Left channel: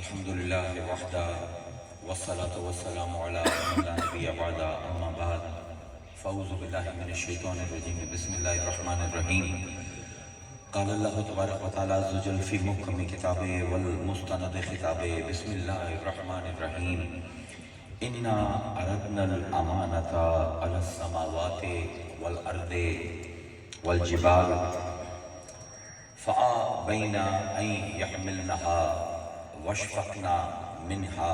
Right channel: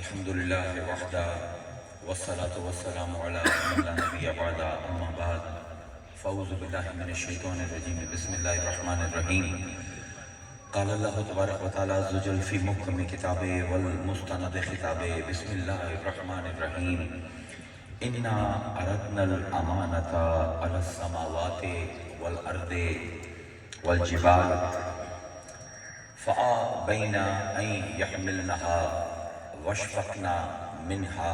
الحمد لله وحده والصلاة والسلام على من لا نبي بعد أما بعد فأعوذ بالله من الشيطان الرجيم بسم الله الرحمن الرحيم قال الله تبارك وتعالى عز وجل في محكم كتابه والمستند خطابه بسم الله الرحمن الرحيم إنا أردنا الأمانة على السماوات والأرض والجبال فأبين أن يحملنها واشفقنا منها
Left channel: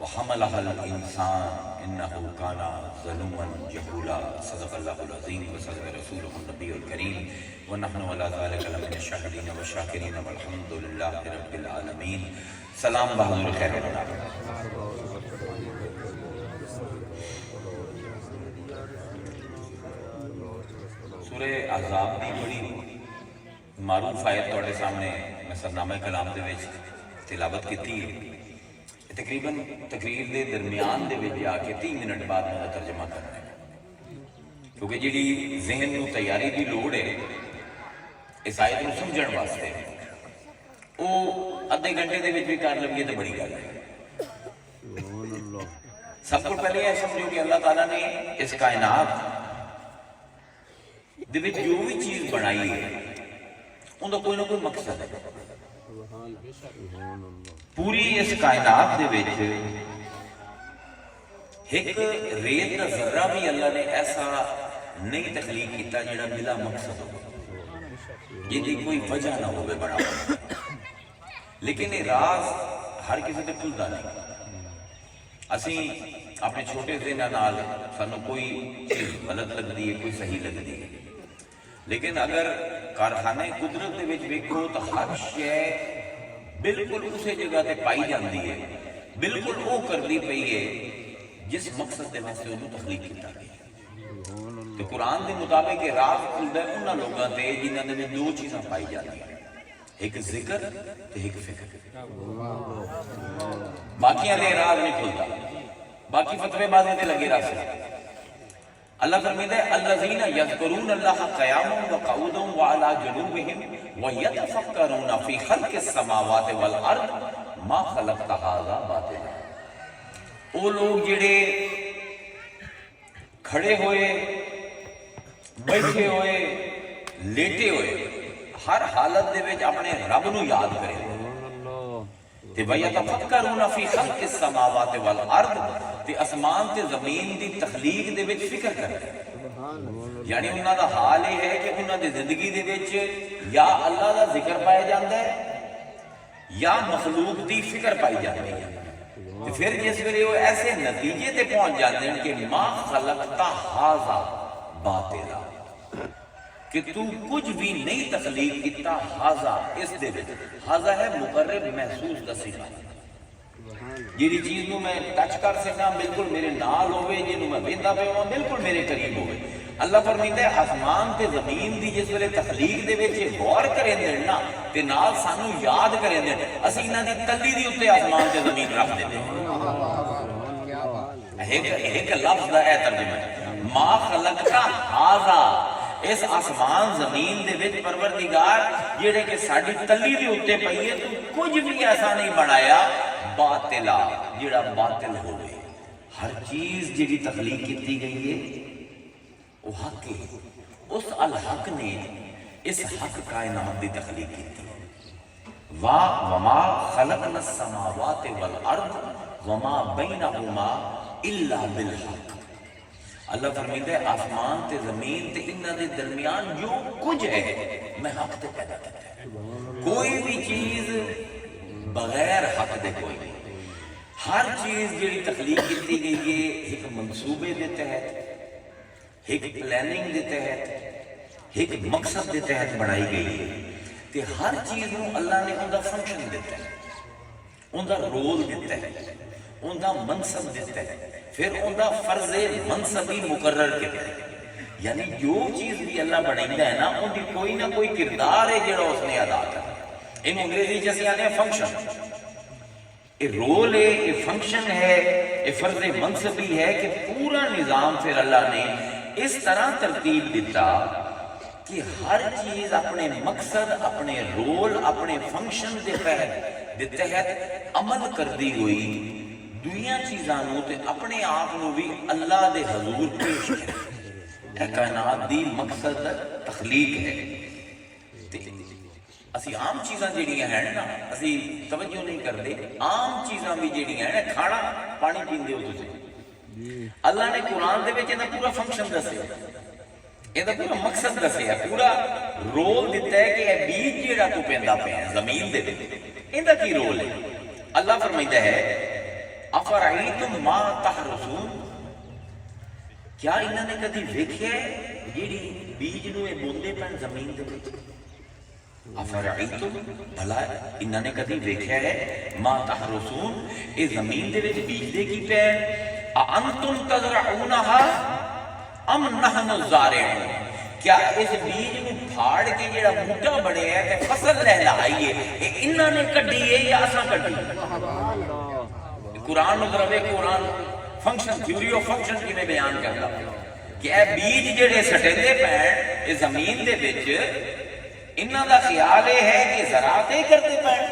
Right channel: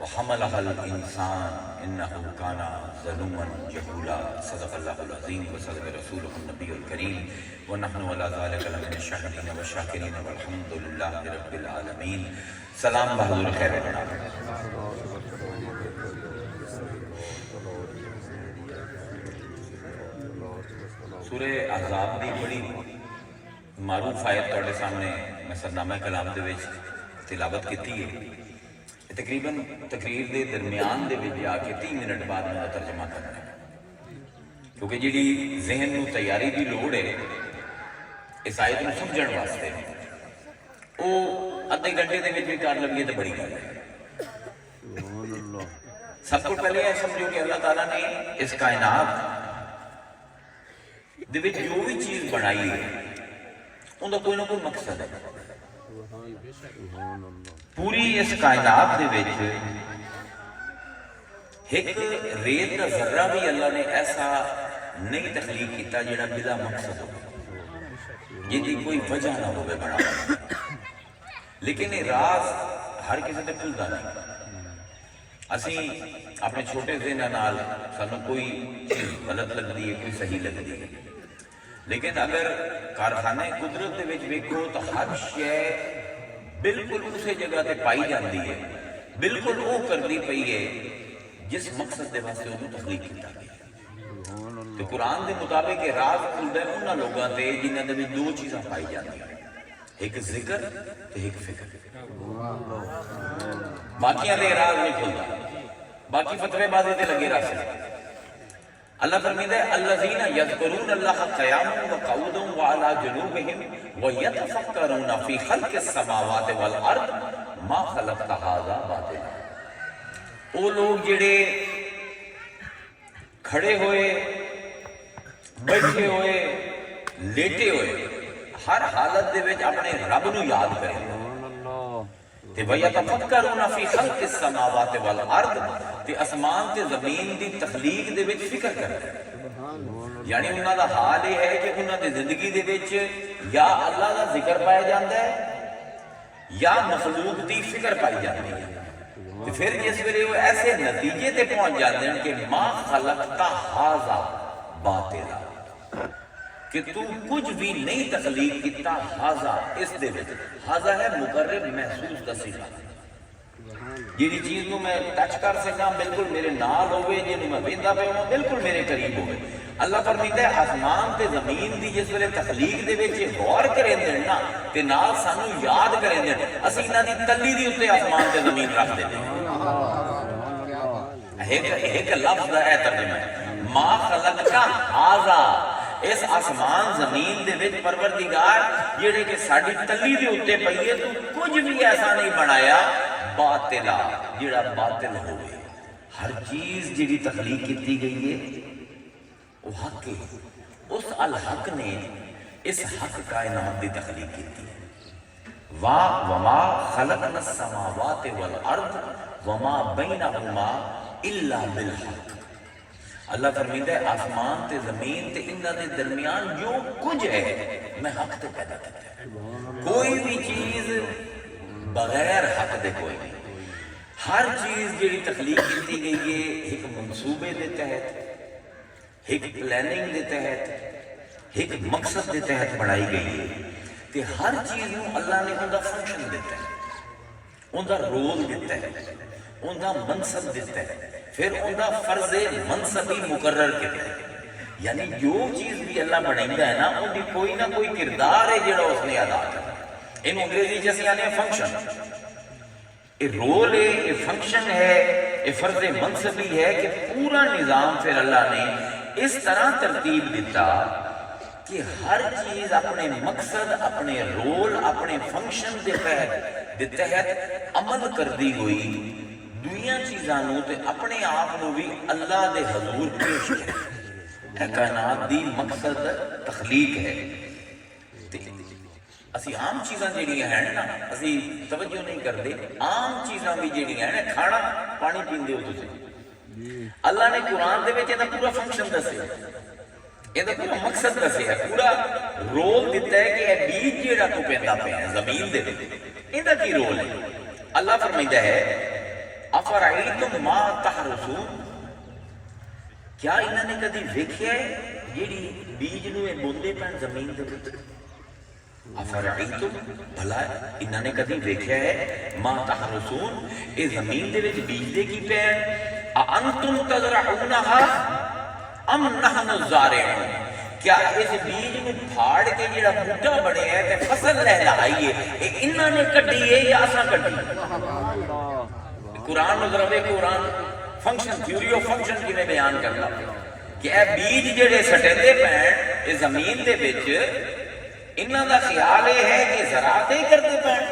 وحملها الإنسان إنه كان ظلوما جهولا صدق الله العظيم وصدق رسوله النبي الكريم ونحن على ذلك لمن الشاهدين والشاكرين والحمد لله رب العالمين. سلام بہادر خیر سورہ احزاب دی بڑی معروف آیت تواڈے سامنے میں سرنامہ کلام دے وچ تلاوت کیتی ہے. تقریباً تقریر دے درمیان دے وچ آ کے 3 منٹ بعد میں ترجمہ کرنا ہے کیونکہ جڑی ذہن نو تیاری دی لوڑ ہے اس آیت نو سمجھن واسطے او ادھے گھنٹے دے وچ بھی کر لگیے تے بڑی گل ہے. سب کو پہلے یہ سمجھو کہ اللہ تعالیٰ نے اس کائنات دے وچ جو بھی چیز بنائی ہے ان کا کوئی نہ کوئی مقصد ہے. پوری اس کائنات دے وچ ایک ریت کا ذرہ بھی اللہ نے ایسا نہیں تخلیق کیتا جڑا بلا مقصد ہو جن کی کوئی وجہ نہ ہوئے بنا. لیکن یہ راز ہر کسی تے کھلدا نہیں. اسی اپنے چھوٹے ذہن نال سانو کوئی چیز غلط لگدی ہے کوئی صحیح لگدی ہے, لیکن اگر کارخانے قدرت دے وچ ویکھو تو ہر شے بالکل اسی جگہ تے پائی جاندی ہے, بالکل وہ کردی پئی ہے جس مقصد دے واسطے انہوں تخلیق کیتا گیا. تے قرآن دے مطابق یہ راز کھلدا ہے انہاں لوگاں تے جنہاں دے وچ دو چیزاں پائی جاندیاں, ایک ذکر تے ایک فکر. باقیاں دے راز نہیں کھلدا, باقی فتوے بازی تے لگے رہ سکتے. اللہ فرمیتا ہے الذین یذکرون اللہ قیاما وقعودا وعلی جنوبہم ویتفکرون فی خلق السماوات والارض ما خلقت ھذا باطلا. وہ لوگ جڑے کھڑے ہوئے, بیٹھے ہوئے, لیٹے ہوئے, ہر حالت دے وچ اپنے رب نو یاد کریں تے ویتفکرون فی خلق السماوات والارض تے اسمان تے زمین دی تخلیق دے وچ فکر کریں. یعنی انہاں دا حال یہ ہے کہ انہاں دی زندگی دے وچ یا اللہ دا ذکر پایا جاندا ہے یا مخلوق دی فکر پائی جاندی ہے. تے پھر جس ویلے وہ ایسے نتیجے تے پہنچ جاندے ہیں کہ ما خلقت ھذا باطلا, کہ تو کچھ بھی نہیں تخلیق کیتا ھذا اس دے وچ. ھذا ہے مقرب محسوس دا صیغہ, جیڑی چیز نو میں ٹچ کر سکاں بالکل میرے نال ہوئے, جنوں میں ویندا پیا ہوں بالکل میرے قریب ہوئے. اللہ فرمیندا ہے آسمان تے زمین دی جس ویلے تخلیق دے وچ غور کریں دے نا تے نال سانو یاد کریں دے, اسی انہاں دی تلی دی اوتے آسمان تے زمین رکھ دے. ایک لفظ دا ہے ترجمہ ما خلقت ھذا, اس آسمان زمین دے وچ پروردگار جڑے کہ ساڈی تلی دے اوتے پئی ہے تو کچھ بھی ایسا نہیں بنایا باطلا جڑا باطل ہوئے. ہر چیز جڑی تخلیق کیتی گئی ہے وہ حق ہے. اس الحق نے اس حق کائنات دی تخلیق کیتی ہے. وما خلقنا السماوات والارض وما بینہما الا بالحق. اللہ فرمیندہ ہے آسمان تے زمین تے انہاں دے درمیان جو کچھ ہے میں حق تے پیدا کرتا ہے. کوئی بھی چیز بغیر حق دے کوئی نہیں. ہر چیز جڑی تخلیق کی گئی ہے ایک منصوبے دے تحت, ایک پلاننگ دے تحت, ایک مقصد دے تحت بنائی گئی ہے. تے ہر چیز نو اللہ نے ان دا فنکشن دیتا ہے, ان دا رول دیتا ہے, ان دا منصب دیتا ہے, پھر ان دا فرض منصبی مقرر کیتا ہے. یعنی جو چیز بھی اللہ بنائندا ہے نا ان دی کوئی نہ کوئی کردار ہے جڑا اس نے ادا کرنا. ان انگریزی جیسے آنے فنکشن, یہ رول ہے, یہ فنکشن ہے, یہ فرض منصبی ہے کہ پورا نظام پھر اللہ نے اس طرح ترتیب دیتا کہ ہر چیز اپنے مقصد, اپنے رول, اپنے فنکشن کے تحت دے تحت عمل کردی ہوئی دویاں چیزاں نو تے اپنے آپ نو بھی اللہ دے حضور پیش کرے۔ کائنات دی مقصد تخلیق ہے۔ اسی عام چیزاں جڑیاں ہیں نا اسی توجہ نہیں کرتے، عام چیزاں بھی جڑیاں ہیں کھانا پانی پیندے ہو تسی، اللہ نے قرآن دے وچ دا پورا فنکشن دسیا، یہ دا پورا مقصد دسیا، پورا رول دیتا ہے کہ اے بیج جڑا تو پیندا پیا ہے زمین دے وچ، ایندا کی رول ہے؟ اللہ فرمائندا ہے افرائیتم ما تحرثون، کیا انہوں نے کدی ویکھیا ہے جیڑی بیج نو اے بوندے پن زمین دے وچ؟ افرائیتم، بھلا انہوں نے کدی ویکھیا ہے ما تحرثون، اے زمین دے وچ بیج دے کی پین؟ انتم تزرعونہا ام نحن الزارعون، کیا اس بیج میں پھاڑ کے جڑا بوٹا بڑے ہے تے فصل لہلائیے اے انہوں نے کڈی ہے یا اساں کڈی؟ قرآن نظرے قرآن فنکشن تھیوری آف فنکشن کی میں بیان کرتا کہ اے بیج جڑے سٹیندے پین اے زمین دے وچ انہاں دا خیال ہے کہ زراعتیں کرتے پین،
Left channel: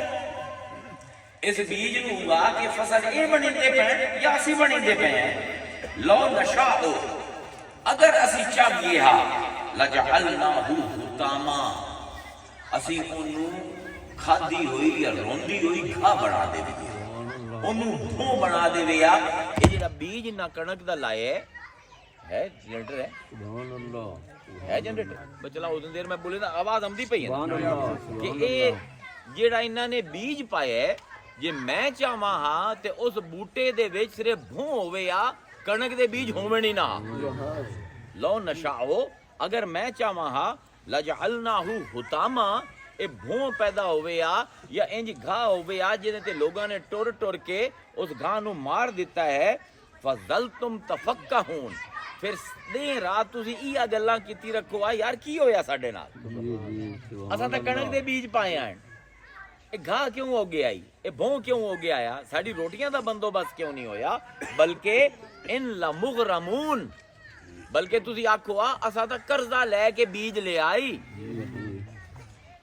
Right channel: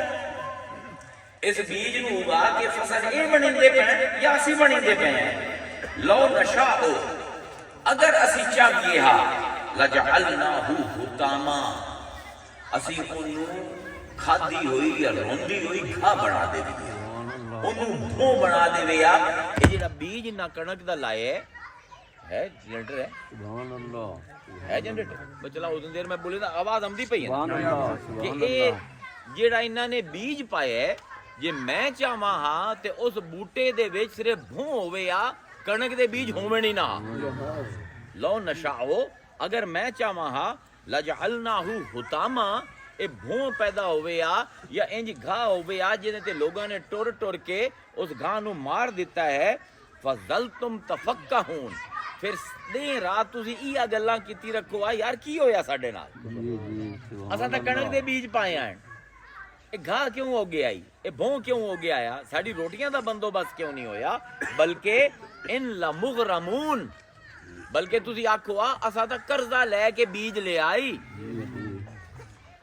اس بیج نو اگا کے فصل اے بنیندے پین یا اسی بنیندے پین؟ لو نشاء، اگر اسی چاہیے ہا لجعلناہ حطاما، اسی انہوں کھادی ہوئی یا روندی ہوئی گھا بنا دے دیئے، انہوں بھوں بنا دے ویا۔ یہ جڑا بیج نہ کنک دا لائے ہے جنریٹر ہے جنریٹر بچلا اس دیر میں بولے نا آواز آمدی پئی ہے کہ اے جڑا انہاں نے بیج پایا ہے جے میں چاہواں ہاں تے اس بوٹے دے وچ صرف بھوں ہوے یا کنک دے بیج ہوویں نہیں نہ، لو نشاء، اگر میں چاہواں ہاں لجعلناہ حطاما، اے بھوں پیدا ہوئے یا انج گھا ہوئے جنہیں تے لوگاں نے ٹور ٹور کے اس گھا نو مار دیتا ہے، فَظَلْتُمْ تَفَقَّهُونَ، پھر دیں رات تسی ایہ گلاں کیتی رکھو یار کی ہویا ساڈے نال، اساں تے کنک دے بیج پائے ہیں، اے گھا کیوں ہو گیا اے بھوں کیوں ہو گیا ہے، ساڈی روٹیاں دا بندوبست کیوں نہیں ہویا، بلکہ ان لمغرمون، بلکہ تسی آکھو اساں تے قرضہ لے کے بیج لے آئی،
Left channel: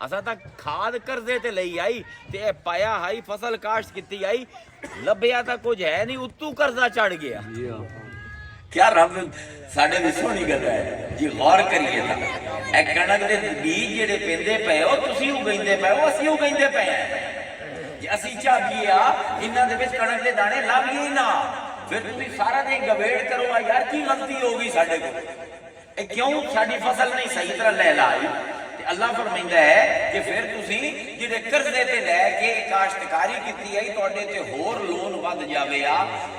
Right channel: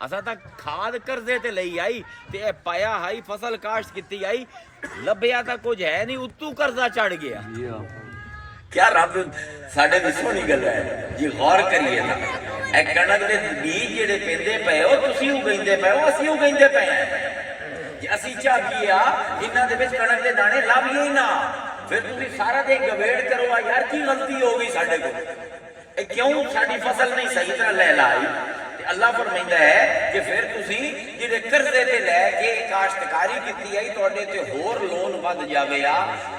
اساں تک کھاد قرضے تے لئی آئی تے اے پایا ہائی فصل کاشت کیتی آئی، لبیا تا کچھ ہے نہیں اتو قرضہ چڑھ گیا۔ کیا رب ساڈے وچ سونی گل ہے جی غور کریے نا، اے کنک دے بیج جڑے پیندے پئے ہو تسی اگیندے پئے ہو اسی اگیندے پئے ہیں، جے اسی چاہیے انہاں دے وچ کنک دے دانے لاویے ہی نہ، پھر تسی سارا دن گویڑ کرو یار کی غلطی ہو گئی ساڈے کو، اے کیوں ساڈی فصل نہیں صحیح طرح لہلائی؟ اللہ فرمائندہ ہے کہ پھر تسی جڑے قرضے تے لے کے کاشتکاری کیتی ہے تواڈے تے ہور لون ود جاوے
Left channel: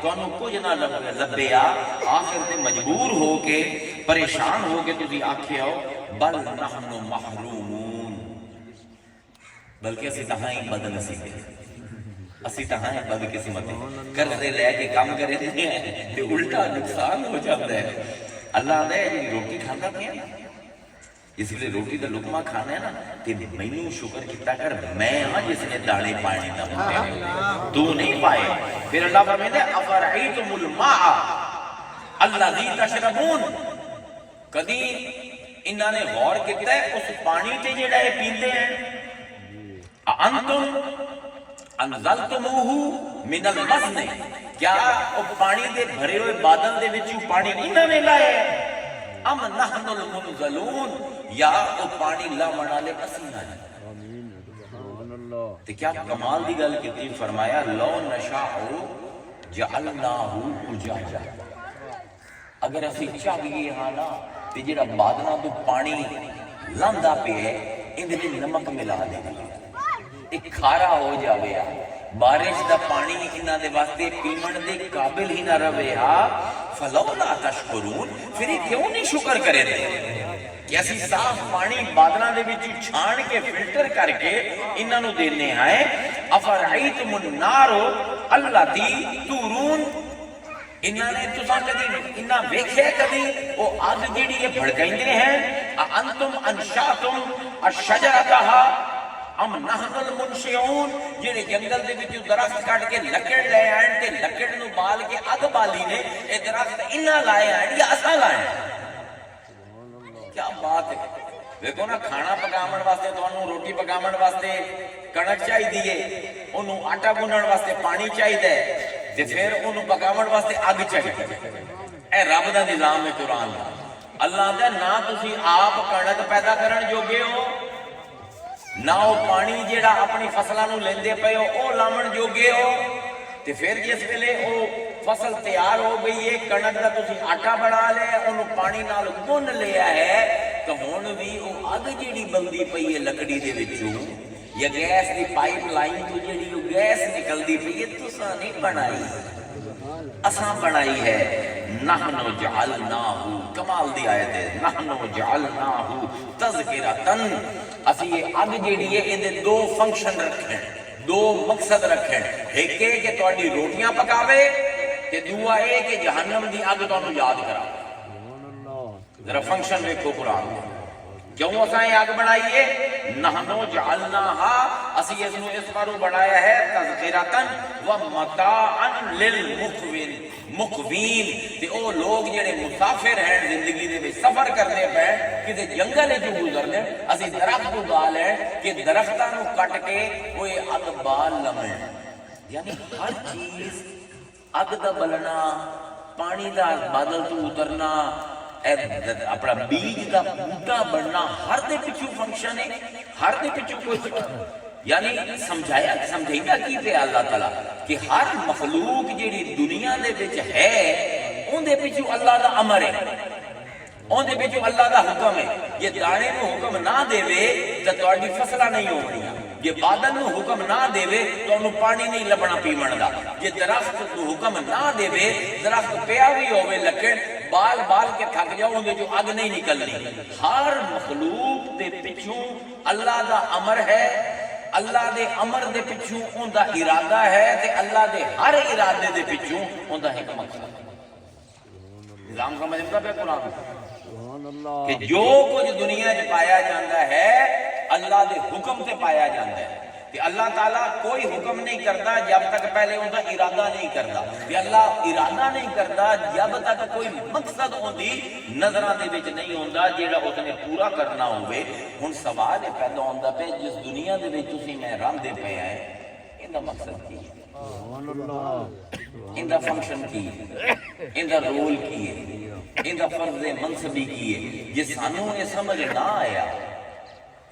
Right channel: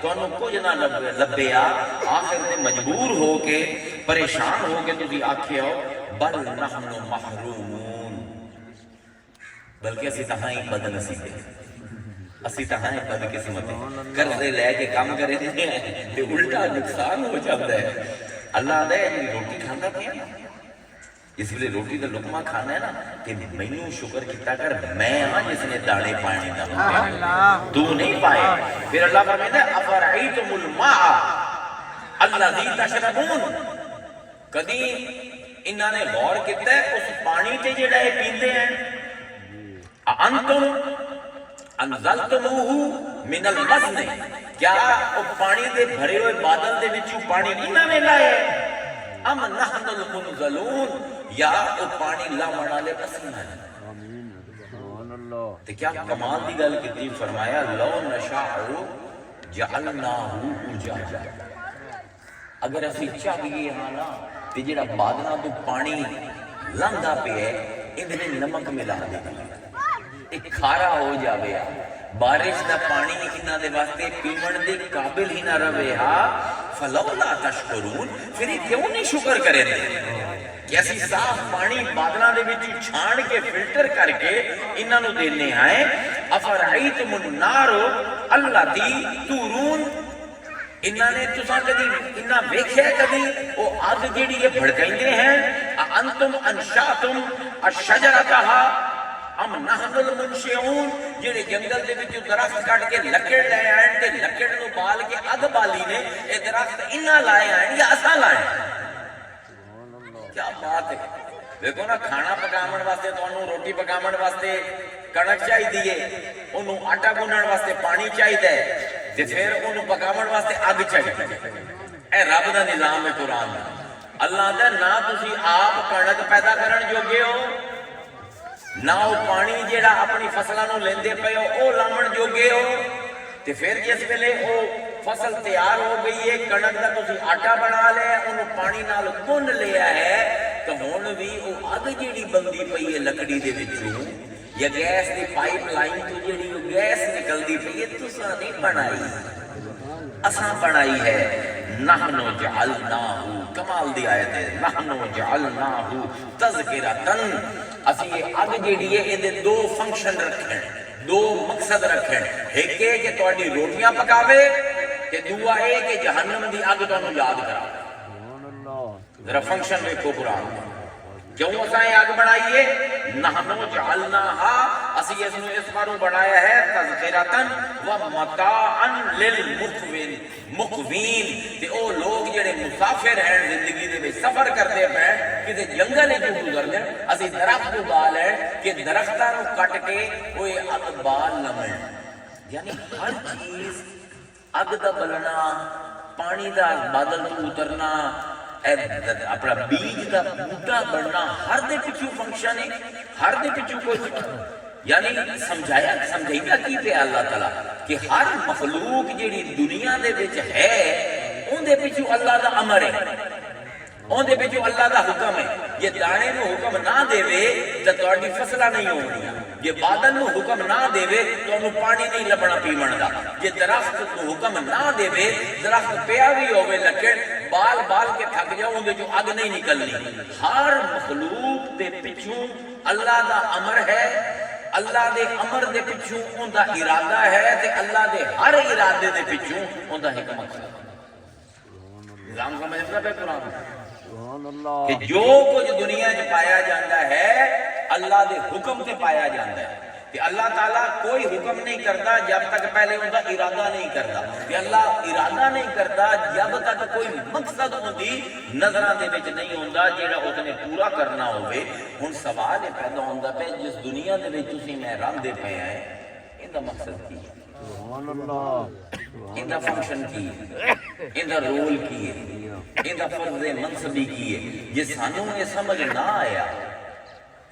تانوں کچھ نہ لبے آخر تے مجبور ہو کے پریشان ہو کے تسی آکھے ہو بل نحن محرومون، بلکہ اسی تہاں ہی بد نصیب ہیں، اسی تہاں ہی بد قسمت ہیں، قرضے لے کے کام کرے ہیں تے الٹا نقصان ہو جاتا ہے۔ اللہ دے روٹی کھاندا کیا، اس لیے روٹی کا لقمہ کھانا ہے نا کہ مینوں شکر کیتا کر میں ہاں جس نے دانے پانے نہ ہوتے تو نہیں پائے۔ پھر اللہ فرماتا ہے افرعیتم الماء الذی تشربون، کدی انہوں نے غور کیتا ہے اس پانی تے جڑا ہے پیندے ہیں، انتم انزلتموہ من المزن، کیا وہ پانی دے بھرے ہوئے بادل دے وچوں پانی انہوں نے لائے ام نحن المنزلون، یا او پانی لاون والے اسی ہیں۔ تے کیا کمال دی گل کیتی، فرمایا لو نشاء جعلناہ اجاجا، اگر اسی چاہیے ہاں نا تے جڑا بادلاں تو پانی لاندا پیا اندے وچ نمک ملا دے ایک کھارا ہو جاوے، بارش دا پانی انہاں دے واسطے پیمن دے قابل ہی نہ رہے فلولا تشکرون، پھر یہ کیوں نہیں شکر کرے دے کہ اسی صاف پانی بادلاں دے وچ چھان کے فلٹر کر کے انہاں نو دینے ہیں۔ افرعیتم النار اللاتی تورون، انہاں نے تساں کدی انہاں ویکھیا کدی او اگ جیڑی یہ بھڑکیندے ہیں، انتم انشاتم الشجرتھا ام نحن المنشئون، جڑے جنگل دے وچ درخت کٹ کے لکڑ لے آئے تے لکڑ نو بال کے اگ بالی نے، اے درخت انہاں لائے آئے یا اساں لائے؟ کیا بات ہے، دیکھو نا کھانا پکاون واسطے تانوں روٹی پکاون واسطے کڑک چاہیے، انہوں آٹا گنن واسطے پانی چاہیے، تے پھر انہوں پکاون واسطے اگ چاہیے۔ اے رب دا نظام ہے قرآن دا۔ اللہ دا نہ تسی آپ کڑک پیدا کرن جوگے ہو، نہ وہ پانی جیڑا اپنی فصلوں نو لیندے پے ہو او لاون جوگے ہو، تے پھر جس ویلے او فصل تیار ہو گئی ہے، کڑک دا تسی آٹا بنا لے، انہوں پانی نال گن لیا ہے، تو ہن بھی او اگ جیڑی بندی پئی ہے لکڑی دے وچوں یا گیس دی پائپ لائن تو جیڑی وہ گیس نکلدی پئی ہے، تساں نہیں بنائی، اساں بنائی ہے۔ نحن جعلناہ، کمال دی آیت ہے، نحن جعلناہ تذکرۃ، اسی یہ اگ جیڑی ہے یہ دو فنکشن رکھیں، دو مقصد رکھیں، ایک ہے کہ تہاڈی روٹیاں پکاوے تے دوسرا ہے کہ جہنم دی اگ تانوں یاد کراوے۔ ذرا فنکشن ویکھو قرآن دے، کیوں اساں یہ اگ بنائیے؟ نحن جعلناہا، اسی اس نو اس باروں بنایا ہے تذکرۃ ومتاعا للمقوین، مقوین تے او لوگ جڑے مسافر ہیں زندگی دے وچ سفر کرتے پے کتے جنگل وچ گزرنے، اسی درخت اگا لیں کہ درختاں نو کٹ کے او اگ بال لمن، یعنی ہر چیز اگ دا بلنا، پانی دا بادل تو اترنا، اپنا بیج دا بوٹا بننا، ہر دے پچھو فنکشن ہے، ہر دے پچھو کوئی، یعنی سمجھائیتا کی پہ اللہ تعالیٰ کہ ہر مخلوق جیڑی دنیا دے وچ ہے ان دے پچھو اللہ دا امر ہے، ان دے پچھو اللہ دا حکم ہے۔ یہ دانے نو حکم نہ دے وے تو تہاڈی فصلاں نہیں ہونگیاں، یہ بادل نو حکم نہ دے وے تو انہوں پانی نہیں لبنا پیمن دا، یہ درخت نو حکم نہ دے وے، درخت پیا بھی ہوئے لکڑ بال بال کے تھک جاؤ اندے جو اگ نہیں نکلنی۔ ہر مخلوق دے پچھوں اللہ دا امر ہے، اللہ دے امر دے پچھوں ان دا ارادہ ہے، تے اللہ دے ہر ارادے دے پچھوں ان دا حکمت ہے۔ نظام سمجھتا پہ قرآن کہ جو کچھ دنیا میں پایا جاتا ہے اللہ دے حکم سے پایا جاتا ہے، کہ اللہ تعالیٰ کوئی حکم نہیں کرتا جب تک پہلے ان کا ارادہ نہیں کرتا، کہ اللہ ارادہ نہیں کرتا جب تک کوئی مقصد ان کی نظروں کے وچ نہیں ہوتا جہاں اس نے پورا کرنا ہوئے۔ ہن سوال یہ پیدا ہوتا پہ جس دنیا دے وچ تسی میں رہندے پے ہیں ان کا مقصد کی ہے، ان کا فنکشن کی ہے، ان کا رول کی ہے، ان کا فرض منصبی کی ہے۔ جے سانوں یہ سمجھ نہ آیا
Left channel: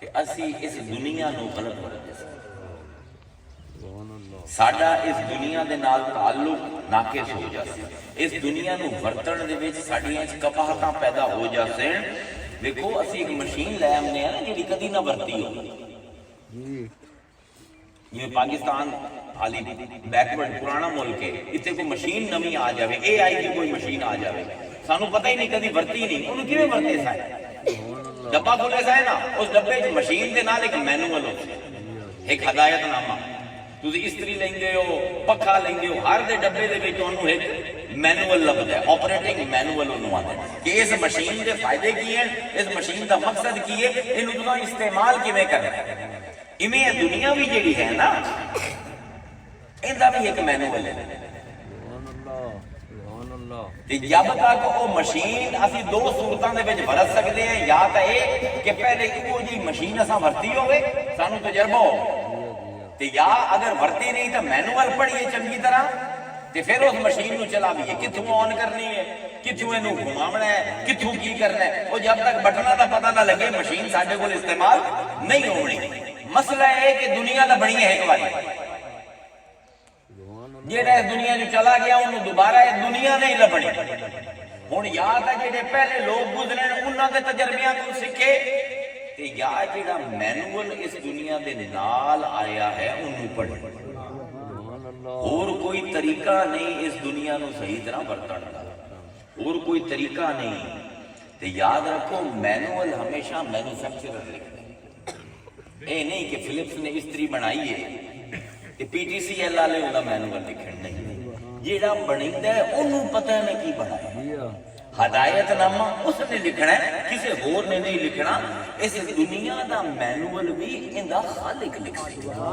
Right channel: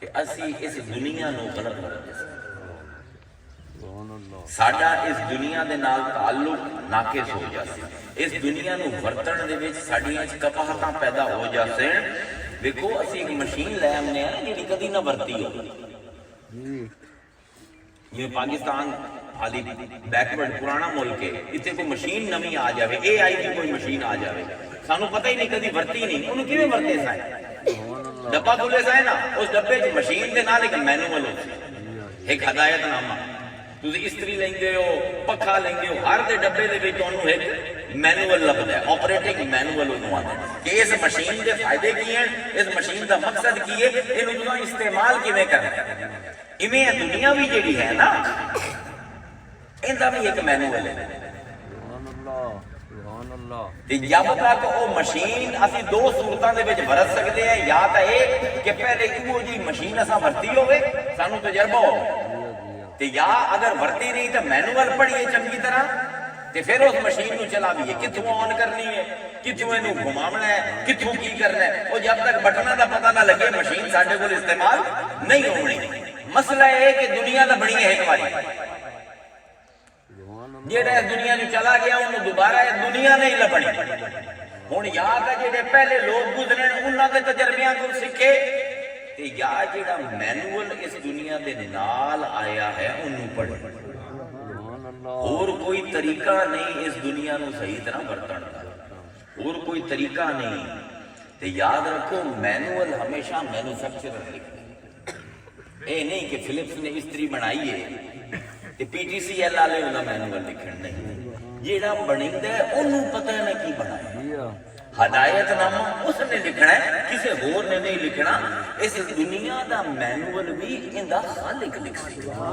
کہ اسی اس دنیا نو غلط ورتے ساڈا اس دنیا دے نال تعلق ناقص ہو جاسی، اس دنیا نو ورتن دے وچ ساڈیاں وچ کپاہتاں پیدا ہو جاسن۔ دیکھو اسی ایک مشین لے آنے ہیں جیڑی کدی نہ ورتی ہو، یہ پاکستان حالی بیکورڈ پرانا ملک ہے، اتنے کوئی مشین نمی آ جاوے، اے آئی کی کوئی مشین آ جاوے، سانو پتہ ہی نہیں کدی ورتی نہیں، انہوں کیویں ورتے سائے؟ ڈبا کھولے سائے نا، اس ڈبے جو مشین دے نال ایک مینوول ہوتا ہے، ایک ہدایت نامہ، تسی استری لیندے ہو، پکھا لیندے ہو، ہر دے ڈبے دے وچ انہوں ایک مینوول لبدا ہے، آپریٹنگ مینوول انہوں آتا ہے کہ اس مشین دے فائدے کی ہیں، اس مشین دا مقصد کی ہے، انہوں تساں استعمال کیویں کرنا ہے۔ ایویں دنیا بھی جیڑی ہے نا ان دا بھی ایک مینوول ہے، جب تک وہ مشین اسی دو صورتوں دے وچ ورت سکتے ہیں، یا تو یہ کہ پہلے وہ جی مشین اساں ورتی ہوئے سانو تجربہ ہو، تے یا اگر ورتی نہیں تو مینوول پڑھیے چنگی طرح تے پھر اس مشین نو چلا بھی ہے، کتھوں آن کرنی ہے، کتھوں اینو گھماونا ہے، کتھوں کی کرنا ہے، وہ جب تک بٹنا دا پتہ نہ لگے مشین ساڈے کول استعمال نہیں ہونی۔ مسئلہ یہ کہ دنیا دا بنی ہے ایک باری، جیڑا اس دنیا نو چلا گیا انہوں دوبارہ اس دنیا نہیں لبنی۔ ہن یا تے جڑے پہلے لوگ گزرے انہاں دے تجربیاں کو سکھے، تے یا جڑا مینوول اس دنیا دے نال آیا ہے انہوں پڑھے۔ اور کوئی طریقہ نہیں اس دنیا نو صحیح طرح برتن دا، اور کوئی طریقہ نہیں۔ تے یاد رکھو مینوول ہمیشہ مینوفیکچرر لکھے، اے نہیں کہ فلپس نے استری بنائی ہے تے پی ٹی سی ایل والے انہاں مینوول لکھن نہیں، جیڑا بنیندا ہے انہوں پتہ ہے کی بنایا، ہدایت نامہ اس نے لکھنا ہے، کسی اور نے نہیں لکھنا۔ اس دنیا دا مینوول بھی اندا خالق لکھ سکتا،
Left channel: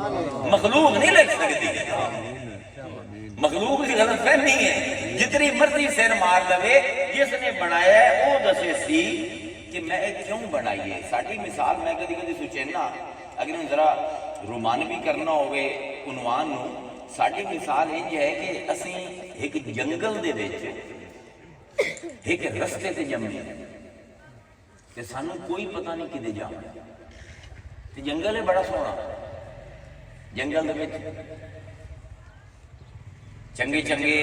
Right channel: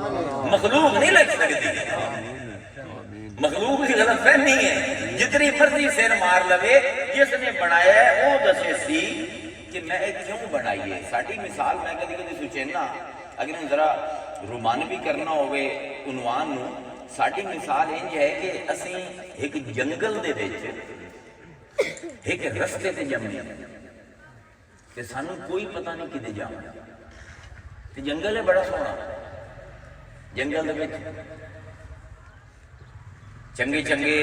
مخلوق نہیں لکھ سکتی۔ مخلوق کی غلط فہمی ہے، جتنی مرضی سر مار لوے، جس نے بنایا ہے وہ دسے سی کہ میں کیوں بنائی ہے۔ ساڈی مثال میں کدی کدی سوچنا اگر ہم ذرا رومانوی کرنا ہوئے عنوان نو، ساڈی مثال انج ہے کہ اسی ایک جنگل دے وچ ایک رستے تے جمے کہ سانوں کوئی پتہ نہیں کدے جانا، تے جنگل ہے بڑا سونا، جنگل دے وچ چنگے چنگے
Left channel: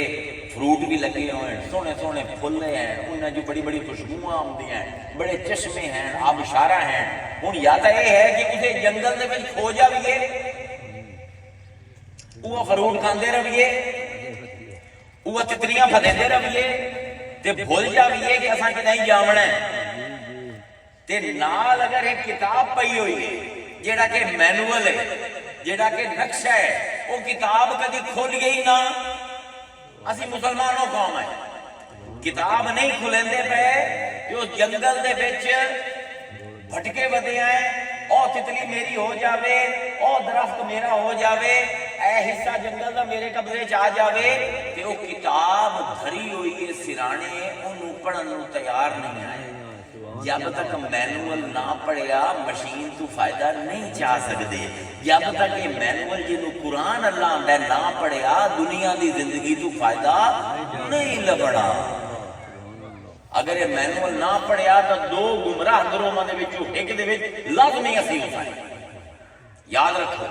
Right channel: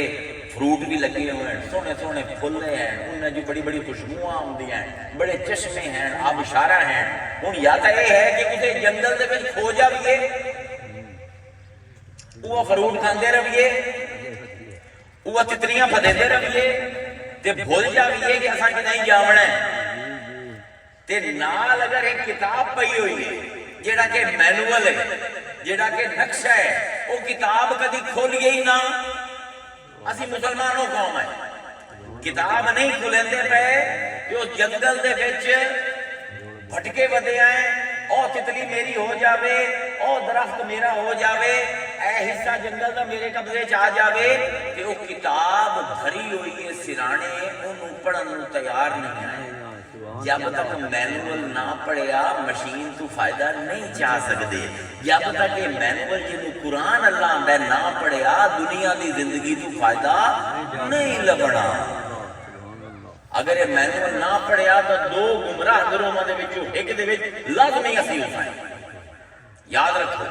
فروٹ بھی لگے ہوئے ہیں، سونے سونے پھل ہیں، انہیں جو بڑی بڑی خوشبوئیں آتی ہیں، بڑے چشمے ہیں، آبشارہ ہیں۔ ہوں یا تو یہ ہے کہ اسے جنگل دے وچ کھو جائیے، وہ فروٹ کھاندے رہیے، وہ تتریاں پھدیندے رہیے، تے بھول جائیے کہ اساں کہ نہیں جاونا ہے۔ تے نال اگر ایک کتاب پئی ہوئی ہے جیڑا کہ مینول ہے، جیڑا کہ نقشہ ہے، وہ کتاب کدی کھولیے ہی نہ، اسی مسلمانوں قوم ہے، کتاب نہیں کھلندے پے کہ اس جنگل دے وچ بھٹکے ودے آئے، او تتلی میری ہو جاوے، او درخت میرا ہو جاوے، اے حصہ جنگل دا میرے قبضے چ آ جاوے، کہ وہ کتاب بھری ہوئی ہے سرانے، انہوں پڑھن نوں تیار نہیں آئے۔ جب تک مینول نہ پڑھیا مشین تو فائدہ نہیں چاہ سکتے، جب تک یہ مینول جنہوں قرآن اللہ آندہ نہ پڑھیا دنیا دی زندگی تو فائدہ نہیں لبنا۔ اگر یہ مینول نہ پڑھیا تو دو گمراہ گروہاں دے وچوں ایک دے وچ لازمی اسی ہو جائے۔ یاد رکھو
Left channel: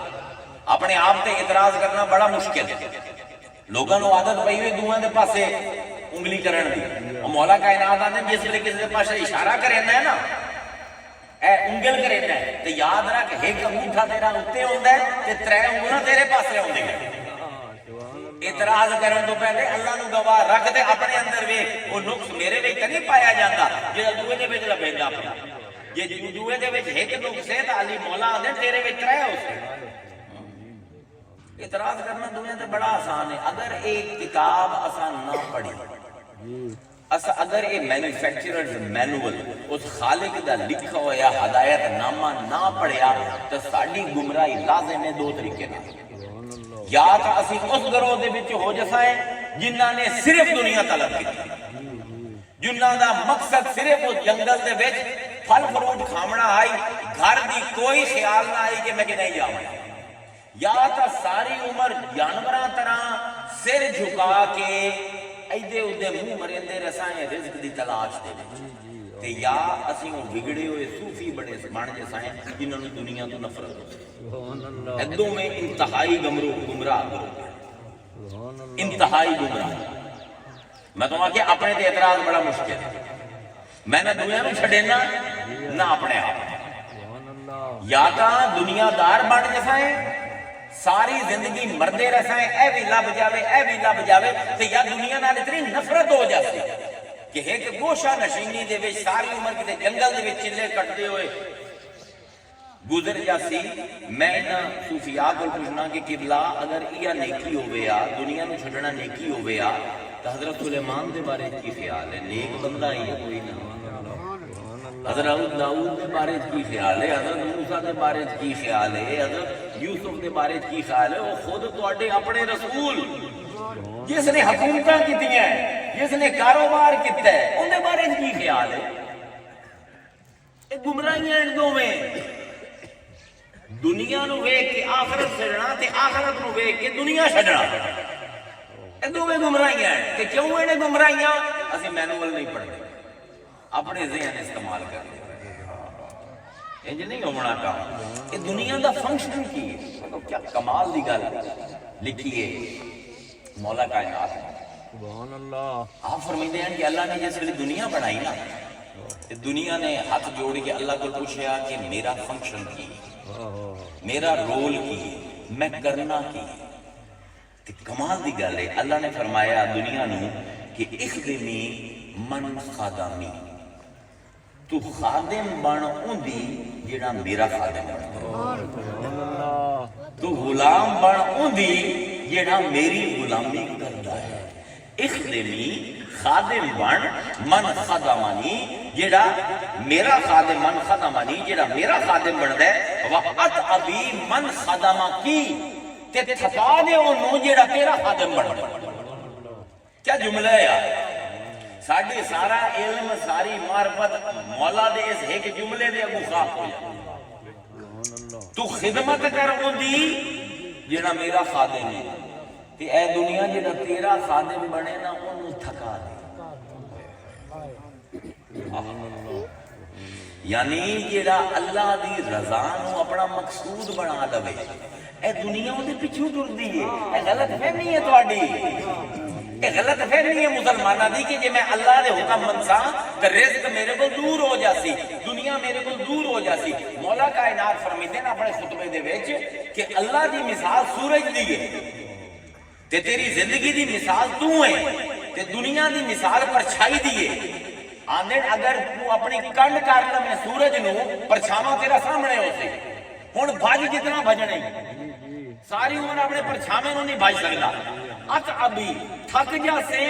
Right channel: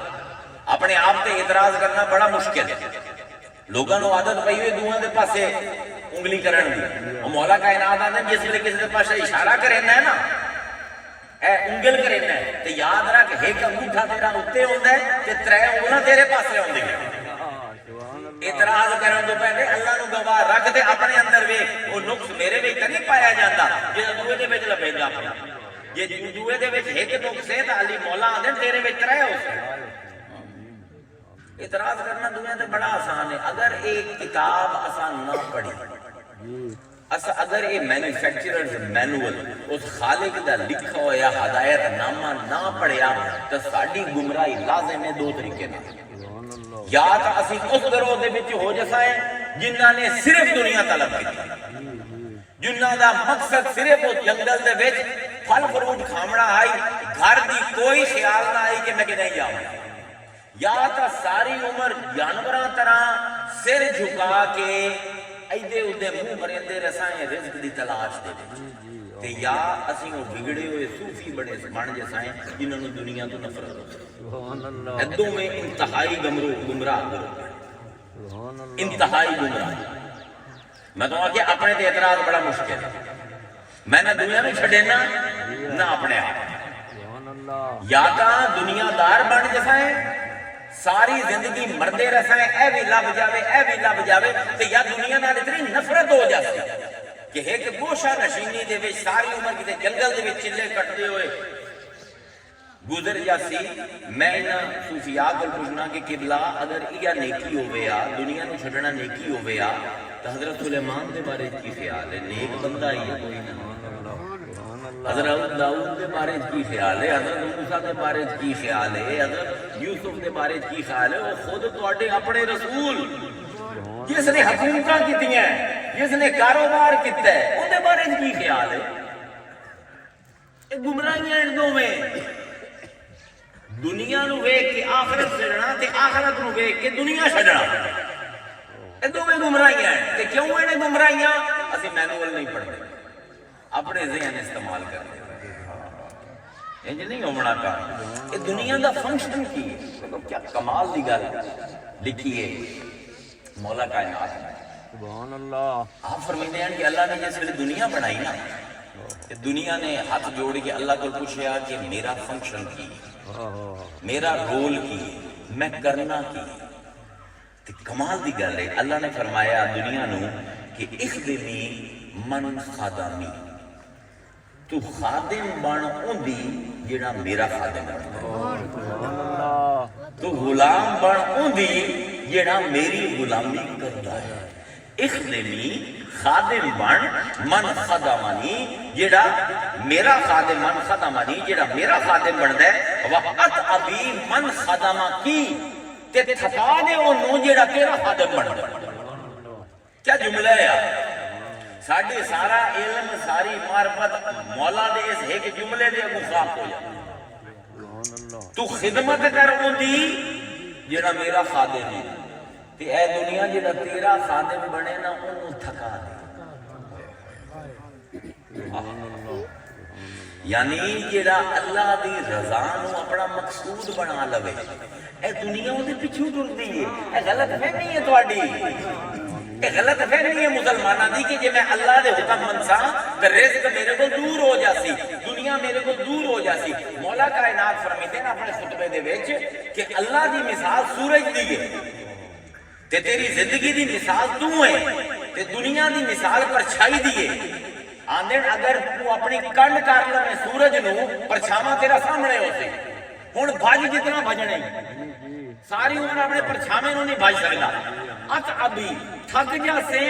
اپنے آپ تے اعتراض کرنا بڑا مشکل ہے، لوگوں کو عادت پئی ہوئی دوواں دے پاسے انگلی کرن دی، اور مولا کائنات آندے جس لئے کسی دے پاسے اشارہ کرنا ہے نا، اے انگل کرنا ہے، تے یاد رکھ ایک انگوٹھا تیرا اتے ہوتا ہے تے ترے انگلاں تیرے پاسے ہوندی ہیں۔ اعتراض کرن تو پہلے اللہ نو گواہ رکھ دے اپنے اندر ویکھ، وہ نقص میرے وچ نہیں پایا جاتا جڑا دوے دے وچ لبیندا پیا، جے دوے دے وچ ایک نقص ہے تے علی مولا آندے تیرے وچ ترے ہو سے۔ اعتراض کرنا دنیا تے بڑا آسان ہے، اگر ایک کتاب آسان نہ پڑھی، اگر یہ مینوفیکچررز مینول اس خالق دا لکھا ہویا ہدایت نامہ نہ پڑھیا تو ساڈی گمراہی لازم ہے دو طریقے میں، یا تو اسی اس گروہ دے وچ ہو جسائیں جنہاں نے صرف دنیا طلب کی، جنہاں دا مقصد صرف اس جنگل دے وچ پھل فروٹ کھامنا آئی، گھر دی کوئی خیال نہ آئی کہ میں کہ نہیں جاؤں، یا تو ساری عمر جانوراں طرح سر جھکا کے ایدے اودے منہ مریندے رسائیں رزق دی تلاش دے تے یا اسی وہ بگڑے ہوئے صوفی بڑے بن جسائیں جنہوں نے دنیا تو نفرت ہو، ادوں میں انتہائی گمراہ گروہ، انتہائی گمراہ۔ میں تو آگے اپنے تے اعتراض بڑا مشکل ہے، میں نہ دنیا میں چھڑینا نہ اپنے آپ، یا تا دنیا دار بن جسائیں ساری زندگی مردے رسائیں اے بھی لب جاوے اے بھی لب جاوے، تو یا دنیا نال اتنی نفرت ہو جاتی کہ ایک گوشہ نشینی دے وچ ساری عمر کتے جنگل دے وچ چلے کٹتے ہوئے گزر جاسی۔ میں انہاں صوفیاء کو پوچھنا کہ قبلہ اگر یہ نیکی ہوئے یا دنیا نو چھڈنا نیکی ہوئے یا تو حضرت سلیمان دے بارے کی خیال ہے؟ نیک بندہ ہی ہے کوئی نہ۔ حضرت داؤد دے بارے کی خیال ہے؟ حضرت موسیٰ دے بارے کی خیال ہے؟ حضرت یوسف دے بارے کی خیال ہے؟ وہ خود تواڈے اپنے رسول جس نے حکومتاں کیتیاں ہیں، جس نے کاروبار کیتا ہے، ان دے بارے کی خیال ہے؟ یہ گمراہیاں ان دو میں، دنیا نو ویکھ کے آخرت چھڈنا تے آخرت نو ویکھ کے دنیا چھڈنا، یہ دو میں گمراہیاں ہیں۔ تے کیوں ہیں گمراہیاں؟ اسی مینول نہیں پڑھتے، اپنے ذہن استعمال کرتے، انج نہیں ہونا کام۔ یہ دنیا دا فنکشن کی ہے، کیا کمال دی گل لکھی ہے مولا کائنات نے۔ سبحان اللہ۔ آپ فرماتے ہیں کہ اللہ نے جس ویلے دنیا بنائی نا، دنیا نے ہاتھ جوڑ کے اللہ کو پوچھا کہ میرا فنکشن کی، میرا رول کی، میں کرنا کی۔ کمال دی گل ہے، اللہ نے فرمایا دنیا نو کہ اخدمی من خادمی، تو خادم بن اوندی جڑا میرا خادم بن، تو غلام بن اوندی جڑا میری غلامی کردا ہے۔ اخدمی خادم بن من خدمانی، جڑا میرا خادم، من خدمانی جڑا میرا خادم بندا ہے، وقت ابھی من خدمہ کی تے تھکا دے انہوں جڑا تیرا خادم بندا ہے۔ کیا جملہ ہے یار؟ ساڑھے سارا علم، ساری معرفت مولا دے اس ایک جملے دے اگو خاک ہو جائے۔ تو خدمت کر اندی جڑا میرا خادم ہے تے اے دنیا جڑا تیرا خادم بنے نا انہوں تھکا دے. یعنی جڑا اللہ دی رضا نو اپنا مقصود بنا لوے اے دنیا دے پیچھے ٹردی ہے. اے غلط فہمی ہے تہاڈی. اے غلط فہمی ہے مسلماناں دی کہ جے میں اللہ دے حکم منساں تے رزق میرے کو دور ہو جاسی, دنیا میرے کو دور ہو جاسی. مولا کائنات فرمیندے ہیں اپنے خطبے دے وچ کہ اللہ دی مثال سورج دی ہے تے تیری زندگی دی مثال تو ہے تے دنیا دی مثال پرچھائی دی ہے. آندھے اگر تو اپنی کنڈ کر لیں سورج نو پرچھاواں تیرا سامنے ہو سی. ہن بھج جتنا بھجنے ساری عمر اپنے پرچھاویں نو نہیں بھج سکدا. ات ابھی تھک جاسے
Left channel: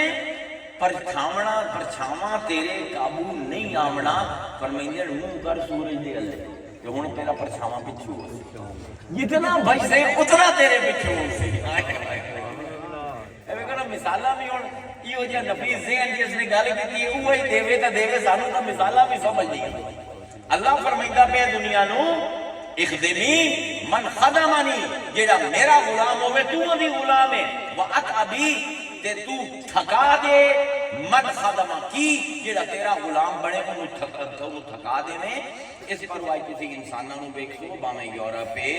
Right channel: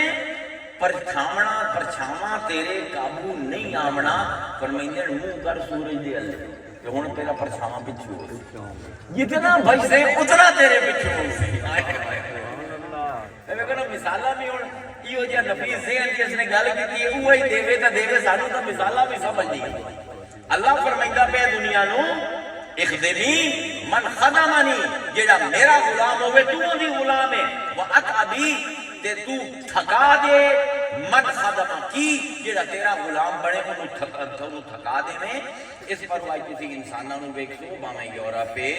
پرچھاواں تیرے قابو نہیں آمنا. فرمائندے منہ کر سورج دے اللہ کہ ہن تیرا پرچھاواں پیچھے ہو جتنا بھج سے اتنا تیرے پیچھے ہو سی. مثالاں بھی ہن ایو جا نفیس ذہن جس نے گل کیتی ہے وہی دیوے تے دیوے سانو تے مثالاں بھی سمجھ نہیں. اللہ فرمائندا پہ دنیا نو اخدمی من خدمانی جیڑا میرا غلام ہوے تو دی غلام ہے واتعبی تے تو تھکا دے من خدمہ کی جیڑا تیرا غلام بنے انہوں تھکا دے میں. اس پر وہ کسی انسانوں نے دیکھو باویں یورپ ہے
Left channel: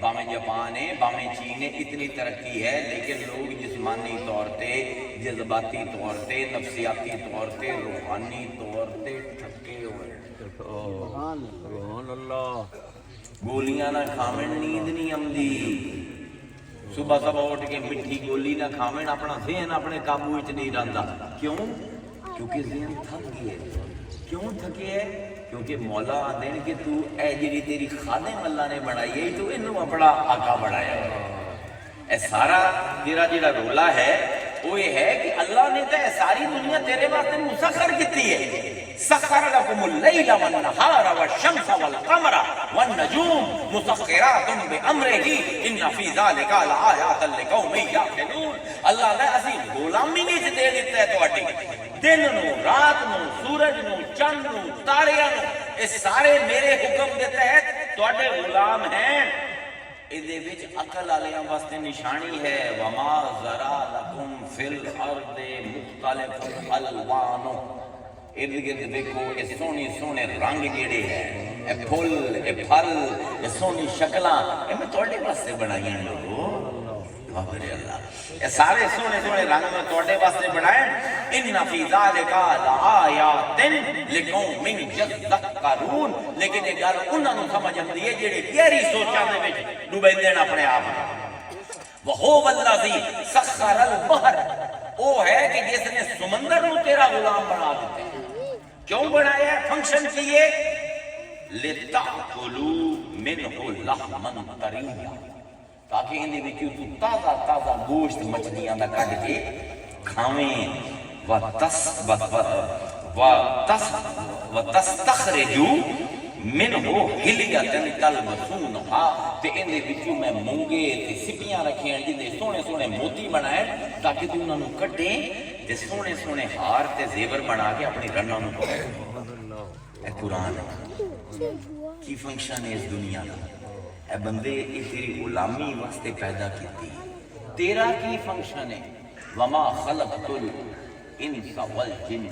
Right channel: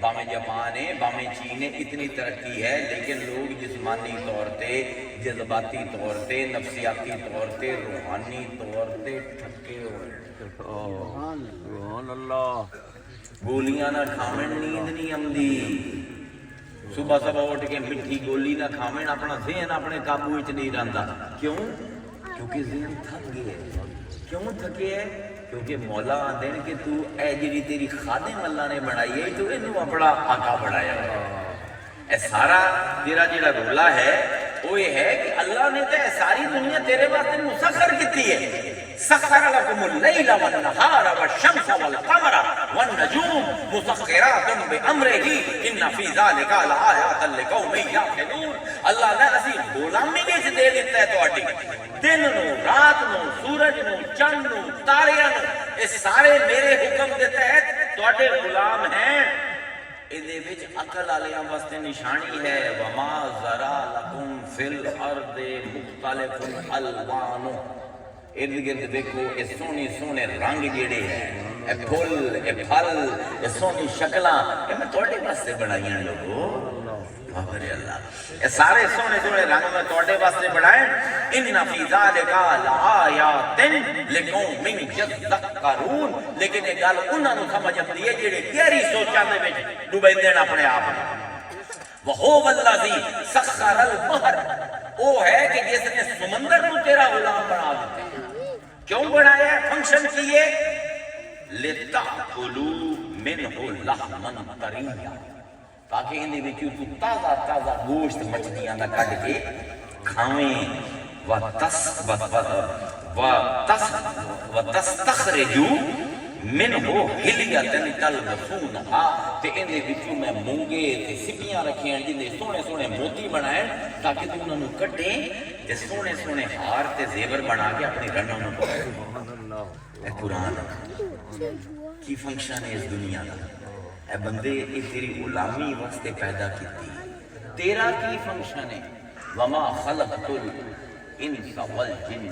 باویں جاپان ہے باویں چین ہے اتنی ترقی ہے لیکن لوگ جسمانی طور تے جذباتی طور تے نفسیاتی طور تے روحانی طور تے تھکے ہوئے. سبحان اللہ. گولیاں نہ کھاویں نیند نہیں آمدی. صبح صبح اٹھ کے مٹھی گولی نہ کھاویں اپنا ذہن اپنے قابو وچ نہیں رہندا. کیوں؟ کیونکہ ذہن تھک گیا. کیوں تھکے ہے؟ کیونکہ مولا آندے کہ تو اے جڑی تیری خادم اللہ نے بنائی ہے تو انہوں اپنا آقا بنایا ہے. اے سارا تیرا جڑا رولا ہے وہ یہ ہے کہ اللہ نے تے ساری دنیا تیرے واسطے مسخر کیتی ہے. سخر لکم اللیل والنہار والشمس والقمر والنجوم مسخرات بامرہ ان فی ذلک لآیات لقوم یعقلون. اللہ نے اسی غلامی نہیں دے دیتا ہے تواڈی دن نو رات نو سورج نو چند نو تاریاں نو یہ سارے میرے حکم دے تحت تواڈے غلام ہیں. ادھے وچ عقل والیاں واسطے نشانی ہے وما ذرا لکم فی الارض مختلف الوان. ارد گرد دیکھو یہ سونی سونے رنگ جڑے ہیں اے پھول اے پھل اے سونی شکلاں اے میں تواڈے واسطے بنائی ہیں لوگو. بابر اللہ اے سارے سونے سونے رنگ میں تواڈے واسطے بنائے. ان فی ذلک لآیات لقوم یذکرون. لیکن یہ گل انہاں نوں سمجھ آندی ہے جڑے گہری سوچاں دے وچ ڈوبیندے نے اپنے آپ نوں. وہو الذی سخر البحر وہ ہے کہ جس نے سمندر کو تیرا غلام بنا دیتے. کیوں بنایا ہے؟ فنکشن کیے لِتَأْكُلُوا مِنْهُ لَحْمًا طَرِيًّا تاکہ اندے وچوں تو تازہ تازہ گوشت مچھلیاں دا کڈ کے کھاویں. وَتَسْتَخْرِجُوا مِنْهُ حِلْيَةً تَلْبَسُونَهَا تے اندے وچوں میں مونگے تے سپیاں رکھیں جن دے سونے سونے موتی بنائے تاکہ تو انہاں نوں کٹیں تے سونے سونے ہار تے زیور بنا کے اپنی رنوں نوں پائے. اے قرآن کی فنکشن ہے اس دنیا کا. اے بندے یہ تیری غلامی واسطے پیدا کیتی. تیرا کی فنکشن ہے وما خلقت الانس والجن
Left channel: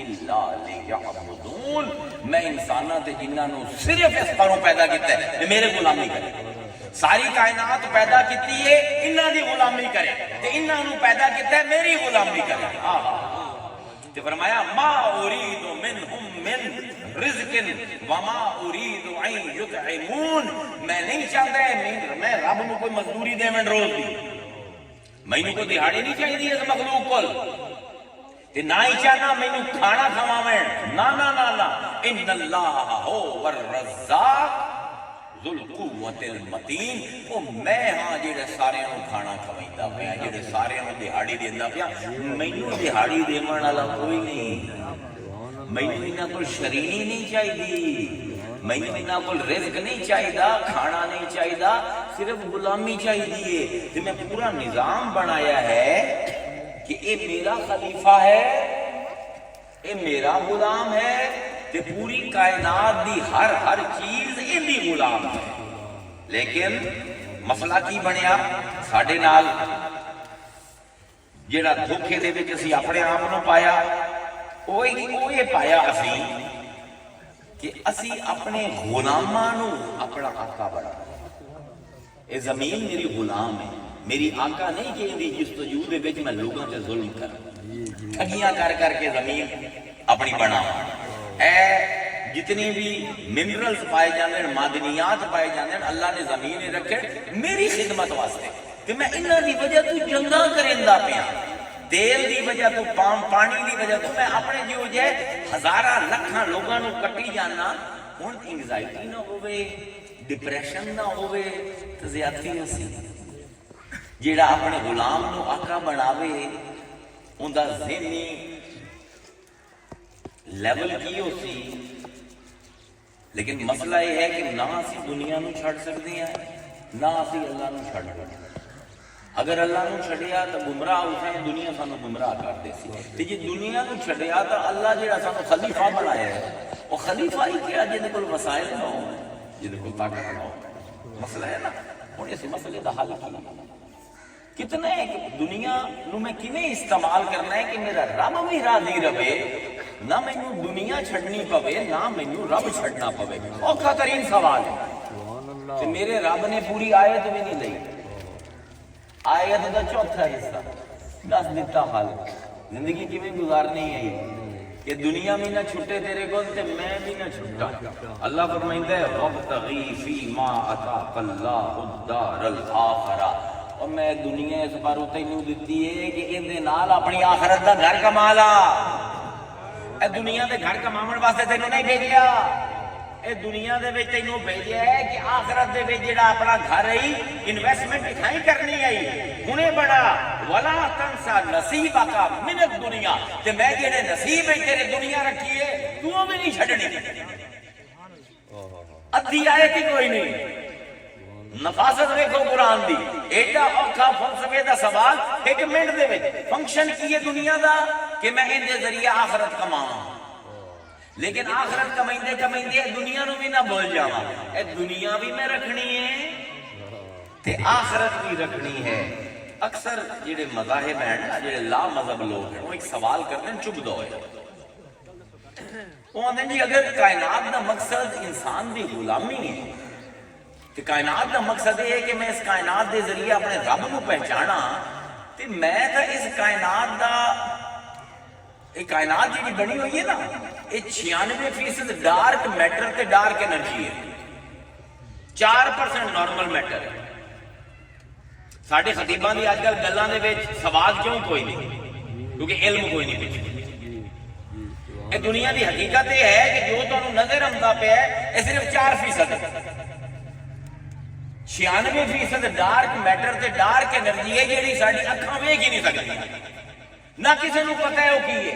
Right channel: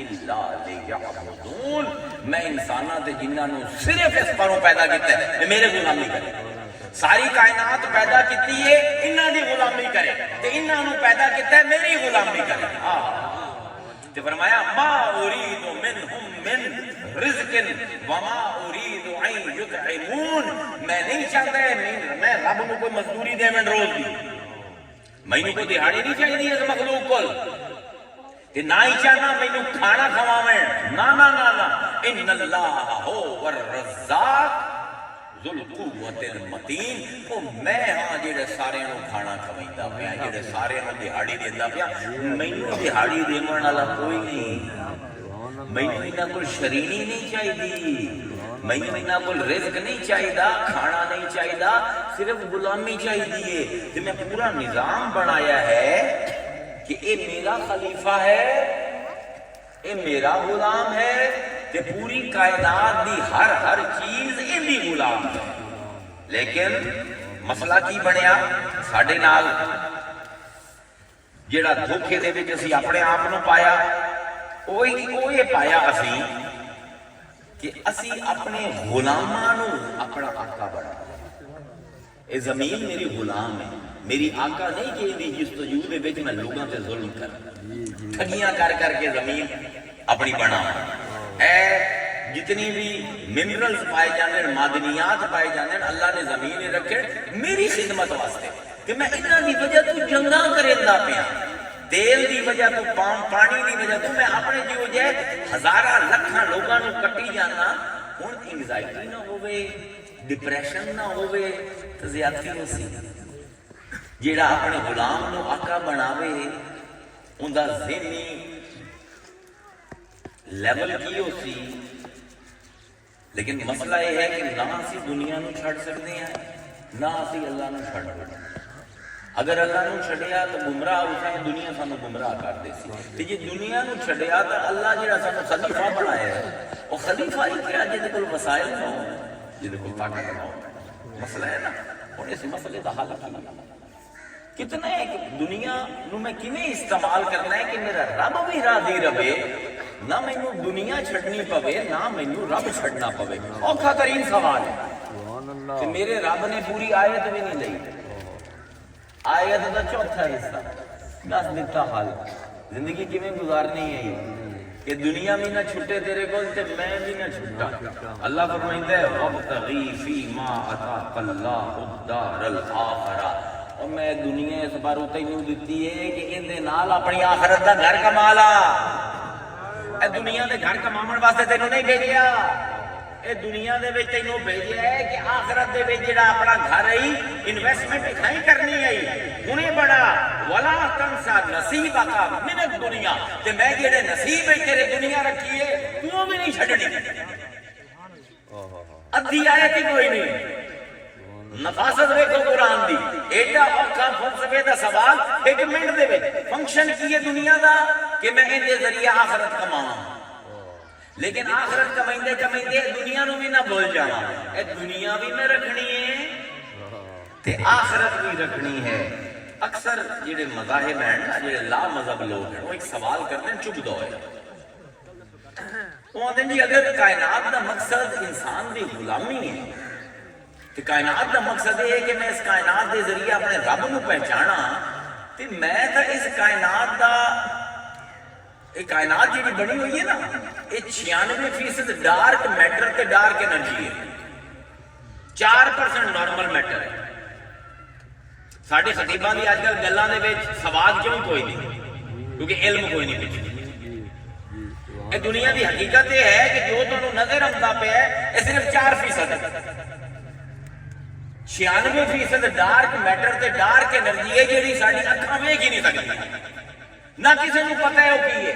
الا لیعبدون. میں انساناں تے جنہاں نوں صرف اس پروں پیدا کیتا ہے کہ میرے غلامی کرے. ساری کائنات پیدا کیتی ہے انہاں دی غلامی کرے تے انہاں نوں پیدا کیتا ہے میری غلامی کرے. تے فرمایا ما اريد منهم من رزق وما اريد ان يطعمون. میں نہیں چاہتا میں رب نو کوئی مزدوری دیویں روز دی. مینوں کوئی دیہاڑی نہیں چاہیے اس مخلوق کول تے نہ ہی چاہنا مینوں کھانا کھواویں. نا نا نا نا ان اللہ هو الرزاق ذو القوت المتین. وہ میں ہاں جڑے سارے نو کھانا کھویندا پیا جڑے سارے نو دیہاڑی دیندا پیا. مینوں دیہاڑی دیون والا کوئی نہیں. مینوں انہاں کول شرینی نہیں چاہیے. مینوں انہاں کول رزق نہیں چاہیے کھانا نہیں چاہیے صرف غلامی چاہیے. تے میں پورا نظام بنایا ہے کہ اے میرا خلیفہ ہے اے میرا غلام ہے تے پوری کائنات دی ہر چیز اندی غلام ہے. لیکن مسئلہ کی بنیا ساڈے نال جیڑا دھوکھے دے وچ اسی اپنے آپ نو پایا وہ یہ پایا اسی کہ اسی اپنے غلاماں نو اپنا آقا بنا. اے زمین میری غلام ہے، میری آقا نہیں کہ دی جستجو دے وچ میں لوگاں تے ظلم کر ٹھگیاں کر کے زمین اپنی بنا. اے جتنی بھی منرلز پائے جاندے معدنیات پائے جاندے اللہ نے زمین رکھے میری خدمت واسطے کہ میں انہاں دی وجہ تو جنگاں کریندا پیا، تیل دی وجہ تو پانی دی وجہ تو میں اپنے جو جے ہزاراں لکھاں لوگاں نو کٹی جانا. ہن انگزائٹی نہ ہوے، ڈپریشن نہ ہوے تے زیادتی ہوسی. جیڑا اپنے غلام نو آقا بناوے اوندا ذہنی لیول کی ہوسی. لیکن مسئلہ یہ ہے کہ نہ اسی دنیا نو چھڑ سکتے ہیں نہ اسی اللہ نو چھڑ سکتے. اگر اللہ نو چھڑیا تو گمراہ ہوتے ہیں، دنیا سانو گمراہ کر دے سی. تے جے دنیا نو چھڑیا تو اللہ جڑا سانو خلیفہ بنایا ہے وہ خلیفہ ہی کیا جے کول وسائل نہ ہو، جے کول طاقت نہ ہو. مسئلہ ہے نا. ہن اس مسئلے دا حل کتنا ہے کہ دنیا نو میں کیویں استعمال کرنا ہے کہ میرا رب بھی راضی رہے، نہ مینوں دنیا چھڑنی پوے نہ مینوں رب چھڑنا پوے. اوکھا ترین سوال ہے کہ میرے رب نے پوری آیت بھی نہیں لئی. آیت دا چوتھا حصہ دس دیتا حال زندگی کیویں گزارنی ہے کہ دنیا بھی نہ چھٹے تیرے کول تے میں بھی نہ چھٹا. اللہ فرمائندا ہے وابتغی فیما آتاک اللہ الدار الآخرہ. اور میں دنیا اس بار تینوں دتی ہے کہ اندے نال اپنی آخرت دا گھر کما لا. اے دنیا دے گھر کماون واسطے تینوں نہیں بھیجیا، اے دنیا دے وچ تینوں بھیجیا ہے کہ آخرت دے وچ جڑا اپنا گھر ہے انویسٹمنٹ کھائی کرنی ہے ہنے بڑا ولا تنسا نصیبک من الدنیا. تے میں جڑے نصیب ہے تیرے دنیا رکھی ہے تو بھی نہیں چھڈنی. ادھی آئے کہ کوئی نہیں. نفاست دیکھو قرآن دی ایڈا اوکھا فلسفے دا سوال ایک منٹ دے وچ فنکشن کی ہے دنیا دا کہ میں ان دے ذریعے آخرت کماواں. لیکن آخرت کمائندے کمائندے دنیا نو بھی نہ بھول جاواں. اے دنیا بھی میں رکھنی ہے تے آخرت بھی رکھنی ہے. اکثر جڑے مذاہب ہیں نا جڑے لا مذہب لوگ ہیں وہ ایک سوال کرتے ہیں چپ دو ہے. وہ آتے ہیں جی اگر کائنات دا مقصد انسان دی غلامی ہے تو کائنات کا مقصد یہ ہے کہ میں اس کائنات کے ذریعے اپنے رب نو پہچانا تو میں تو اس کائنات دا ایک کائنات جی بنی ہوئی ہے نا یہ 96% ڈارک میٹر تے ڈارک انرجی ہے، 4% نارمل میٹر ہے. ساڈے خطیباں دی اج کل گلاں دے وچ سواد کیوں کوئی نہیں کیونکہ علم کوئی نہیں پچھے. یہ دنیا دی حقیقت یہ ہے کہ جو تانوں نظر آندا پیا ہے یہ صرف 4% ہے. 96% ڈارک میٹر تے ڈارک انرجی ہے جیڑی ساڈی اکھاں ویکھ ہی نہیں سکدی نہ کسی نو پتہ ہے وہ کی ہے.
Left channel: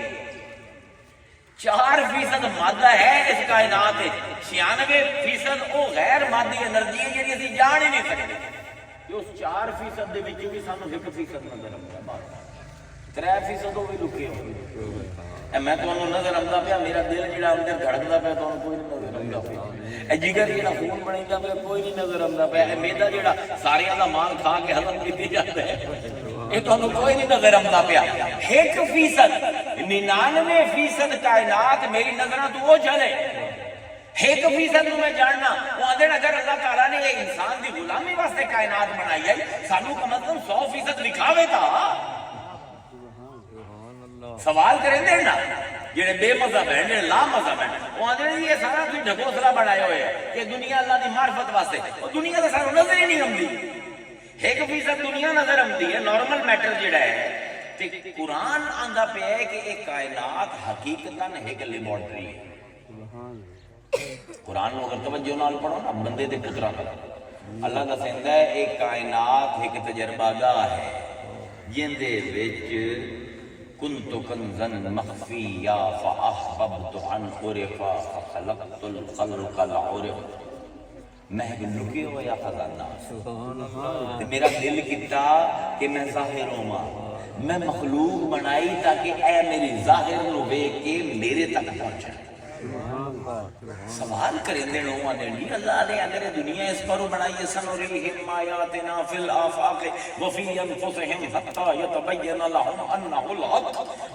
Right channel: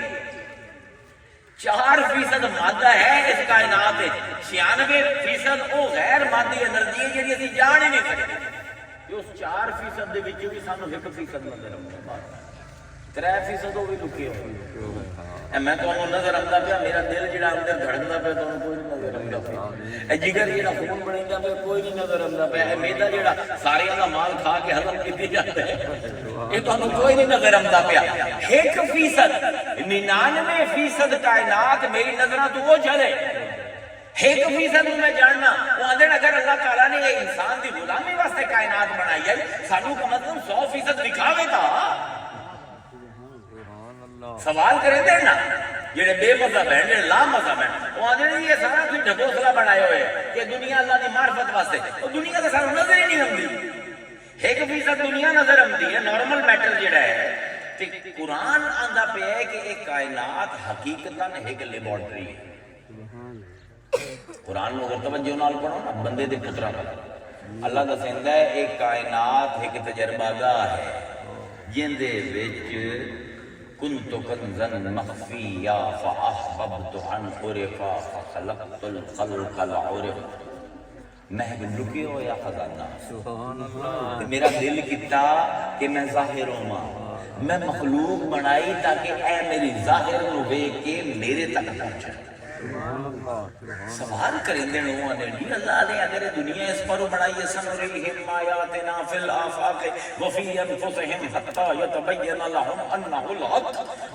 4% مادہ ہے اس کائنات. 96% وہ غیر مادی انرجی ہے جیڑی اسی جان ہی نہیں سکتے. اس 4% دے وچ بھی سانو 1% نظر آਉਂدا ہے، 3% وہ بھی لکے ہوئے. میں تمہیں نظر آتا پیا میرا دل جڑا اندر دھڑکتا پیا تمہیں کوئی نہیں نظر آتا پیا. جگر جڑا خون بنتا پیا کوئی نہیں نظر آتا پیا. میدا جڑا سارے کا مال کھا کے ہضم کیتی جاتا ہے یہ تمہیں کوئی نہیں نظر آتا پیا. 1% 99% کائنات میری نظراں تو وہ چلے. 1% میں جاننا وہ آدھے اگر اللہ تعالیٰ نے یہ انسان دی غلامی واسطے کائنات بنائی ہے سانو کا مطلب 100% دکھاوے تھا. سوال کریں دے نا جڑے بے مذہب ہیں جڑے لا مذہب ہیں وہ آدھے یہ سارا کوئی ڈھکوسلا بنائے ہوئے ہیں کہ دنیا اللہ دی معرفت واسطے. وہ دنیا تو سانو نظر ہی نہیں آتی. 1% دنیا نظر آتی ہے نارمل میٹر جڑا ہے. قرآن آندا پیا ہے کہ ایک کائنات حقیقتاً ایک لیبارٹری ہے. قرآن نو اگر توجہ نال پڑھو نا بندے دے پتراں پر اللہ دسیندا ہے ایک کائنات ایک تجربہ گاہ ہے جن دے وچ كنت كنزا مخفيا فأحببت أن أعرفا فخلقت الخلق العرف. میں لکے ہویا خزانہ میرا دل کیتا کہ میں ظاہر ہوں. میں مخلوق بنائی تاکہ اے میری ظاہر نو ویکھ کے میرے تک پہنچے. سوال کرندے نو آدھے جی اللہ نے اگر دنیا اس پر بنائی سنریہم آیاتنا فی الآفاق وفی انفسہم حتی یتبین لہم انہ الحق،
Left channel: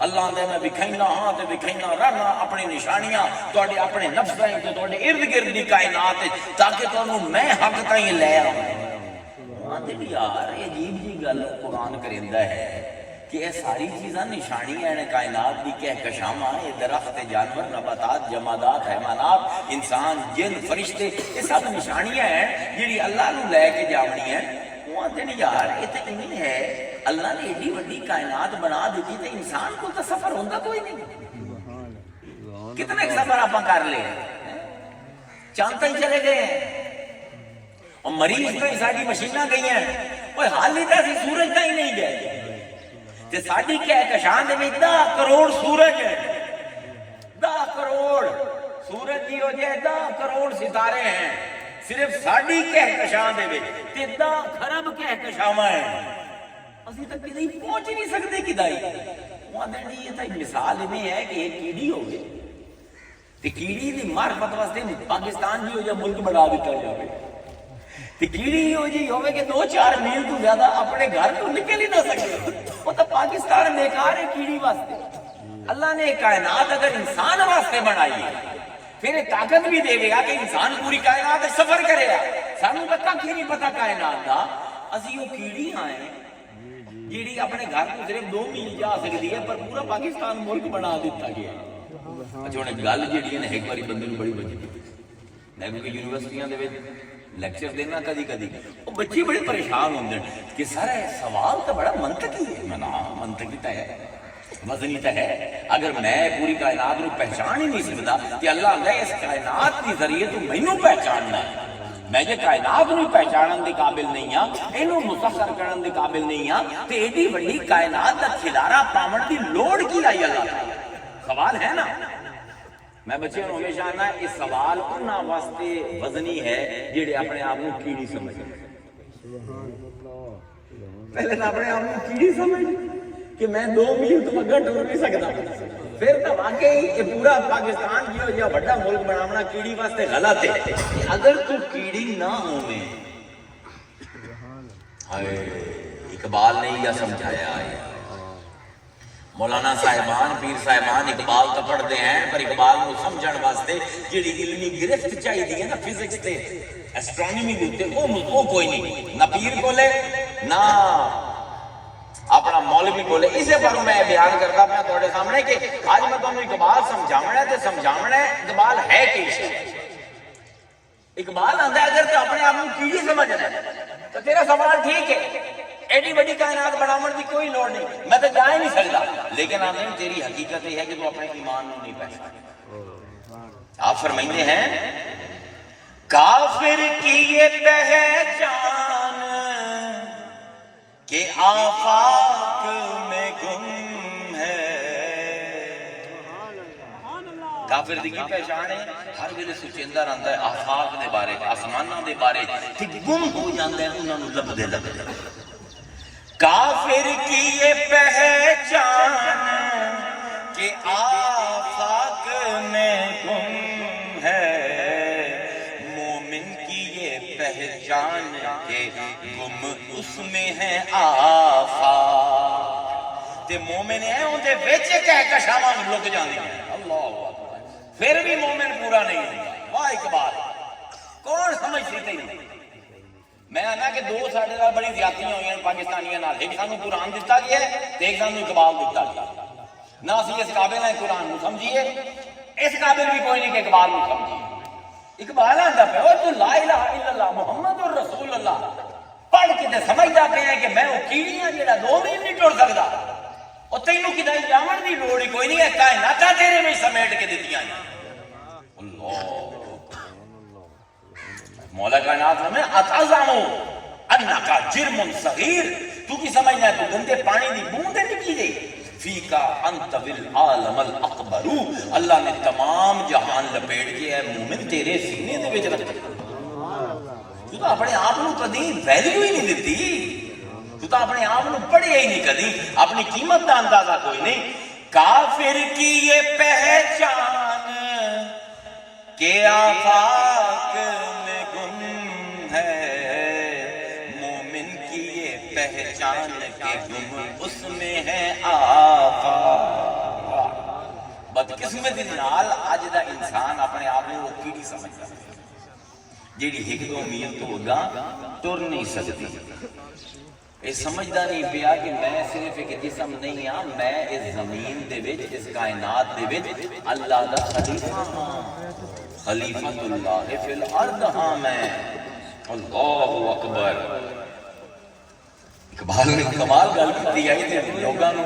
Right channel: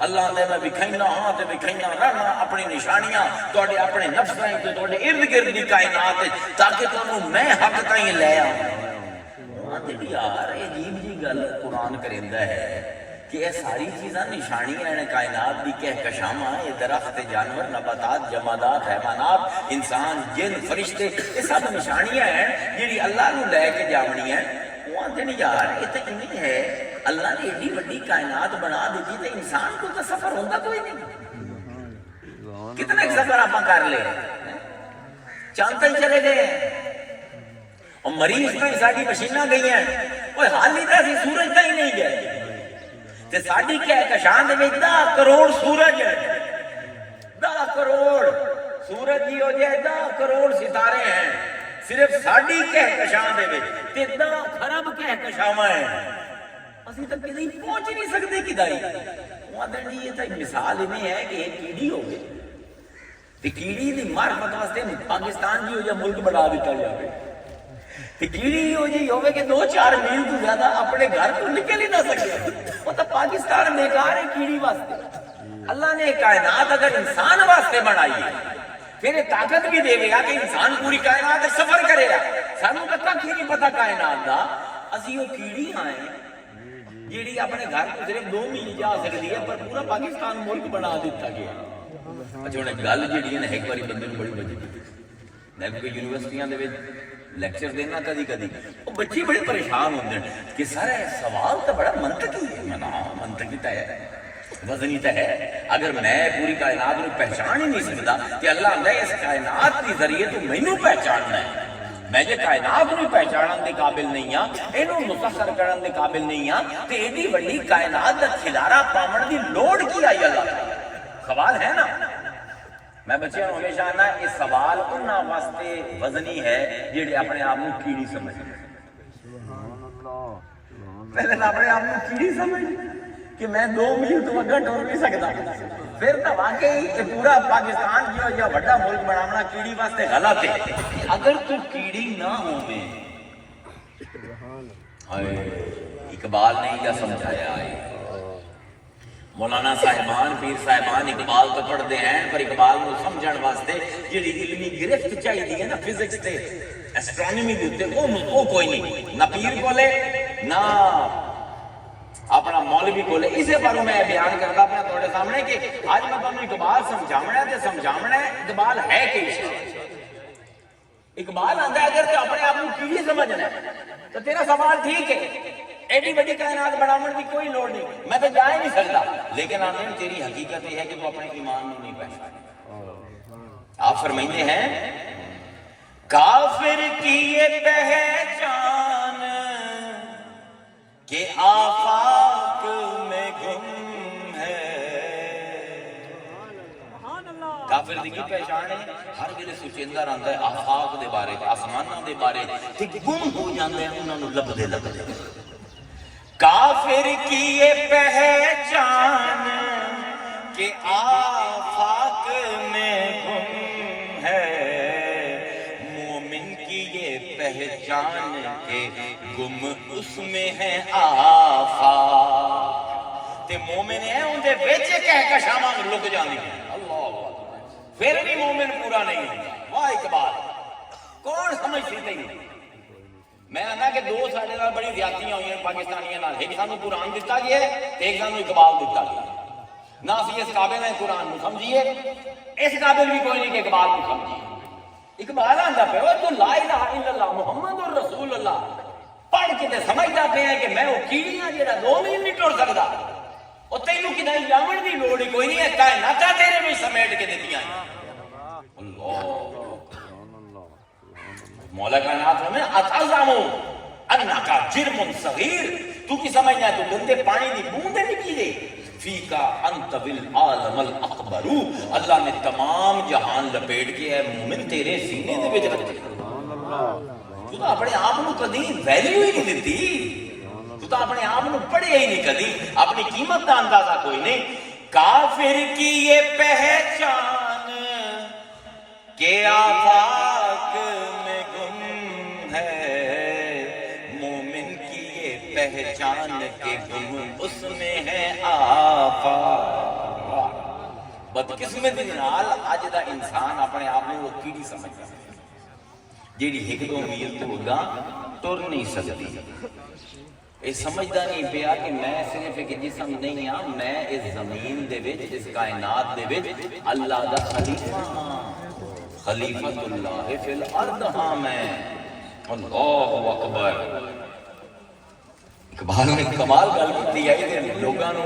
اللہ نے میں بکھائنا ہاں تے بکھائنا رہنا اپنی نشانیاں توڑے اپنے نفس رہیں تے توڑے ارد گرد دی کائنات تاکہ تو میں حق تائیں لے آؤں۔ آدھے بھی یار عجیب جی گل قرآن کرندہ ہے کہ یہ ساری چیزاں نشانیاں ہیں کائنات دی کہکشاں، یہ درخت جانور نباتات جمادات حیوانات انسان جن فرشتے یہ سب نشانیاں ہیں جڑی اللہ نو لے کے جاونی ہیں۔ وہ آتے نہیں یار یہ تو انہیں ہے اللہ نے ایڈی وڈی کائنات بنا دیتی تو انسان کو تو سفر ہوتا کوئی نہیں، کتنا ایک سفر آپ کر لے چاند تک چلے گئے ہیں اور مریض تک ساری مشیناں گئی ہیں، کوئی حال نہیں تھا سورج تک ہی نہیں گئے تے ساڈی کہکشاں دے وچ 10 کروڑ سورج ہے، 10 کروڑ سورج کی ہو جائے 10 کروڑ ستارے ہیں صرف ساڈی کہکشاں دے وچ تے 10 خرب کہکشاواں ہیں، اسی تک کدی پہنچ نہیں سکتے کدائی۔ وہاں یہ تو مثال میں ہے کہ ایک کیڑی ہوگی تے کیڑی دی معرفت واسطے پاکستان جی ہو جائے ملک بنا دیتا جائے، تے کیڑی ہو جی ہوئے کہ 2-4 میل تو زیادہ اپنے گھر تو نکل ہی نہ سکے، وہ تو پاکستان بیکار ہے کیڑی واسطے۔ اللہ نے کائنات اگر انسان واسطے بنائی ہے پھر طاقت بھی دے گا کہ انسان پوری کائنات سفر کرے گا، سانوں تو کھ نہیں پتا کائنات دا، اسی وہ کیڑی ہیں جیڑی اپنے گھر کو صرف 2 میل جا سکتی ہے پر پورا پاکستان ملک بنا دیتا گیا۔ اچھا ہن گل جیڑی ہے ایک باری بندے نوں بڑی وجہ میں کوئی یونیورسٹیاں دے وچ لیکچر دینا کدی کدی وہ بچے بڑے پریشان ہوندے کہ سر سوال تو بڑا منطقی ہے، میں نا منطقی تو ہے وزنی تو ہے، اگر میں پوری کائنات کو پہچان ہی نہیں سکتا کہ اللہ نے اس کائنات کے ذریعے تو مینوں پہچاننا ہے، میں جے کائنات کو پہچانن دے قابل نہیں ہاں، اینوں مسخر کرن دے قابل نہیں ہاں تے ایڈی وڈی کائنات دا کھلارا پاون دی لوڑ کی آئی اللہ تعالی؟ سوال ہے نا۔ میں بچیاں کو ہمیشہ آنا اس سوال انہاں واسطے وزنی ہے جڑے اپنے آپ کو کیڑی سمجھ، پہلے تو اپنے آپ کو کیڑی سمجھ کہ میں 2 میل تو اگے ٹر نہیں سکتا، پھر تو واقعی کہ پورا پاکستان جو یا بڑا ملک بنانا کیڑی واسطے غلط ہے۔ اگر تو کیڑی نہ ہوئے، اقبال نے یہ سمجھایا ہے، مولانا صاحبان پیر صاحبان اقبال تو پڑھتے ہیں پر اقبال کو سمجھن واسطے جڑی علمی گرفت چاہیے نا فزکس تے ایسٹرونومی دے اوتے وہ کوئی نہیں، نہ پیر کولے نہ اپنا مولوی کولے۔ اسے پر میں بیان کرتا پیا تھوڑے سامنے کہ آج میں تمہیں اقبال سمجھاونا ہے تے سمجھاونا ہے اقبال ہے کہ اقبال آتا ہے اگر تو اپنے آپ کو کیڑی سمجھنا ہے تو تیرا سوال ٹھیک ہے، ایڈی بڑی کائنات بناون کی کوئی لوڑ نہیں، میں تو جا ہی نہیں سکتا، لیکن آپ نے تیری حقیقت یہ ہے کہ تو اپنے ایمان نہیں پہچانا۔ آپ فرمائتے ہیں کافر کی یہ پہچان کہ آفاق میں گم ہے، کافر دی کی پہچان ہے ہر ویلے سوچیندا رہندا ہے آفاق دے بارے آسماناں دے بارے تے گم ہو جاندا ہے انہاں نوں لبدے لبدے۔ کافر کی یہ پہچان کہ آفاق میں گم ہے، مومن کی یہ پہچان کہ گم اس میں ہے آفاق، تے مومن ہے ان دے وچ کہکشاواں لک جاندی ہیں، پھر بھی مومن پورا نہیں ہوتا۔ واہ اقبال کون سمجھتی تینوں؟ میں آنا کہ 2 ساڈے نال بڑی زیادتیاں ہوئی ہیں پاکستانیاں نال، ایک سانوں قرآن دتا گیا ہے تے ایک سانوں اقبال دتا گیا، نہ اسی اس قابل ہیں قرآن کو سمجھیے، اس قابل بھی کوئی نہیں کہ اقبال کو سمجھیے۔ اقبال آندا پیو تو لا الہ الا اللہ محمد الرسول اللہ پڑھ کے تے سمجھدا پیا کہ میں وہ کیڑیاں جڑا 2 میل نہیں ٹر سکدا، اور تینوں کدائی جاون دی لوڑ ہی کوئی نہیں ہے، کائناتاں تیرے میں سمیٹ کے دتیاں ہیں۔ اللہ مولا کائنات میں اتعظمو انکا جرم صغیر، تو کی سمجھنا ہے تو گندے پانی دی بوندے نکلی گئی، فیکا انت بالعالم الاکبر، اللہ نے تمام جہان لپیٹ کے ہے مومن تیرے سینے دے وچ رکھے، تو اپنے آپ کو کدی ویلیو ہی نہیں دیتی، تو اپنے آپ کو پڑھے ہی نہیں کدی، اپنی قیمت کا اندازہ کوئی نہیں۔ کافر کی یہ پہچان کہ آفاق میں گم ہے مومن کی یہ پہچان کے گم اس میں ہے آفاق۔ بدقسمتی نال اج دا انسان اپنے آپ میں وہ کیڑی سمجھدا جیڑی ایک دو میل تو اگاں ٹر نہیں سکتی۔ یہ سمجھدا نہیں پیا کہ میں صرف ایک جسم نہیں ہاں، میں اس زمین دے وچ اس کائنات دے وچ اللہ دا خلیفہ ہاں، خلیفۃ اللہ فی الارض ہاں میں۔ اللہ اکبر۔ اقبال نے کمال گل کی آئی تے لوگاں نو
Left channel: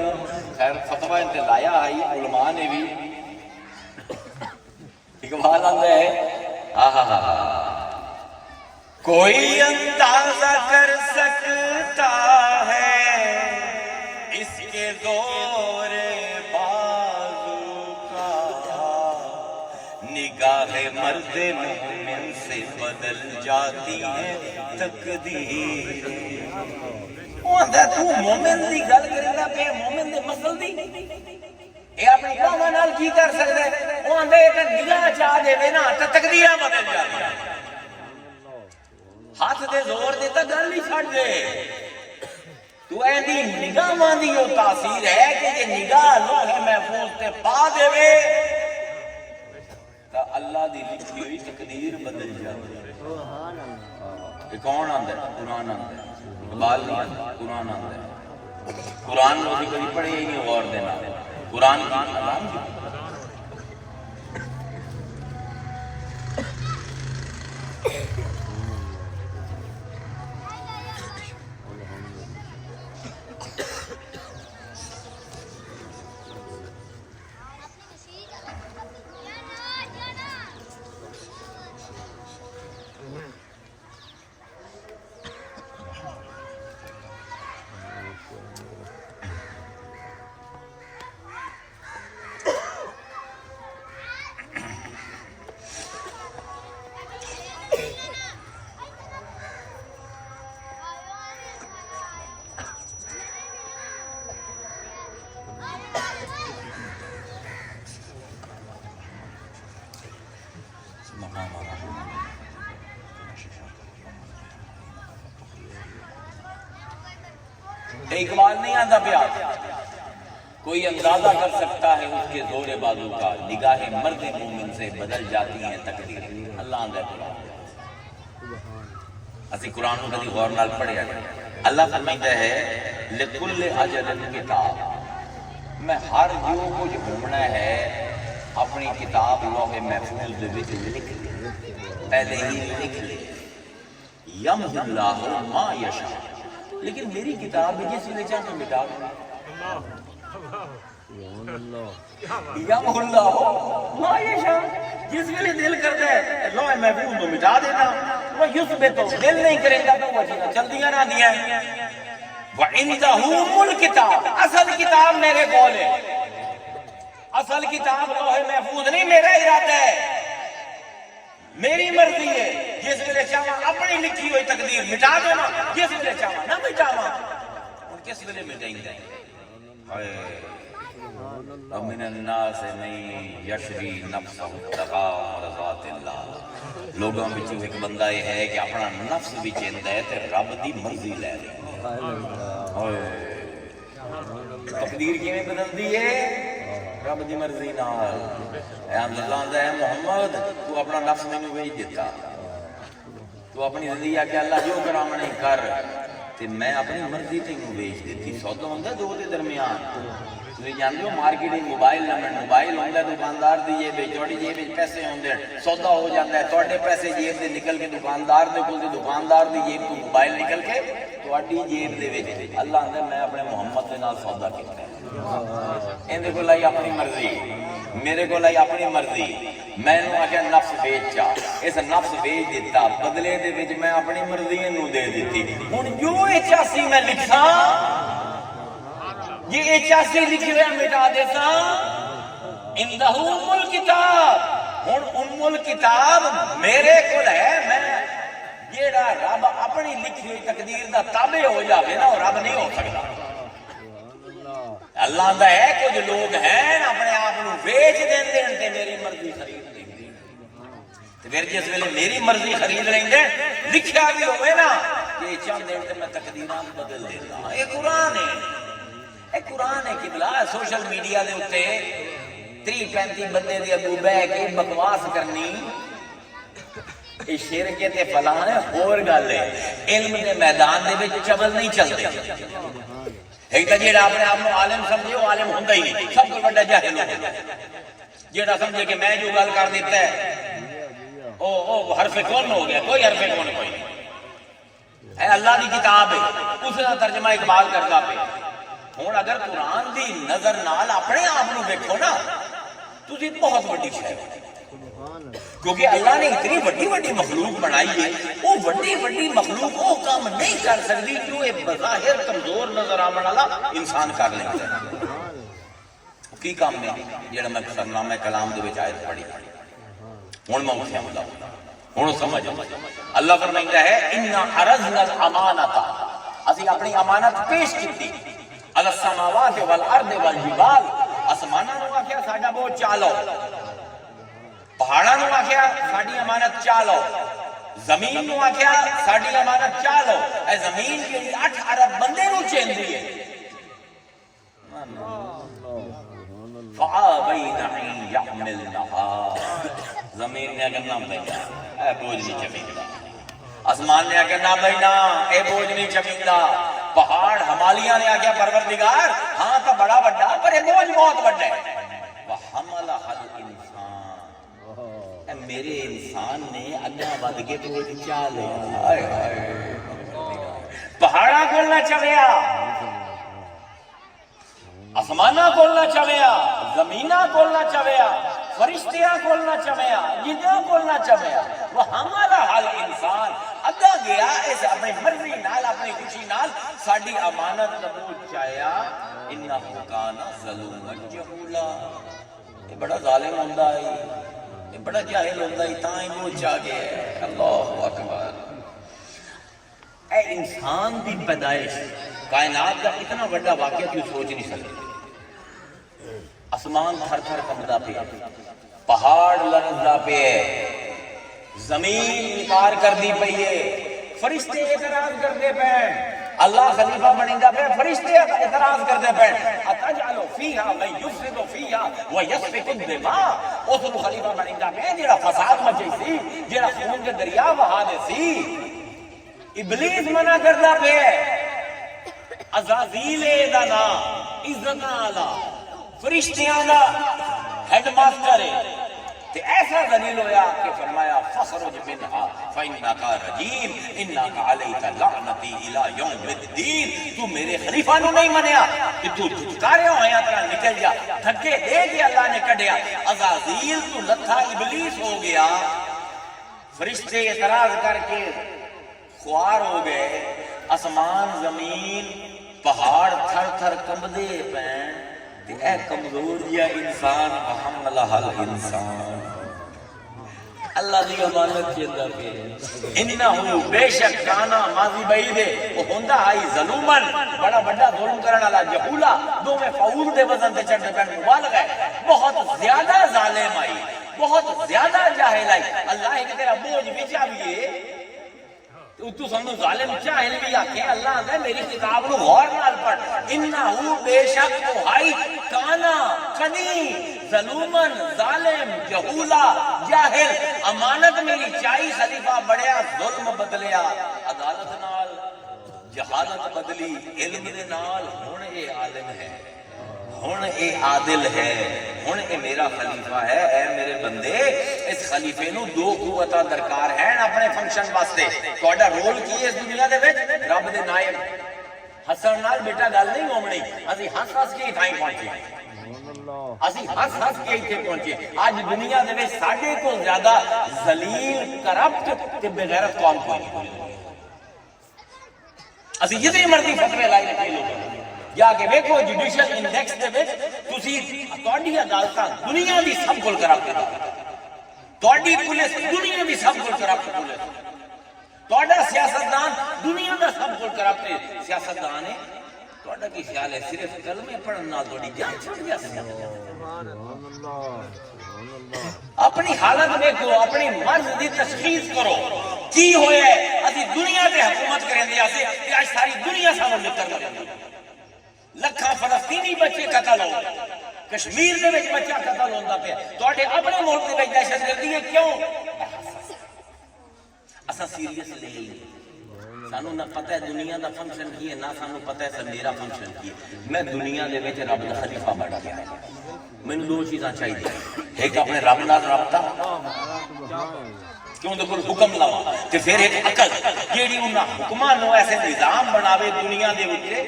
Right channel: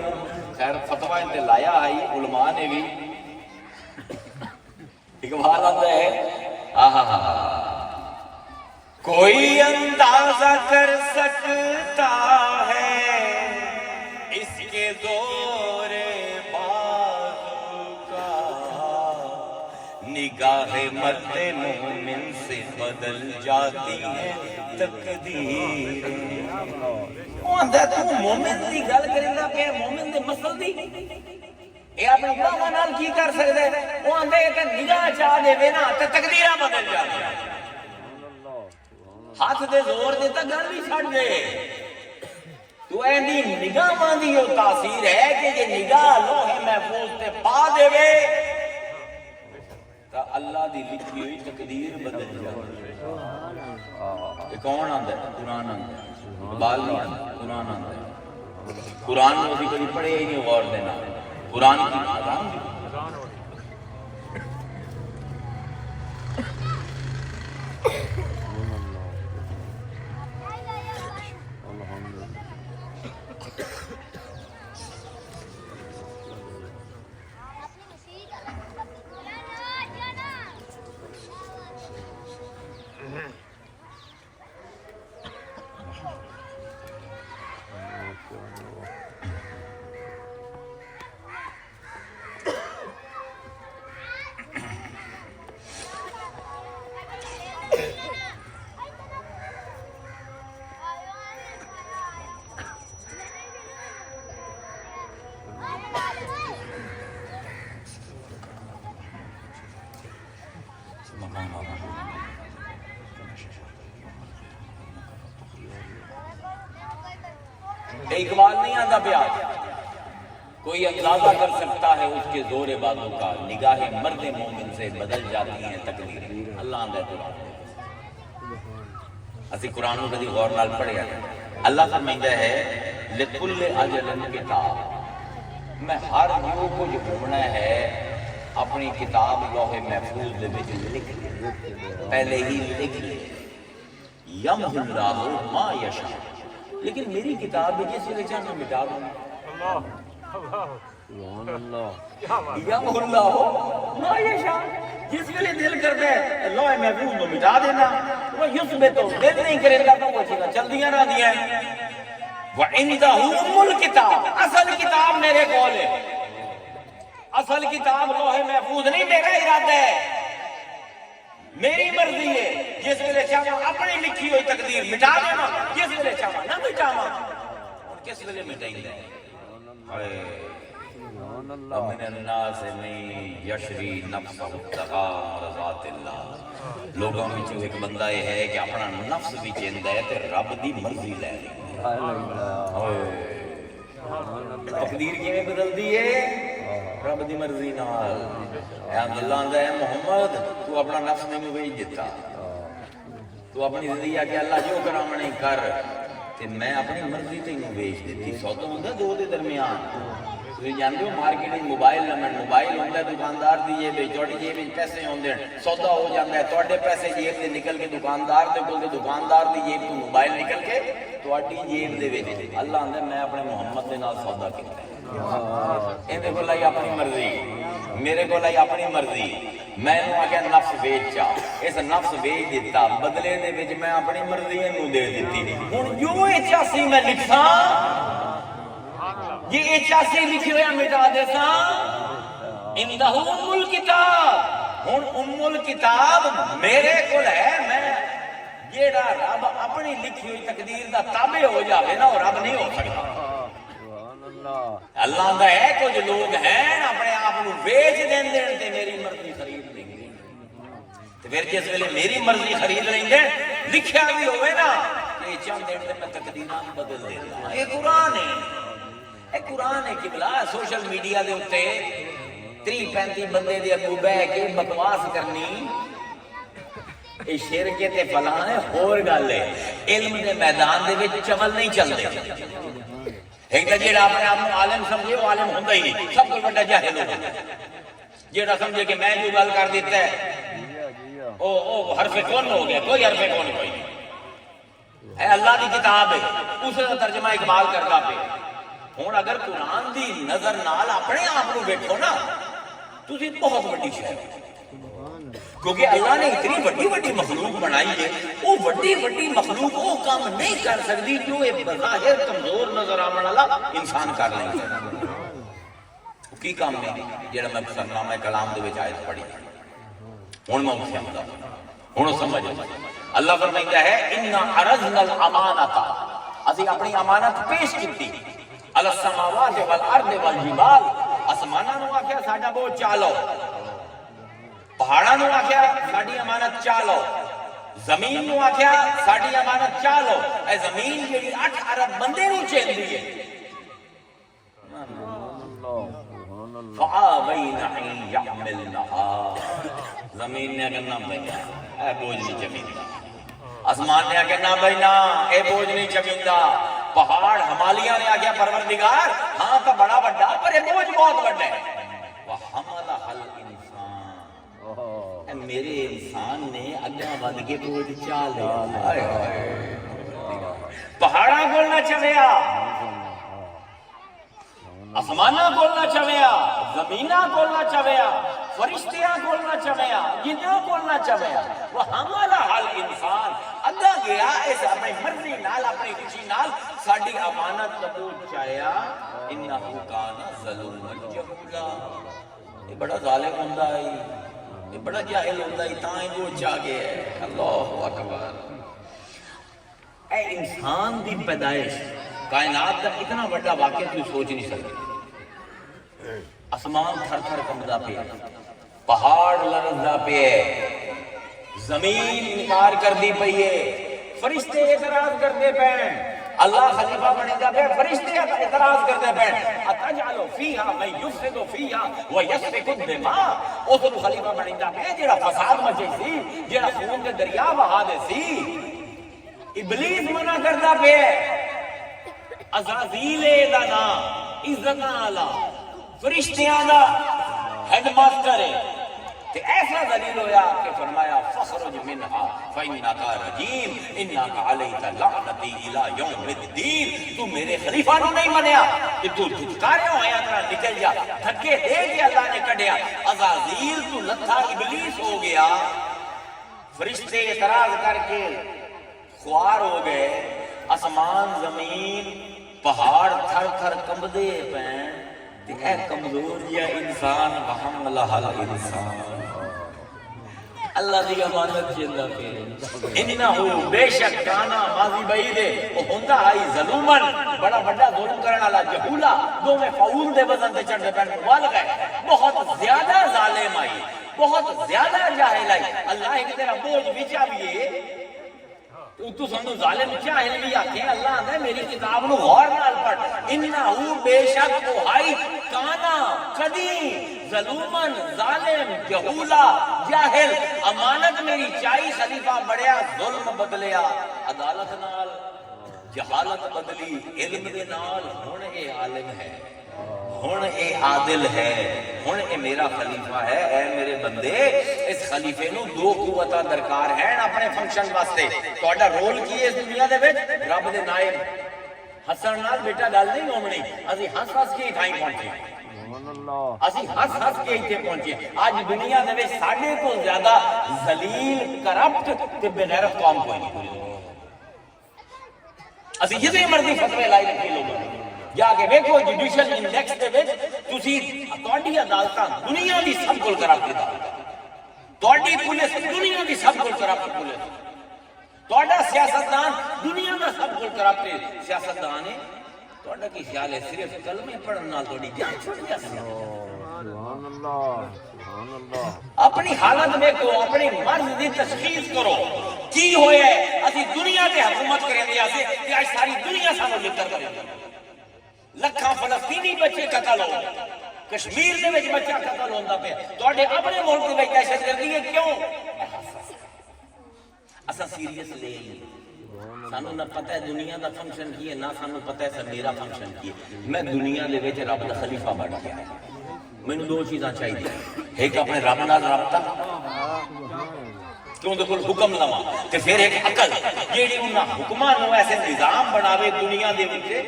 خیر فتوی تے لایا آئی علماء نے بھی۔ اقبال آندا ہے کوئی اندازہ کر سکتا ہے اس کے زور بازو کا، نگاہ مرد مومن سے بدل جاتی ہے تقدیر۔ تو مومن دی گل کرندا پیا، مومن دے مسل دی اے اپنی گواں نال کی کر سکدا ہے؟ وہ آندا ہے کہ نگاہ چاہ دے نا تے تقدیراں بدل جاندیاں۔ ہاتھ دے زور دی تے گل ہی چھڈ دے، تو ایندی نگاہاں دی او تاثیر ہے کہ یہ نگاہ لوح محفوظ تے پا دے وے تا اللہ دی لکھی ہوئی تقدیر بدل جاندی ہے۔ یہ کون آندا ہے؟ قرآن آندا ہے، اقبال نہیں آندا، قرآن آندا ہے۔ قرآن نو بھی کبھی پڑھے ہی نہیں غور دینا، قرآن کی اقبال نہیں آتا پیا کوئی اندازہ کر سکتا ہے اس کے زور بازو کا، نگاہ مرد مومن سے بدل جاتی ہیں تقدیر۔ اللہ آندا ہے قرآن، اسی قرآن کو کبھی غور نال پڑھیا جائے۔ اللہ فرماتا ہے لکل اجل کتاب، میں ہر جو کچھ ہونا ہے اپنی کتاب لوح محفوظ دے وچ لکھ لے، پہلے ہی لکھ لے۔ یمحو اللہ ما یشاء، لیکن میری کتاب بھی جس ویلے چاہنا مٹا دوں۔ یمحو اللہ ما یشاء، جس ویلے دل کرتا ہے لوح محفوظ کو مٹا دینا، وہ یثبت دل نہیں کرے گا تو وہ چیزاں چلدیاں رہندیاں ہیں۔ وَعِندَهُ أُمُّ الْكِتَابِ، اصل کتاب میرے کول ہے، اصل کتاب لوح محفوظ نہیں، میرا ارادہ ہے، میری مرضی ہے۔ جس ویلے چاہواں اپنی لکھی ہوئی تقدیر مٹا دینا، جس ویلے چاہواں نہ مٹاواں۔ کس ویلے مٹائیں گے؟ وَمِنَ النَّاسِ مَن يَشْرِي نَفْسَهُ ابْتِغَاءَ مَرْضَاتِ اللَّهِ، لوگوں وچ ایک بندہ یہ ہے کہ اپنا نفس بھی چاہندا ہے تے رب دی مرضی لے لے۔ تقدیر کیویں بدلدی ہے؟ رب دی مرضی نال۔ عبداللہ آندا ہے محمد تو اپنا نفس نہیں بھیج دیتا، تو اپنی زندگی آ کے اللہ جو کراواں نہیں کر، تے میں اپنی مرضی تینوں بھیج دیتی۔ سودا ہوندا دو دے درمیان، تسی جانتے ہو مارکیٹ موبائل لمن، موبائل ہوندا دکاندار دی جیب وچ، تہاڈی جیب وچ پیسے ہوندے، سودا ہو جاندا ہے، تہاڈے پیسے جیب دے نکل کے دکاندار دے کول، دکاندار دی جیب تو موبائل نکل کے تہاڈی جیب دے وچ۔ اللہ آندا میں اپنے محمد دے نال سودا کیتا ہے، اندے کول آئی اپنی مرضی، میرے کول آئی اپنی مرضی، میں نو آکھیا نفس بیچ چا، اس نفس بیچ دیتا، بدلے دے وچ میں اپنی مرضی نو دے دیتی۔ ہن جو 81 میں لکھاں، یہ 81 لکھی ہویا مٹا دیتا۔ اندہ ام الکتاب، ہن ام الکتاب میرے کول ہے، میں جیڑا رب اپنی لکھی ہوئی تقدیر دا تابع ہو جاوے نا، رب نہیں ہو سکتا۔ اللہ آندا ہے کچھ لوگ ہیں اپنے آپ کو بیچ دیندے تے میری مرضی خرید دیندے۔ پھر جس ویلے میری مرضی خرید لیں لکھیا بھی ہوئے نا کہ چند دن میں تقدیراں بدل دینا. یہ قرآن ہے, یہ قرآن ہے کہ بلا سوشل میڈیا دے اتے 30-35 بندے دے اگوں بہ کے بکواس کرنی یہ شرک تے فلاں ہے. اور گل ہے علم دے میدان دے وچ چمل نہیں چلتے. ایک جیڑا اپنے آپ کو عالم سمجھے وہ عالم ہوندا ہی نہیں, سب کو بڑا جاہل ہوتا ہے. جیڑا سمجھے کہ میں جو گل کر دیتا ہے او حرف کون ہو گیا, کوئی حرف کون کوئی نہیں ہے. اللہ دی کتاب ہے, اس کا ترجمہ اقبال کرتا پہ. ہوں اگر قرآن دی نظر نال اپنے آپ کو دیکھو نا تسی بہت بڑی شے, کیونکہ اللہ نے اتنی بڑی بڑی مخلوق بنائی ہے. وہ بڑی بڑی مخلوق وہ کام نہیں کر سکتی جو ایک بظاہر کمزور نظر آنے والا انسان کر لیتا ہے. کی کام نہیں جڑا میں سرنامہ کلام دے وچ آیت پڑھی ہن میں اس سمجھدا ہن سمجھ. اللہ فرمائندا ہے انا عرضنا الامانۃ, اسی اپنی امانت پیش کیتی علی السماوات والارض والجبال, آسماناں نوں آکھیا ساڈا بوجھ چالو, پہاڑاں نوں آکھیا ساڈی امانت چالو, زمین نوں آکھیا ساڈی امانت چالو. اے زمین جیڑی 8 ارب بندے نوں چیندی ہے فآبین ان یحملنہا, زمین نے کہنا بھیا اے بوجھ نہیں چکیندا, آسمان نے کہنا بھائی نا اے بوجھ نہیں چکیندا, پہاڑ ہمالیہ نے آگیا پروردگار ہاں تو بڑا بڑا پر یہ بوجھ بہت بڑا ہے. وَحَمَلَهَا الْإِنسَانِ, میرے انسان نے اگاں ود کے بوجھ چال لیا. پہاڑاں کولنا چویا, آسماناں کولنا چویا, زمیناں کولنا چویا, فرشتیاں کولنا چویا, جناں کولنا چویا. وَحَمَلَهَا الْإِنسَانِ, اگا گیا اس اپنی مرضی نال اپنی خوشی نال ساڈی امانت قبول چایا. انہ کان ظلوما جہولا, یہ بڑا ظالم ہوندا ہے, یہ بڑا جاہل ہوندا ہے, تاں ہی وہ چا گیا ہے. اللہ اکبر. اے انسان دی پیدائش کائنات کا اتنا بڑا واقعہ تو سوچ نہیں سکتے. آسمان تھر تھر کمدا پہ, پہاڑ لرزدا پہ, زمین انکار کر دی پئی ہے, فرشتے اعتراض کرتے پہ, اللہ خلیفہ بنیدا پہ, فرشتے اعتراض کرتے پہ. اتجعل فیہا من یفسد فیہا ویسفک الدماء, اس کو خلیفہ بنیدا پہ جڑا فساد مچائی سی, جڑا خون دے دریا بہا دے سی. ابلیس منع کردا پہ, عزازیل دا نام عزت والا فرشتیاں دا ہیڈ ماسٹر ہے. تے ایسا دلیل ہویا کہ فرمایا فخرج منہا فإنکا رجیم انکا علیک لعنتی الی یوم الدین. تو میرے خلیفہ نے نہیں منیا کہ تو دھتکاریا ہویا طرح نکل جا, دھکے دے کے اللہ نے کڈیا. عزازیل تو لتھا ابلیس ہو گیا, فرشتے اعتراض کر کے خوار ہو گئے, آسمان زمین پہاڑ تھر تھر کمبدے پین. اے کمزور یا انسان وحملہا الانسان, اللہ دی امانت چیندا پہ. انہو بے شک کانا ماضی بعید ہے, وہ ہوندا ہے ظلومن بڑا بڑا ظلم کرنے والا, جہولا دو میں فعول دے وزن تے چڑھنے پہ مبالغہ ہے, بہت زیادہ ظالم آئی, بہت زیادہ جاہل آئی. اللہ ایک تیرا بوجھ وچ آویے تو سمجھو ظالم جاہل بھی آکھیں, اللہ نے میری کتاب نو غور نال پڑھ. انہو بے شک وہ ہائی کانا کدی ظلومن ظالم جہولا جاہل, امانت میری چائی خلیفہ بڑھیا ظلم بدلیا, عدالت نال جہالت بدلی, علم دے نال ہن اے عالم ہے, ہن اے عادل ہے, ہن اے میرا خلیفہ ہے. اے میرے بندے اس خلیفے نو دو قوتاں درکار ہیں اپنے فنکشن واسطے. تہاڈا رول کی ہے اس دنیا دے وچ؟ رب دے نائب. ہسن نال بیٹا گل نہیں ہومنی, اسی ہس ہس کے تھائی پہنچے, اسی ہس ہس کے ایتھے پہنچے. اج دنیا دے وچ ساڈے تو زیادہ ذلیل کرپٹ تے بے غیرت قوم کوئی نہیں. اسی جتنی مرضی فتوی لائی رکھے لوگوں جا کے ویکھو جوڈیشل انڈیکس دے وچ تسی تہاڈی عدالتاں دنیا دی سب کول کرپٹ ہے, تہاڈی پولیس دنیا دی سب کول کرپٹ پولیس, تہاڈا سیاستدان دنیا دا سب کول کرپٹ سیاستدان ہے. تہاڈا کی خیال ہے صرف کلمے پڑھن نال تہاڈی جان چھٹ جاسی؟ سبحان اللہ. اپنی حالت دیکھو، اپنی مرض کی تشخیص کرو کی ہوئے اسی دنیا میں حکومت کریں دے آسے کہ آج ساری دنیا سانو لکر کریں دے لکھاں فلسطینی بچے قتل ہو کشمیر دے وچ بچہ قتل ہوندا پیا تواڈے اپنے ملک دی وچ دہشت گردی ہے کیوں اساں سیریس لے لیں سانو نہ پتہ ہے دنیا دا فنکشن کی ہے نہ سانو پتہ ہے میرا فنکشن کی ہے میں دنیا دے وچ رب دا خلیفہ بن گیا مینوں دو چیزاں چاہیے ایک اپنے رب نال رابطہ کیوں دے کوئی حکم لاواں تے پھر ایک عقل جیڑی انہاں حکماں نو ایسے نظام بناوے دنیا دے اوتے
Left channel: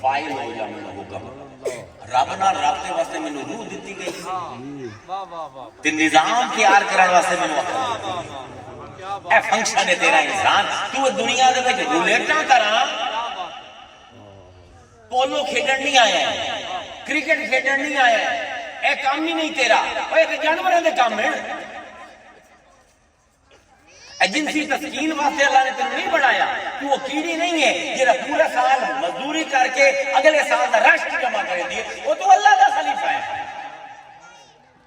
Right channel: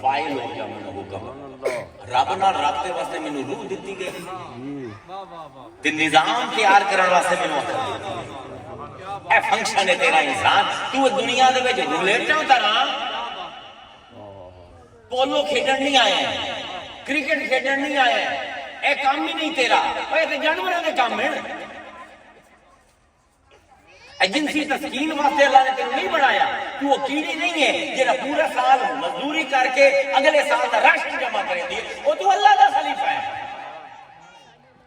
فائل ہو جا مینوں حکم رب نال رابطے واسطے مینوں روح دتی گئی تے نظام تیار کرن واسطے مینوں عقل دتی اے فنکشن ہے تیرا انسان تو دنیا دے وچ رولیٹاں طرح پولو کھیڈن نہیں آیا کرکٹ کھیڈن نہیں آیا اے کام ہی نہیں تیرا اے تے جانوراں دے کام ہے جنسی تسکین واسطے اللہ نے تینوں نہیں بنایا تو وہ کیڑی نہیں ہے جیڑا پورا سال مزدوری کر کے اگلے سال دا رشک جمع کرے دی وہ تو اللہ دا خلیفہ ہے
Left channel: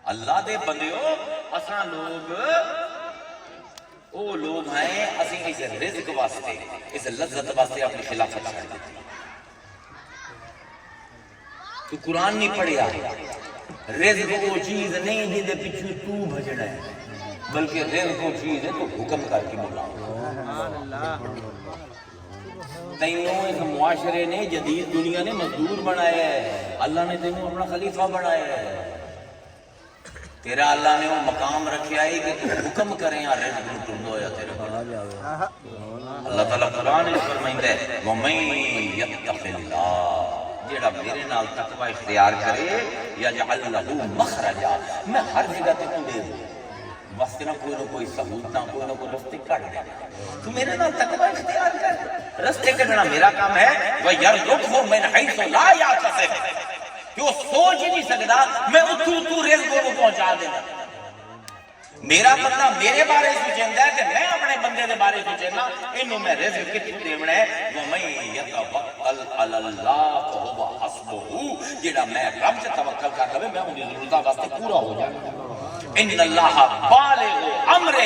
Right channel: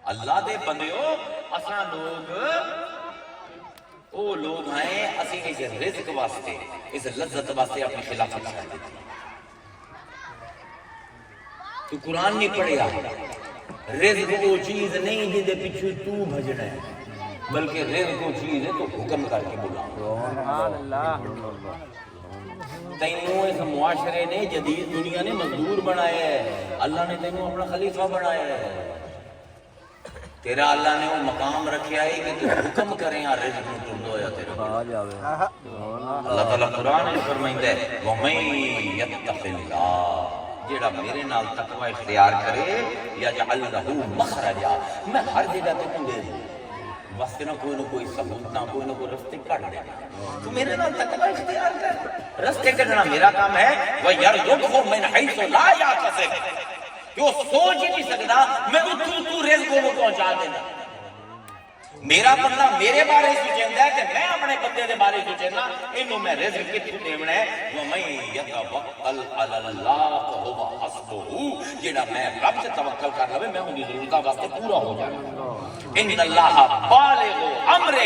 اللہ دے بندیو اساں لوگ او لوگ ہیں اسی اس رزق واسطے اس لذت واسطے اپنی خلافت چھوڑ دیتی تو قرآن نہیں پڑھیا رزق وہ چیز نہیں جن دے پیچھے تو بھجنا ہے بلکہ رزق وہ چیز ہے تو حکم کر کے بلا تینوں اس معاشرے نے جدید دنیا نے مزدور بنایا ہے اللہ نے تینوں اپنا خلیفہ بنایا ہے تیرا اللہ نے وہ مقام رکھیا ہے کہ تو حکم کریں یا رزق میں تم دو یا تیرا اللہ تعالیٰ قرآن میں فرمائندہ ہے وَمَن يَتَّقِ اللَّهَ جیڑا میرے نال تقوی اختیار کرے یجعل لہ مخرجا میں ہر جگہ تے تو دے دوں واسطے نہ کوئی ثبوت نہ کوئی رستے کٹ دے تو میرے نال تقوی اختیار کر رستے کٹنا میرا کام ہے وَيَرْزُقْهُ مِنْ حَيْثُ لَا يَحْتَسِبُ کہ وہ سوچ ہی نہیں سکتا میں اتھو رزق کو پہنچا دینا میرا بندہ میرے بارے سوچیندا ہے کہ میں اپنے بندے دے بارے سوچنا اینو میں رزق کتھوں دیونا ہے وَمَن يَتَوَکَّلْ عَلَى اللَّهِ فَهُوَ حَسْبُهُ جیڑا میں رب سے توکل کر لوے میں ان دی ضرورتاں واسطے پورا ہو جاؤں ان اللہ بالغ امرہ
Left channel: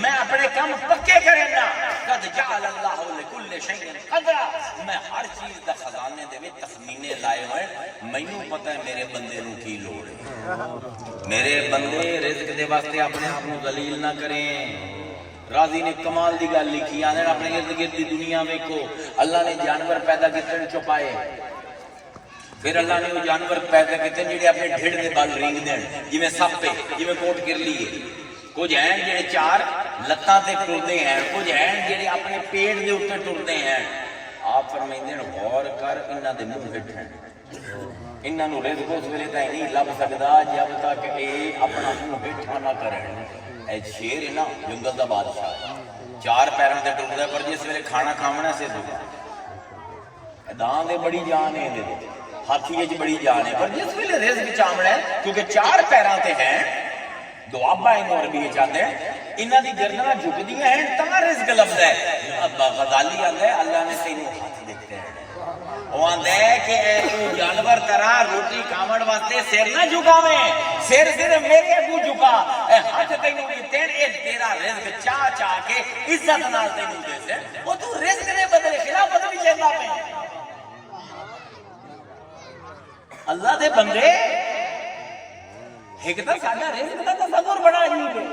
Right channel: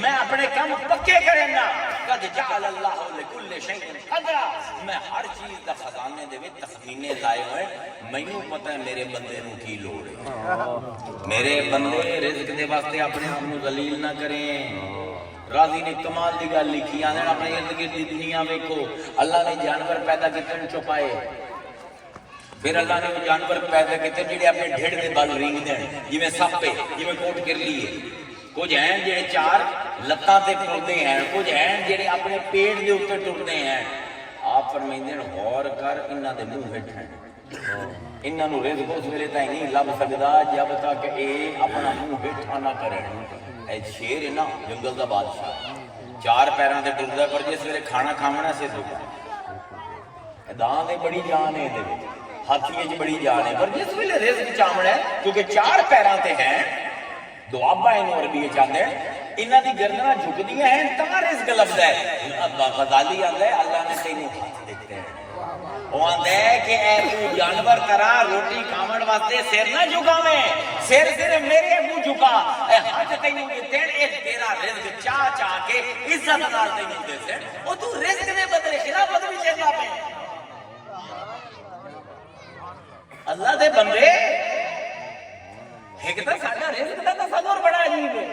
میں اپنے کام پکے کرنا قد جعل اللہ لکل شیء قدرا میں ہر چیز دا خزانے دے وچ تخمینے لائے ہوئے مینوں پتہ ہے میرے بندے نوں کی لوڑ ہے میرے بندے رزق دے واسطے اپنے آپ نو ذلیل نہ کریں راضی نے کمال دی گل لکھی آندے اپنے ارد گرد دی دنیا ویکھو اللہ نے جانور پیدا کیتے چھپائے پھر اللہ نے وہ جانور پیدا کیتے جڑے اپنے ڈھڑ دے بال رینگ دین جویں سپ ہے جویں کوٹ کرلی ہے کچھ ہیں جڑے چار لتاں تے ٹردے ہیں کچھ ہیں جڑے اپنے پیٹ دے اوپر ٹردے ہیں آپ فرمائندے ہیں غور کر انہاں دے منہ ہٹ ہیں انہاں نو رزق اس ویلے تائیں نہیں لب سکدا جب تک اے اپنا منہ ہٹا نہ کرے اے شیر ہے نا جنگل دا بادشاہ چار پیراں تے ٹردا پر جس ویلے کھانا کھاونا سے دکھ داں دے بڑی جان ہے دے ہاتھی وچ بڑی جان ہے پر جس ویلے رزق چاونا ہے کیونکہ چار پیراں تے ہیں دوابا انہوں عربی چاہتے ہیں انہاں دی گردناں جھکدیاں ہیں تمہا رزق لفظ ہے غزالی آندہ ہے اللہ نے کئیوں ہاتھ دیتے ہیں وہ آندہ ہے کہ اے تو جانور طرح روٹی کھامن واسطے سیر نہ جھکاویں سیر صرف میرے منہ جھکا اے ہاتھ تینوں دیتے ہیں اے تیرا رزق چاہ چاہ کے عزت نال تینوں دیتے ہیں وہ تو رزق نے بدلے خلافت بھی چاہتا پہ اللہ دے بندے ایک تا ساڈا رزق دا تصور بڑا عجیب ہے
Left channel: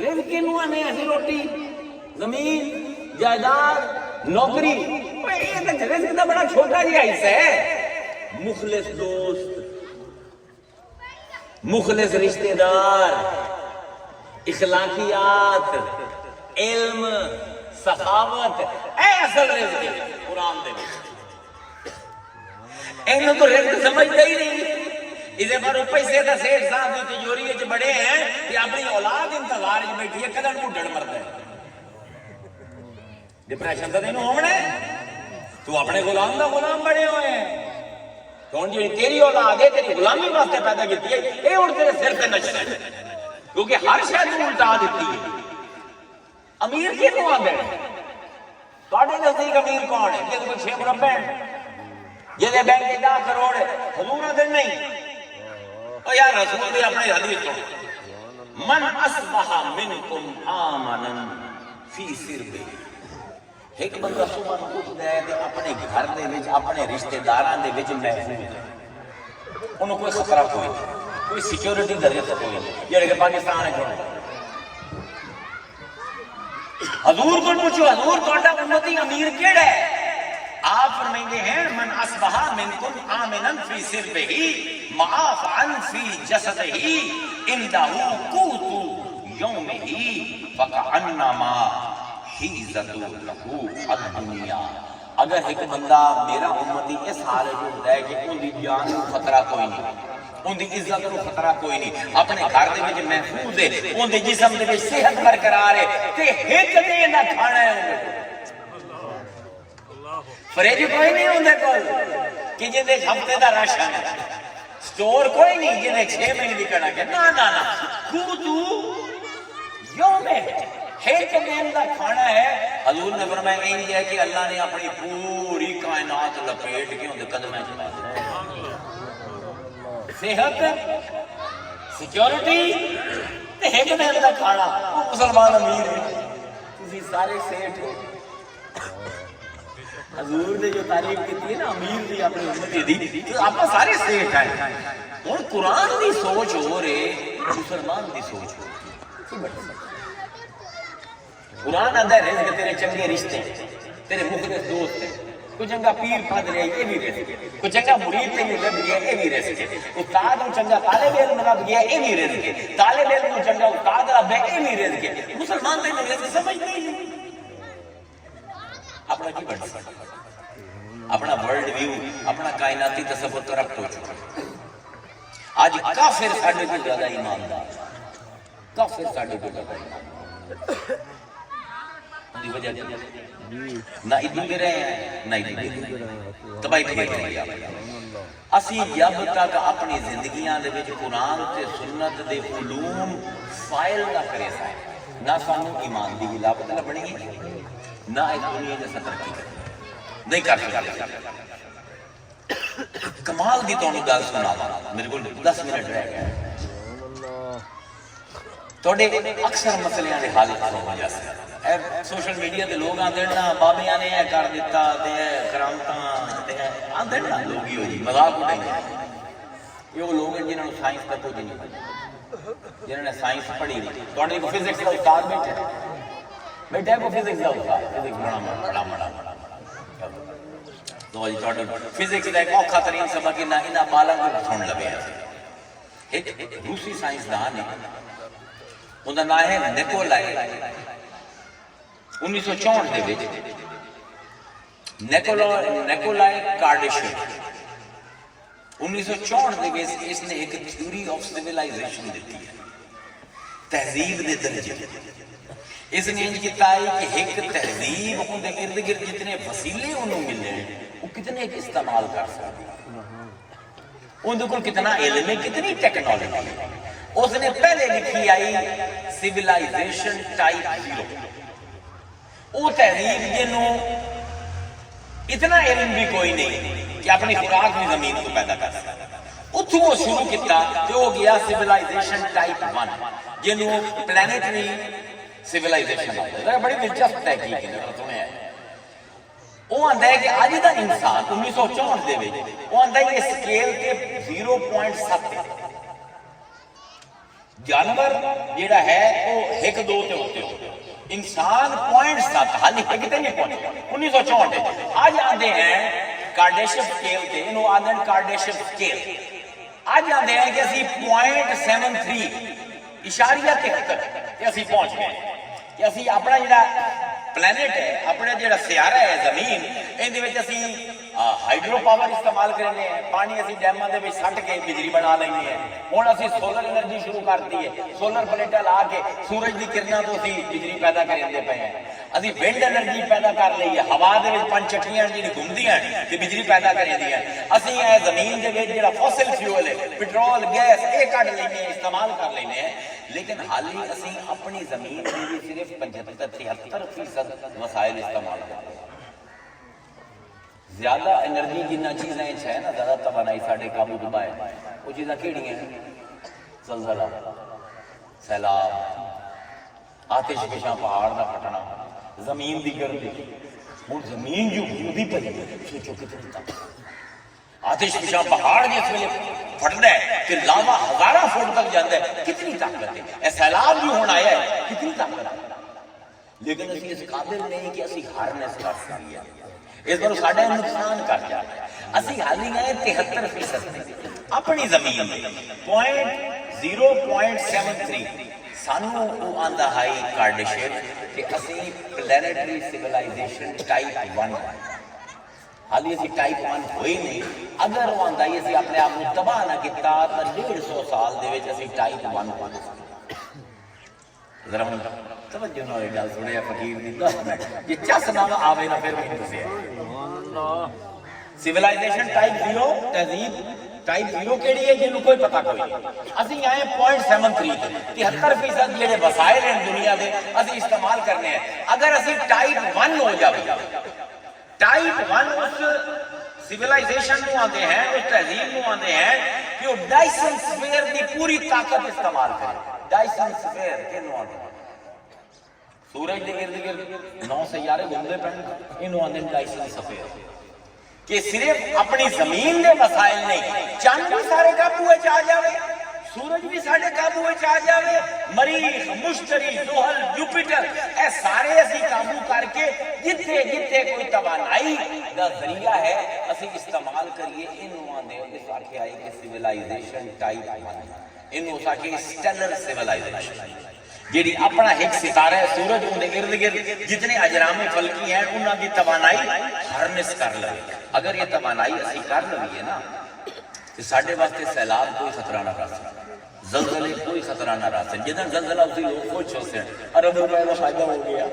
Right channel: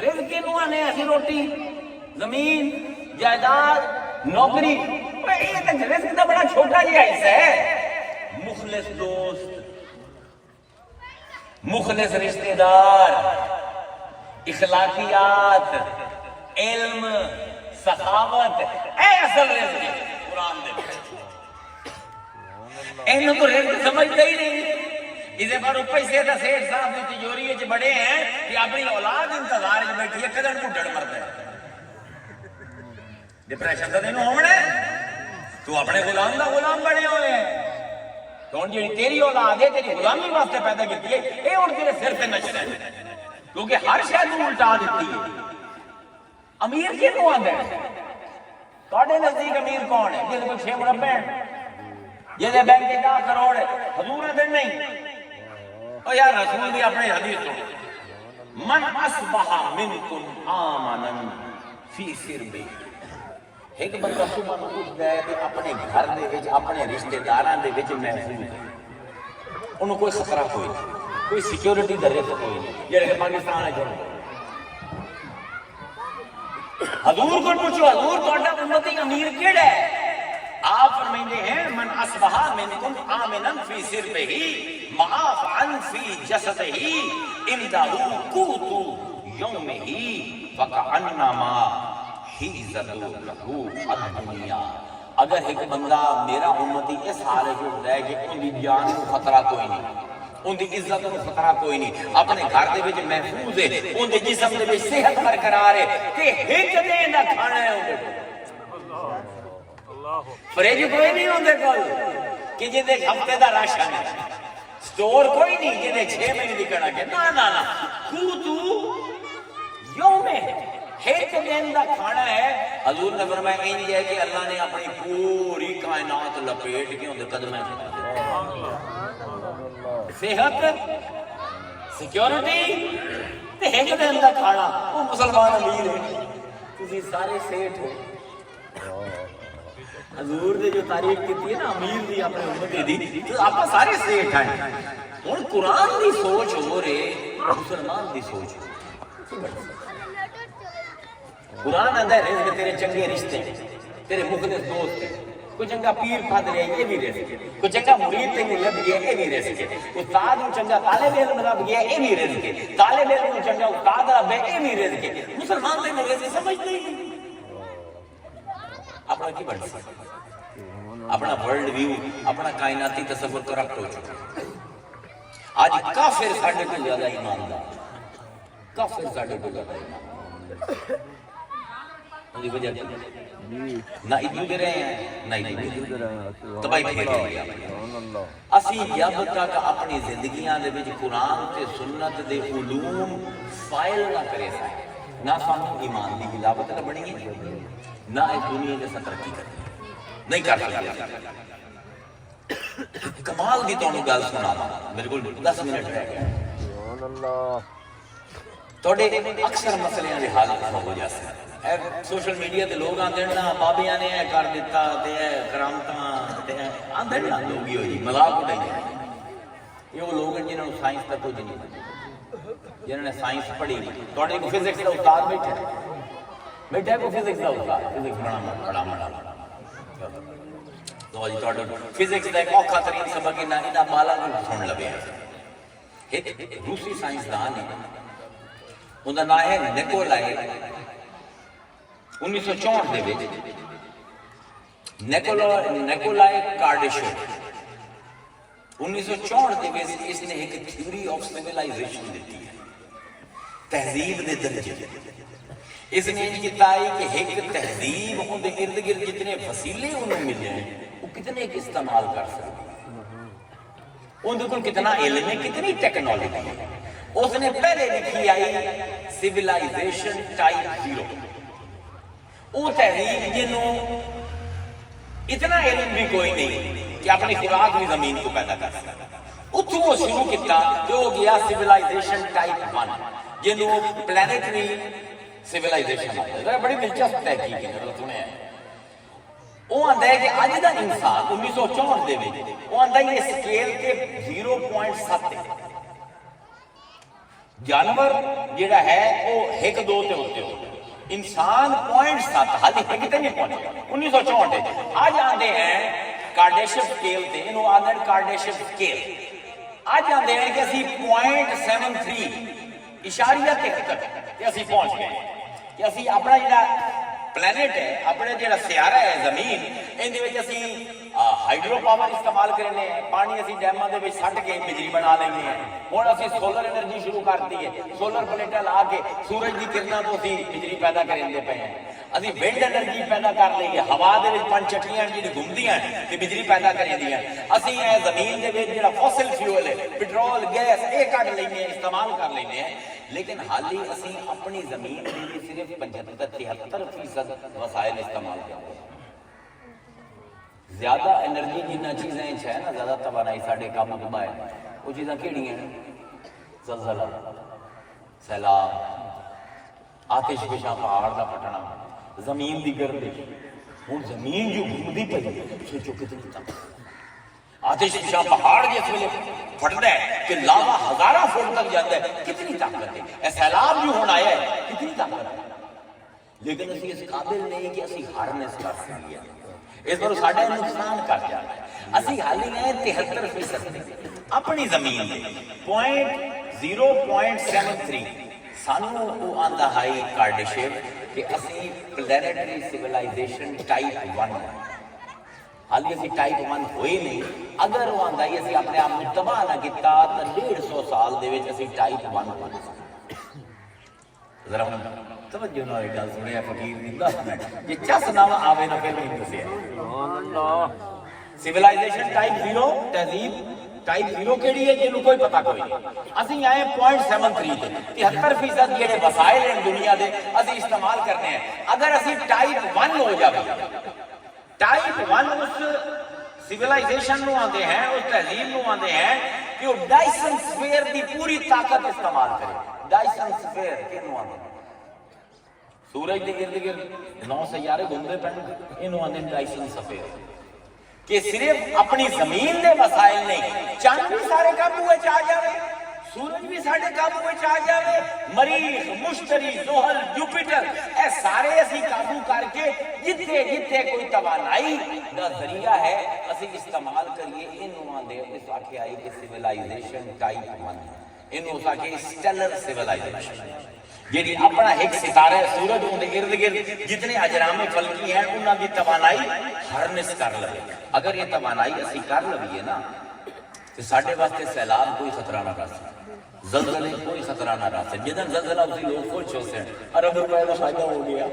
رزق کینوں نے ایسی روٹی زمین جائیداد نوکری یہ تے رزق دا بڑا چھوٹا جہا حصہ ہے مخلص دوست مخلص رشتہ دار اخلاقیات علم سخاوت اے اصل رزق ہے قرآن دے انہوں کو رزق سمجھتا ہی نہیں اسے پر پیسے دا سیٹ صاحب دی تجوری وچ بڑے ہیں کہ اپنی اولاد انتظار وچ بیٹھی ہے کدن کو ڈڑ مردا ہے ڈپریشن دا دین ہونا تو اپنے غلام دا غلام بنے ہوئے ہیں تو ہن جڑی تیری اولاد ہے تیری غلامی واسطے پیدا کیتی ہے اے ہن تیرے سر تے نچنا ہے کیونکہ ہر شے نوں الٹا دتی ہے امیر کینوں آندا ہے تواڈے نزدیک امیر کون ہے جس کو 6 مربع ہے جہاں بینک 10 کروڑ ہے حضور دن نہیں اور یا رسول نے اپنے حدیث سن من اصبح منکم آمنا فی سربہ ایک بندہ صبح اٹھتا ہے کہ اپنے گھر دے وچ اپنے رشتہ داراں دے وچ محفوظ ہے انہوں کوئی خطرہ کوئی نہیں کوئی سیکیورٹی دا رسک نہیں جڑے کہ پاکستان ہے جو حضور کو پوچھو حضور تہاڈا امتی امیر کیڑا ہے آپ فرمائندے ہیں من اصبح منکم آمنا فی سربہ معافعا فی جسدہ عنده قوت یومہ فکأنما حیزت لہو الدنیا اگر ایک بندہ میرا امتی اس حال جو ہوتا ہے کہ ان دی جان کو خطرہ کوئی نہیں ان دی عزت کو خطرہ کوئی نہیں اپنے گھر دے وچ محفوظ ہے ان دے جسم دے وچ صحت برقرار ہے تے ایک دن دا کھانا ہے ان دے فریج کوئی نہیں ان دے کول کہ جے ہفتے دا راشن ہے سٹور کوئی نہیں جے 6 مہینے وکنا کہ نا کوتو یوم ایک دن دا کھانا ہے حضور نے فرمایا انج ہے کہ اللہ نے اپنی پوری کائنات لپیٹ کے ان دے قدمیں چلا دی صحت سیکیورٹی تے ایک دن دا کھانا وہ مسلمان امیر ہے تسی سارے سیٹھ ہو حضور نے جو تعریف کی ہے نا امیر دی اپنے امت دی تو آپ سارے سیٹھ ہیں ہن قرآن دی سوچ ہو رہے مسلمان دی سوچ ہو قرآن آندا ہے رزق تیرے چنگے رشتے تیرے مخلص دوست ہیں کوئی چنگا پیر پھد رہے یہ بھی رزق ہے کوئی چنگا مرید تینوں لب گیا یہ بھی رزق ہے استاد کو چنگا طالب علم لب گیا یہ بھی رزق ہے طالب علم کو چنگا استاد لب گیا یہ بھی رزق ہے مسلمان تینوں رزق سمجھتے نہیں اپنا کی بڑھ سکتا اپنا ورلڈ ویو اپنا کائناتی تصور کرپٹ ہو چکا آج کافر ساڈے کو زیادہ ایماندار کافر ساڈے کو زیادہ ایماندار وجہ نہ ادھر بھی رہے ہیں نہ ادھر بھی رہے ہیں تباہی پھیر رہے ہیں اسی جب تک اپنی زندگیاں دے وچ قرآن تے سنت دے علوم فائل نہ کرے نہ سانو ایمان دی ملاوٹ نہ بنے گی نہ اس دنیا دے ترقی نہیں کر سکتے کمال دی تانوں گل سنا میرے کو 10 منٹ رہ گئے تواڈے اکثر مسئلے دے حل ہو جاتے ہیں سوشل میڈیا تے لوگ آندے نا بابیاں نے اے کر دتا تے اے کرامتاں تے آندے نا لوگ ہی ہو جی مذاق اڑائی یہ وہ لوگ ہیں جنہوں نے سائنس کا کچھ نہیں پڑھی جنہوں نے سائنس پڑھی نہیں تواڈے کو فزکس دا استاد بیٹھا کو فزکس دا استاد فزکس بڑا تو جی تواڈا فزکس دا ایک اوکھا ترین سبق انہاں مالا کو سن لگیا ایک روسی سائنسدان ہے ان دا نام ہے نیکولائے 1964 دے وچ نیکولائے کارڈیشیو 1964 دے وچ اس نے ایک تھیوری آف سیولائزیشن دیتی ہے تہذیب دے درجے اس نے انج کیتا ہے کہ ایک تہذیب ان دے ارد گرد جتنے وسیلے انہوں ملے وہ کتنے استعمال کر سکتے ان دے کول کتنا علم ہے کتنی ٹیکنالوجی ہے اس نے پہلے لکھی آئی سیولائزیشن ٹائپ 0 وہ تہذیب جنہوں اتنا علم بھی کوئی نہیں کہ اپنی خوراک بھی زمین کو پیدا کر سکتا اتھوں وہ شروع کیتا جو ہو گیا سیولائزیشن ٹائپ 1 جنہوں پلانیٹری سیولائزیشن ہے بڑی دلچسپ تحقیق ہے تمہیں وہ آندا ہے کہ آج دا انسان 1964 دے وچ وہ آندا ہے یہ سکیل کے 0.7 جانور جیڑا ہے وہ 1-2 تے ہوتے ہو انسان 0.7 حالی ایک تے نہیں پہنچے 1964 آج آندے ہیں کارڈیشیو سکیل تے انہوں آندے ہیں کارڈیشیو سکیل آج آندے ہیں کہ اسی 0.73 اشاریہ کے تک کہ اسی پہنچ گئے کہ اسی اپنا جڑا پلانٹ ہے اپنے جڑا سیارہ ہے زمین ان دے وچ اسی ہائیڈرو پاور استعمال کرنے ہیں پانی اسی ڈیماں دے وچ سٹ کے بجلی بنا لینے ہیں ہن اسی سولر انرجی شروع کرتی ہے سولر پلیٹاں لا کے سورج دی کرناں تو اسی بجلی پیدا کرنے پے ہیں اسی ونڈ انرجی پیدا کر دئی ہے ہوا دے وچ پنج چکیاں جڑی گھومدیاں تے بجلی پیدا کردی ہیں اسی اے زمین دے وچ جڑا فوسل فیول ہے پٹرول گیس اے کڈ لینے ہیں استعمال کر لینے ہیں لیکن حالی اسی اپنی زمین دے صرف 75-73% مسائل استعمال کرتے ہیں زیادہ انرجی جنہ چیزیں ہے نا زیادہ توانائی ساڑھے کام دبا ہے وہ چیزیں کیڑی ہیں زلزلہ سیلاب آتش فشاں پہاڑ دا پٹنا زمین دی گردش ہوں زمین جو گھومتی پئی سوچو کتنی طاقت آتش فشاں پہاڑ جس ویلے پھٹدا ہے کہ لاوا ہزاراں فٹ تک جاتا ہے کتنی طاقت ہے اے سیلاب جو ہن آیا ہے کتنی طاقت ہے لیکن اسی اس قابل نہیں کہ اسی ہارنس کر سکیے اس بار ساڈا نقصان کر جاتا ہے اسی حالی گئے 73% اپنی زمین میں 0.73 سانو آندا ہائی کارڈشپ کہ اسی پلانیٹری سیولائزیشن ٹائپ 1 حالی اسی ٹائپ 1 ہوئی نہیں اگر وہ آندا ہی اسی اپنے آپ میں تباہ نہ کیتا تو 150 سال دے وچ اسی ٹائپ 1 ہو جائے ذرا توجہ نہ گل سنیا فقیر دی 10 منٹ یہ چس نہ آوے نہ پھر میں دسے سیولائزیشن ٹائپ 0 تہذیب ٹائپ 0 کیڑی ہے جنوں کوئی پتہ کوئی نہیں اسی آئے 0.73 تے 73% جڑے وسائل ہیں دنیا دے اسی استعمال کرنے ہیں اگر اسی ٹائپ 1 ہو جاوے ٹائپ 1 اس سیولائزیشن نو آندے ہیں اس تہذیب نو آندے ہیں کہ وہ ڈائسن سفیر دی پوری طاقت استعمال کرے ڈائسن سفیر کینو آندے سورج دے ارد گرد 9 سیارے گھومتے پڑے انہوں آندے ڈائسن سفیر کہ صرف اپنی زمین دے وسائل نہیں چاند بھی سارے قابو وچ آ جاوے سورج بھی سارے قابو وچ آ جاوے مریخ مشتری زحل جوپیٹر اے سارے اسی قابو کر کے جتھے جتھے کوئی توانائی دا ذریعہ ہے اسی استعمال کریے انہوں آندے اس آکے آئے کہ سیولائزیشن ٹائپ 1 انہوں آکے اسٹیلر سیولائزیشن جیڑی اپنا ایک ستارہ ہے سورج ان دے ارد گرد جتنے اجرام فلکی ہیں انہاں کی توانائی ہارنس کر لے اگر یہ توانائی اسی کر لئیے نا تو ساڑھے واسطے سیلاب کوئی خطرہ نہ رہ سکتا زلزلے کوئی خطرہ نہ رہ سکتا جدن زلزلہ اسی لوگ خوش ہوتے ہیں عرب روایہ فائدہ ہو گیا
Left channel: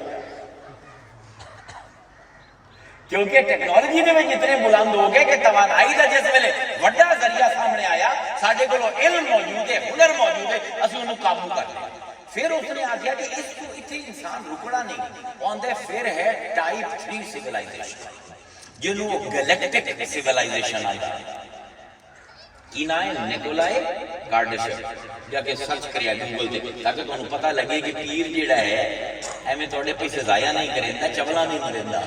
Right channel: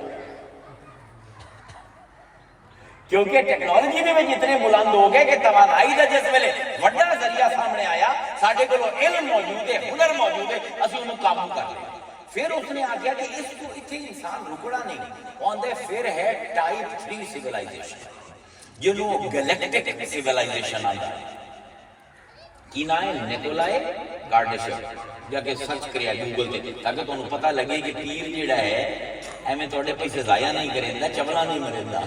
کیونکہ ٹیکنالوجی میں جتنے بلند ہو گئے کہ توانائی دا جس ویلے وڈا ذریعہ سامنے آیا ساڑھے کو علم موجود ہے ہنر موجود ہے اسی انہوں قابو کر لیا پھر اس نے آگیا کہ اس کو اتنے انسان رکڑا نہیں آندے پھر ہے ٹائپ 3 سیولائزیشن جنہوں گلیکٹک سیولائزیشن آندہ ہے کی نائے نیکولائے کارڈشپ جا کے سرچ کریا گوگل دے تاکہ تو انہوں پتہ لگے کہ پیر جیڑا ہے ہمیں توڑے پیسے ضائع نہیں کریں دا چبلا نہیں مرندہ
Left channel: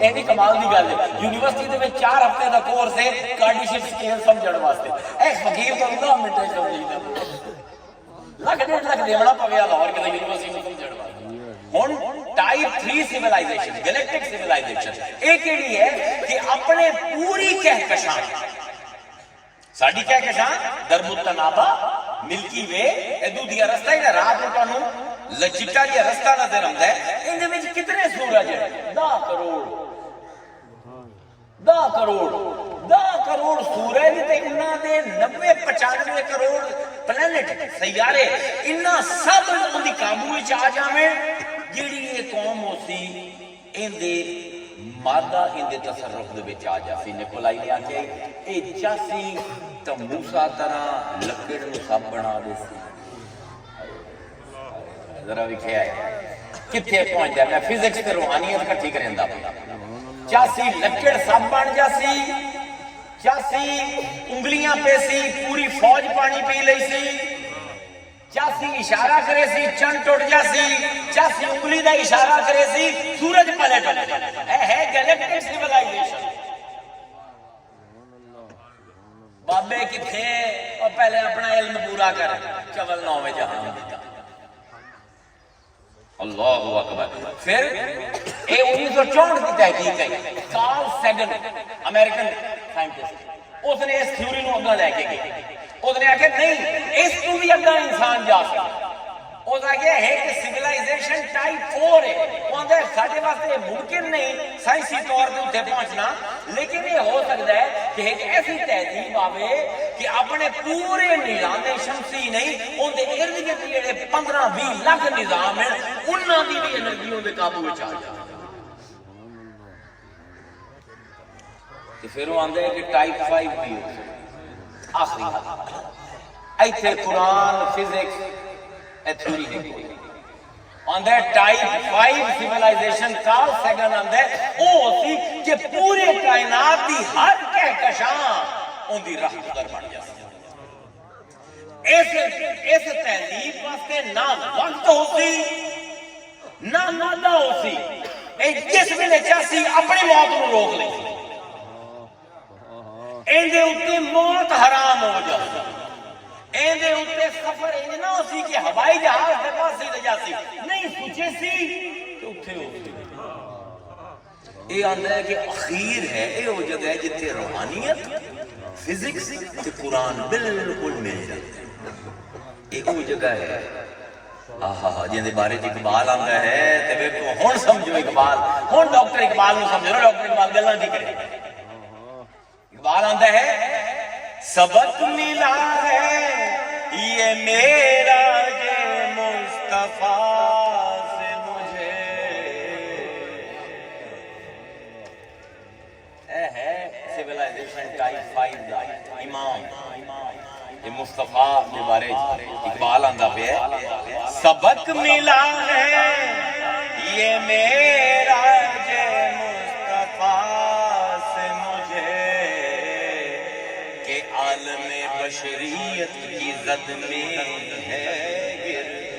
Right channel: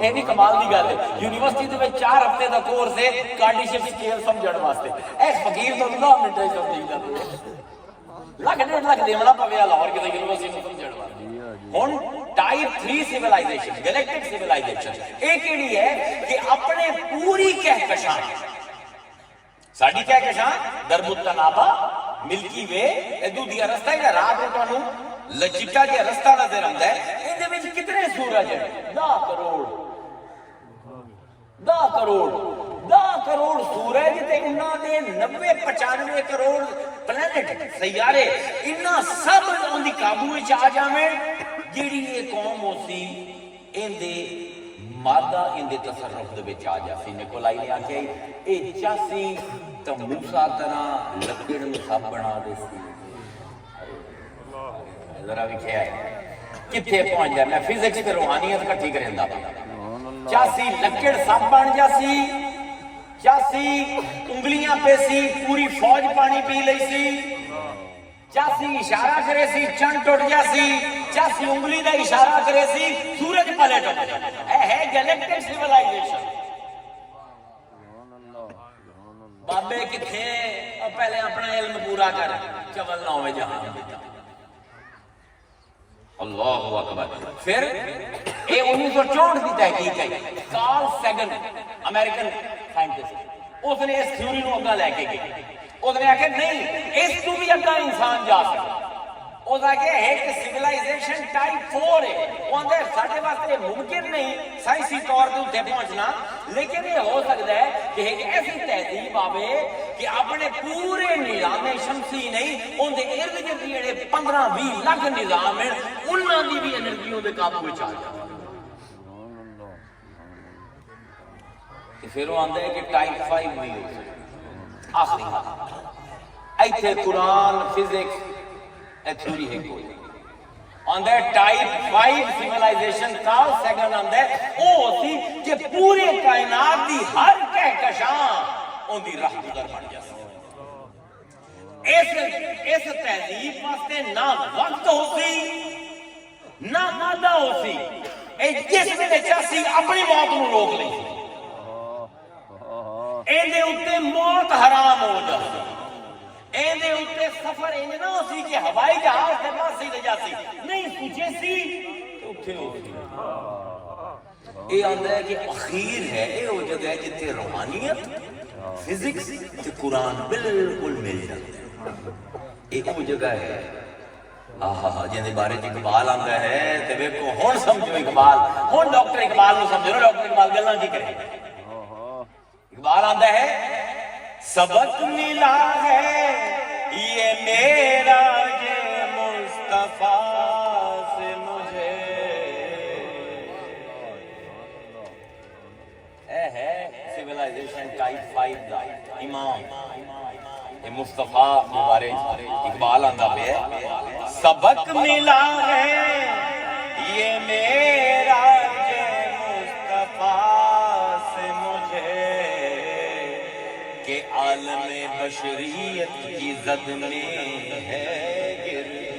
اے بھی کمال دی گل ہے یونیورسٹی دے میں 4 ہفتے دا کورس ہے کارڈشپ سکیل سمجھڑ واسطے اے فقیر تو 9 منٹ سمجھ دا لکھ 1.5 لاکھ دیونا پوے لاہور کے یونیورسٹی میں سمجھڑ ہن ٹائپ 3 سیولائزیشن گلیکٹک سیولائزیشن ایک کیڑی ہے کہ اپنے پوری کہکشاں ساڈی کہکشاں درب التنابہ ملکی وے ادو دیا رستہ ہی راہ کو تانوں لچکا دیا رستہ نظر آندا ہے ان دے وچ کتنے سورج ہیں 10 کروڑ سورج تے انہاں دے 90-95 کروڑ پلانٹ سیارے انہاں سب ان دی قابو وچ آ جاویں جیڑی یہ قوم ہوسی ان دے مادہ ان دے تصرف دے وچ آ جاسی نیکولائی نے آکھیا اے چاسی تموسا طرح لکڑ نو سب بنا دے سی ذرا ویکھیا ہے کتھے پہنچ جائے میں فزکس تے روحانیت کٹھی کریندا پیا چاسی لکڑ سب بن جاسی چاسی انگلیاں پہ سی پوری فوج پانی پی لئی سی چاسی اشارہ کرے سی چند ٹوٹ جاسی چاسی انگلی دا اشارہ کرے سی سورج پلٹ ہے گلیکٹک سیولائزیشن بابے کتھے اور پہلے اپنا علم پورا کر چول 9 جہاں دیتا اللہ اکبر پھر اے 1964 کی تحقیق ہے کارل سیگن امریکن سائنٹسٹ اس نے اس تھیوری کو اگلا لے کے گئے اس نے آکے نہیں اس کو بھی اگلا انسان جا سکتا اس نے آکے ہے کہ سیولائزیشن ٹائپ 4 ہے وہ اندر ساڑھے واسطے ممکن نہیں سائنسی طور پر اتنے پہنچنا لیکن یہ ہو سکتا ہے کہ ایک ایسی تہذیب آوے کہ اپنے پورے نظام شمسی نہیں ان دے ارد گرد جڑے 15-20 لاکھ نظام ہیں انہاں دی بھی انرجیوں دے قابو وچ آ جائے پھر وہ آندے ہیں کہ ٹائپ 5 بھی ہو آخری ایتھے قرآن فزکس تھیوری ہے کوئی آندے ٹائپ 5 سیولائزیشن کارل سیگن آندے وہ ہوتی کہ پوری کائنات دی ہر کہکشاں ان دی راہ گزر بن جاتی اس تہذیب واسطے نہ وقت ہو سی نہ مادہ ہو سی، جس ویلے چاسی اپنی موت کو روک لی، اندے اوتے موت حرام ہو جاتی، اندے اوتے سفر انج نہ ہو سی کہ ہوائی جہاز دے پاسے لے جاسی، نہیں سوچے سی تو اتھے ہو سی۔ یہ آندا ہے کہ اخیر ہے، یہ وہ جگہ ہے جتے روحانیت، فزکس تے قرآن بالکل مل جاتے ہیں۔ ایک وہ جگہ ہے جن دے بارے اقبال آتا ہے تے ویکھو ہن سمجھو اقبال، ہن ڈاکٹر اقبال نو سمجھو، ڈاکٹر اقبال گلاں دی کرے۔ اقبال آتا ہے سبق ملا ہے یہ میرا جے مصطفیٰ سے مجھے، اے ہے سیولائزیشن ٹائپ 5 دا امام یہ مصطفیٰ کے بارے اقبال آندا پہ سبق ملا ہے یہ میرا جے مصطفیٰ سے مجھے کہ عالم بشریت کی زد میں ہے گرد،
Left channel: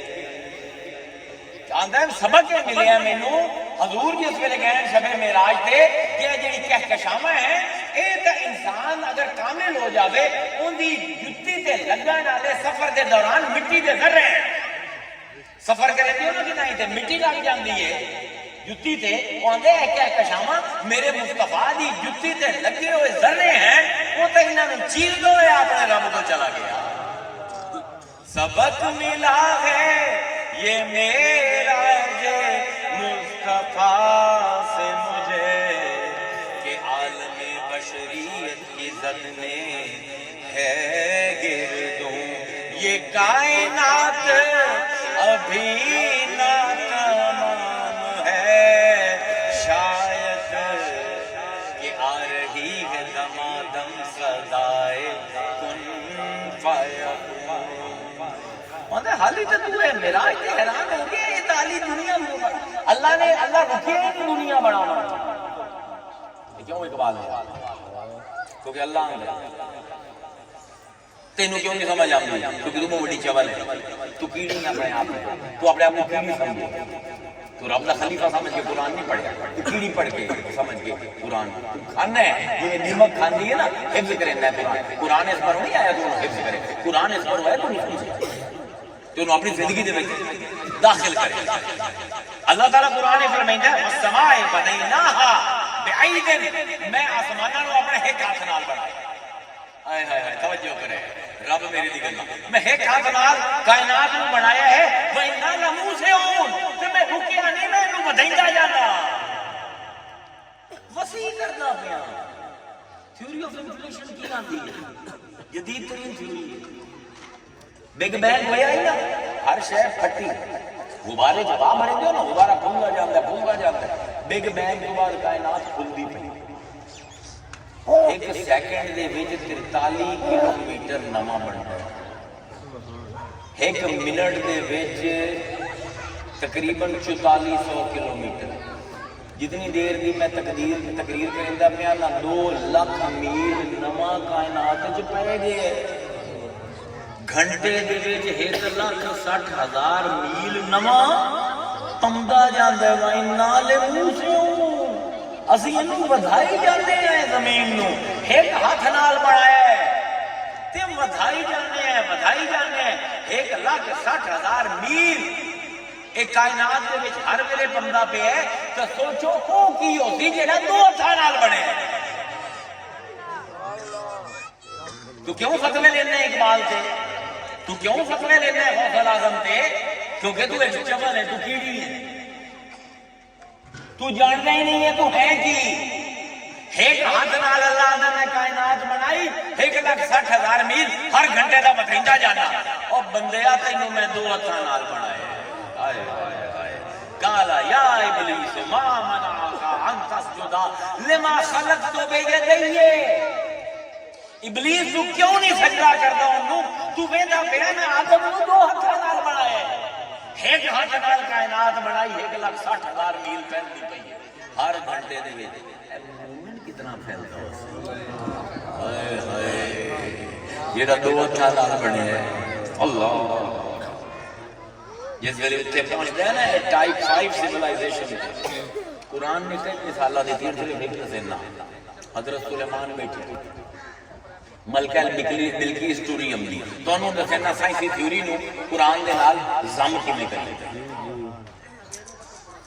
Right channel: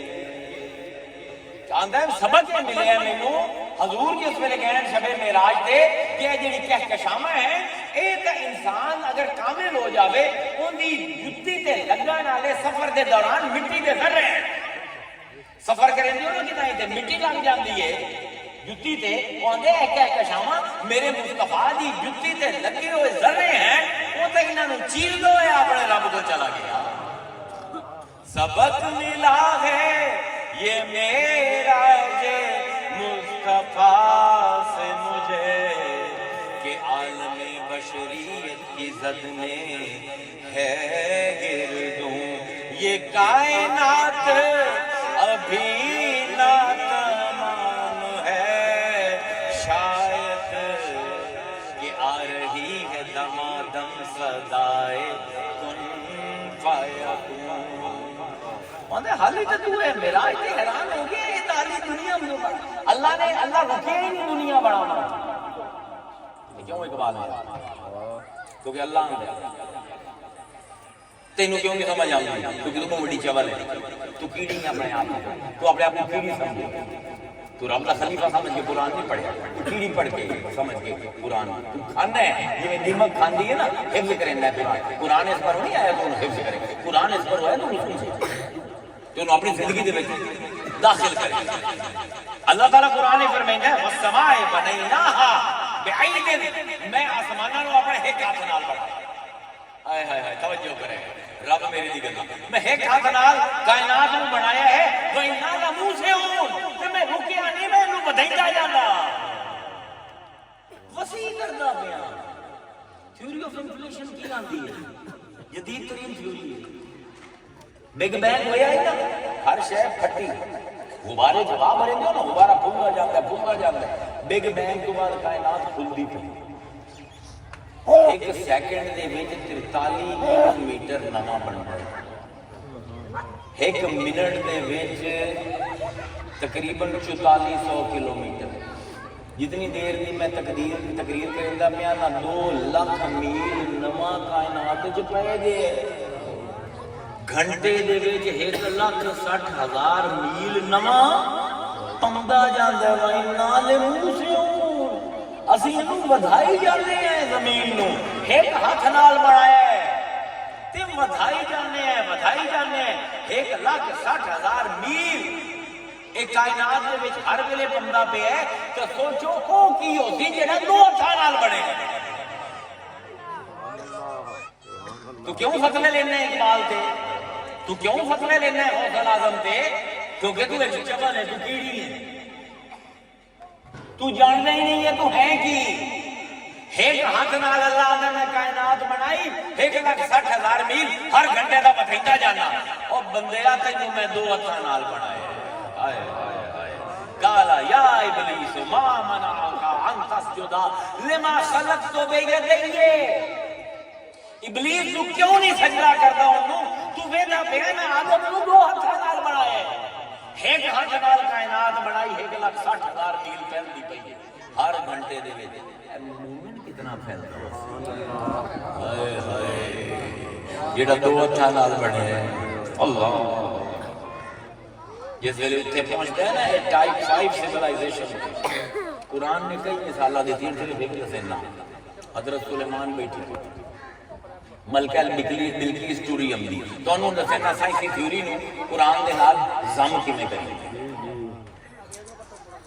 آندا ہے سبق یہ ملے ہیں مینوں حضور جس ویلے گئے شب معراج تے کہ جڑی کہکشاواں ہیں اے تے انسان اگر کامل ہو جاوے اندی جُتی تے لگن والے سفر دے دوران مٹی دے ذرے سفر کرے دیو نا کہ نہیں تے مٹی لگ جاندی ہے جُتی تے اوندے ہے کہکشاواں میرے مصطفیٰ دی جُتی تے لگے ہوئے ذرے ہیں وہ تے انہاں نوں چیل دو اپنے رب کو چلا گیا۔ سبق ملا ہے یہ میرا جے مصطفیٰ سے مجھے کہ عالم بشریت کی زد میں ہے گردوں، یہ کائنات ابھی ناتمام ہے، شاید کہ آ رہی ہے دمادم صدائے کن فیکون۔ حالی تو تو ہے معراج تے حیران ہو گیا یہ تعالی دنیا میں اللہ رکھے ہی نہیں دنیا بڑھانا، کیوں اقبال ہے کیونکہ اللہ آندا تینوں کیوں نہیں سمجھ آؤں گی کیونکہ تو بڑی چول ہے، تو کیڑی اپنے آپ تو اپنے آپ کو کیڑی سمجھے، تو رب کا خلیفہ سمجھ کے قرآن نہیں پڑھے، تو کیڑی پڑھ کے سمجھ کے قرآن تو کھانا ہے یہ دیمک کھاندی ہے نا، حفظ کرنا ہے قرآن اس پر نہیں آیا تو حفظ کرے، قرآن اس پر ہوا تو نہیں سمجھے تو انہوں اپنی زندگی دے وچ داخل کرے۔ اللہ تعالیٰ قرآن فرمائندا ہے والسماء بنیناہا بعید، میں آسماناں نوں اپنے ایک ہاتھ نال بنایا، ہائے ہائے ہائے توجہ کرے رب میری دی گل، میں ایک ہاتھ نال کائنات نوں بنایا ہے، وَإِنَّا لَمُوسِعُونَ، کہ میں رکیا نہیں، میں انہوں بدھائیتا جانا، وسیع کرنا پیا۔ تھیوری آف انفلیشن کی آندی ہے جدید ترین تھیوری ہے، بگ بینگ ہویا ہی نا، ہر شے پھٹی غبارے جواب بھرے دیو نا، غبارہ پھولدا جاندا ہے، بگ بینگ کے بعد کائنات کھلدی پئی، ایک سیکنڈ دے وچ 43 کلومیٹر نواں بندا ہے، ایک منٹ دے وچ تقریباً 4400 کلومیٹر، جتنی دیر دی میں تقریر کرندا پیا نا 2 لاکھ میل نواں کائنات وچ پے گئے، گھنٹے دے وچ 1,60,000 میل نواں پوندا جاندا ہے، وَإِنَّا لَمُوسِعُونَ، اسی انہوں ودھائی جانے ہیں زمین نوں، ایک ہاتھ نال بنایا ہے تے ودھائی جانے ہیں 1,60,000 میل ایک کائنات دے وچ ہر ویلے بندہ پہ ہے، تو سوچو او کی ہوسی جڑا 2 ہتھاں نال بنے۔ تو کیوں فتوے لینا ہے اقبال تے، تو کیوں فتوے لینا ہے غوث الاعظم تے، کیونکہ تو ایک چول ہے، تو کیڑی ہے، تو جاننا ہی نہیں ہے تو ہے کی، ایک ہاتھ نال اللہ نے کائنات بنائی، 1,60,000 میل ہر گھنٹے کا بتائیتا جانا، اور بندیا تینوں میں 2 ہتھاں نال بنایا، قالا یا ابلیس ما منعک ان تسجد لما خلقت بیدی، ابلیس تو کیوں نہیں سجدہ کرتا انہوں، تو ویدہ پیا میں آدم نوں 2 ہتھاں نال بنایا ہے، ایک ہاتھ نال کائنات بنائی، 1,60,000 میل پھیلدی پئی ہے ہر گھنٹے دے وچ، مومن کتنا پھیلدا ہائے ہائے جڑا 2 ہتھاں نال بنیا ہے۔ اللہ جس ویلے اتنے پہنچتے ہیں نا ٹائپ 5 سیولائزیشن قرآن نے کئی مثالہ دیتی ہیں صرف ایک دسینا حضرت سلیمان بیٹھے ملکہ بلقیس ٹوریم دی تو انہوں نے دسینا سائنسی تھیوری نو قرآن دے نال زم کیویں کریں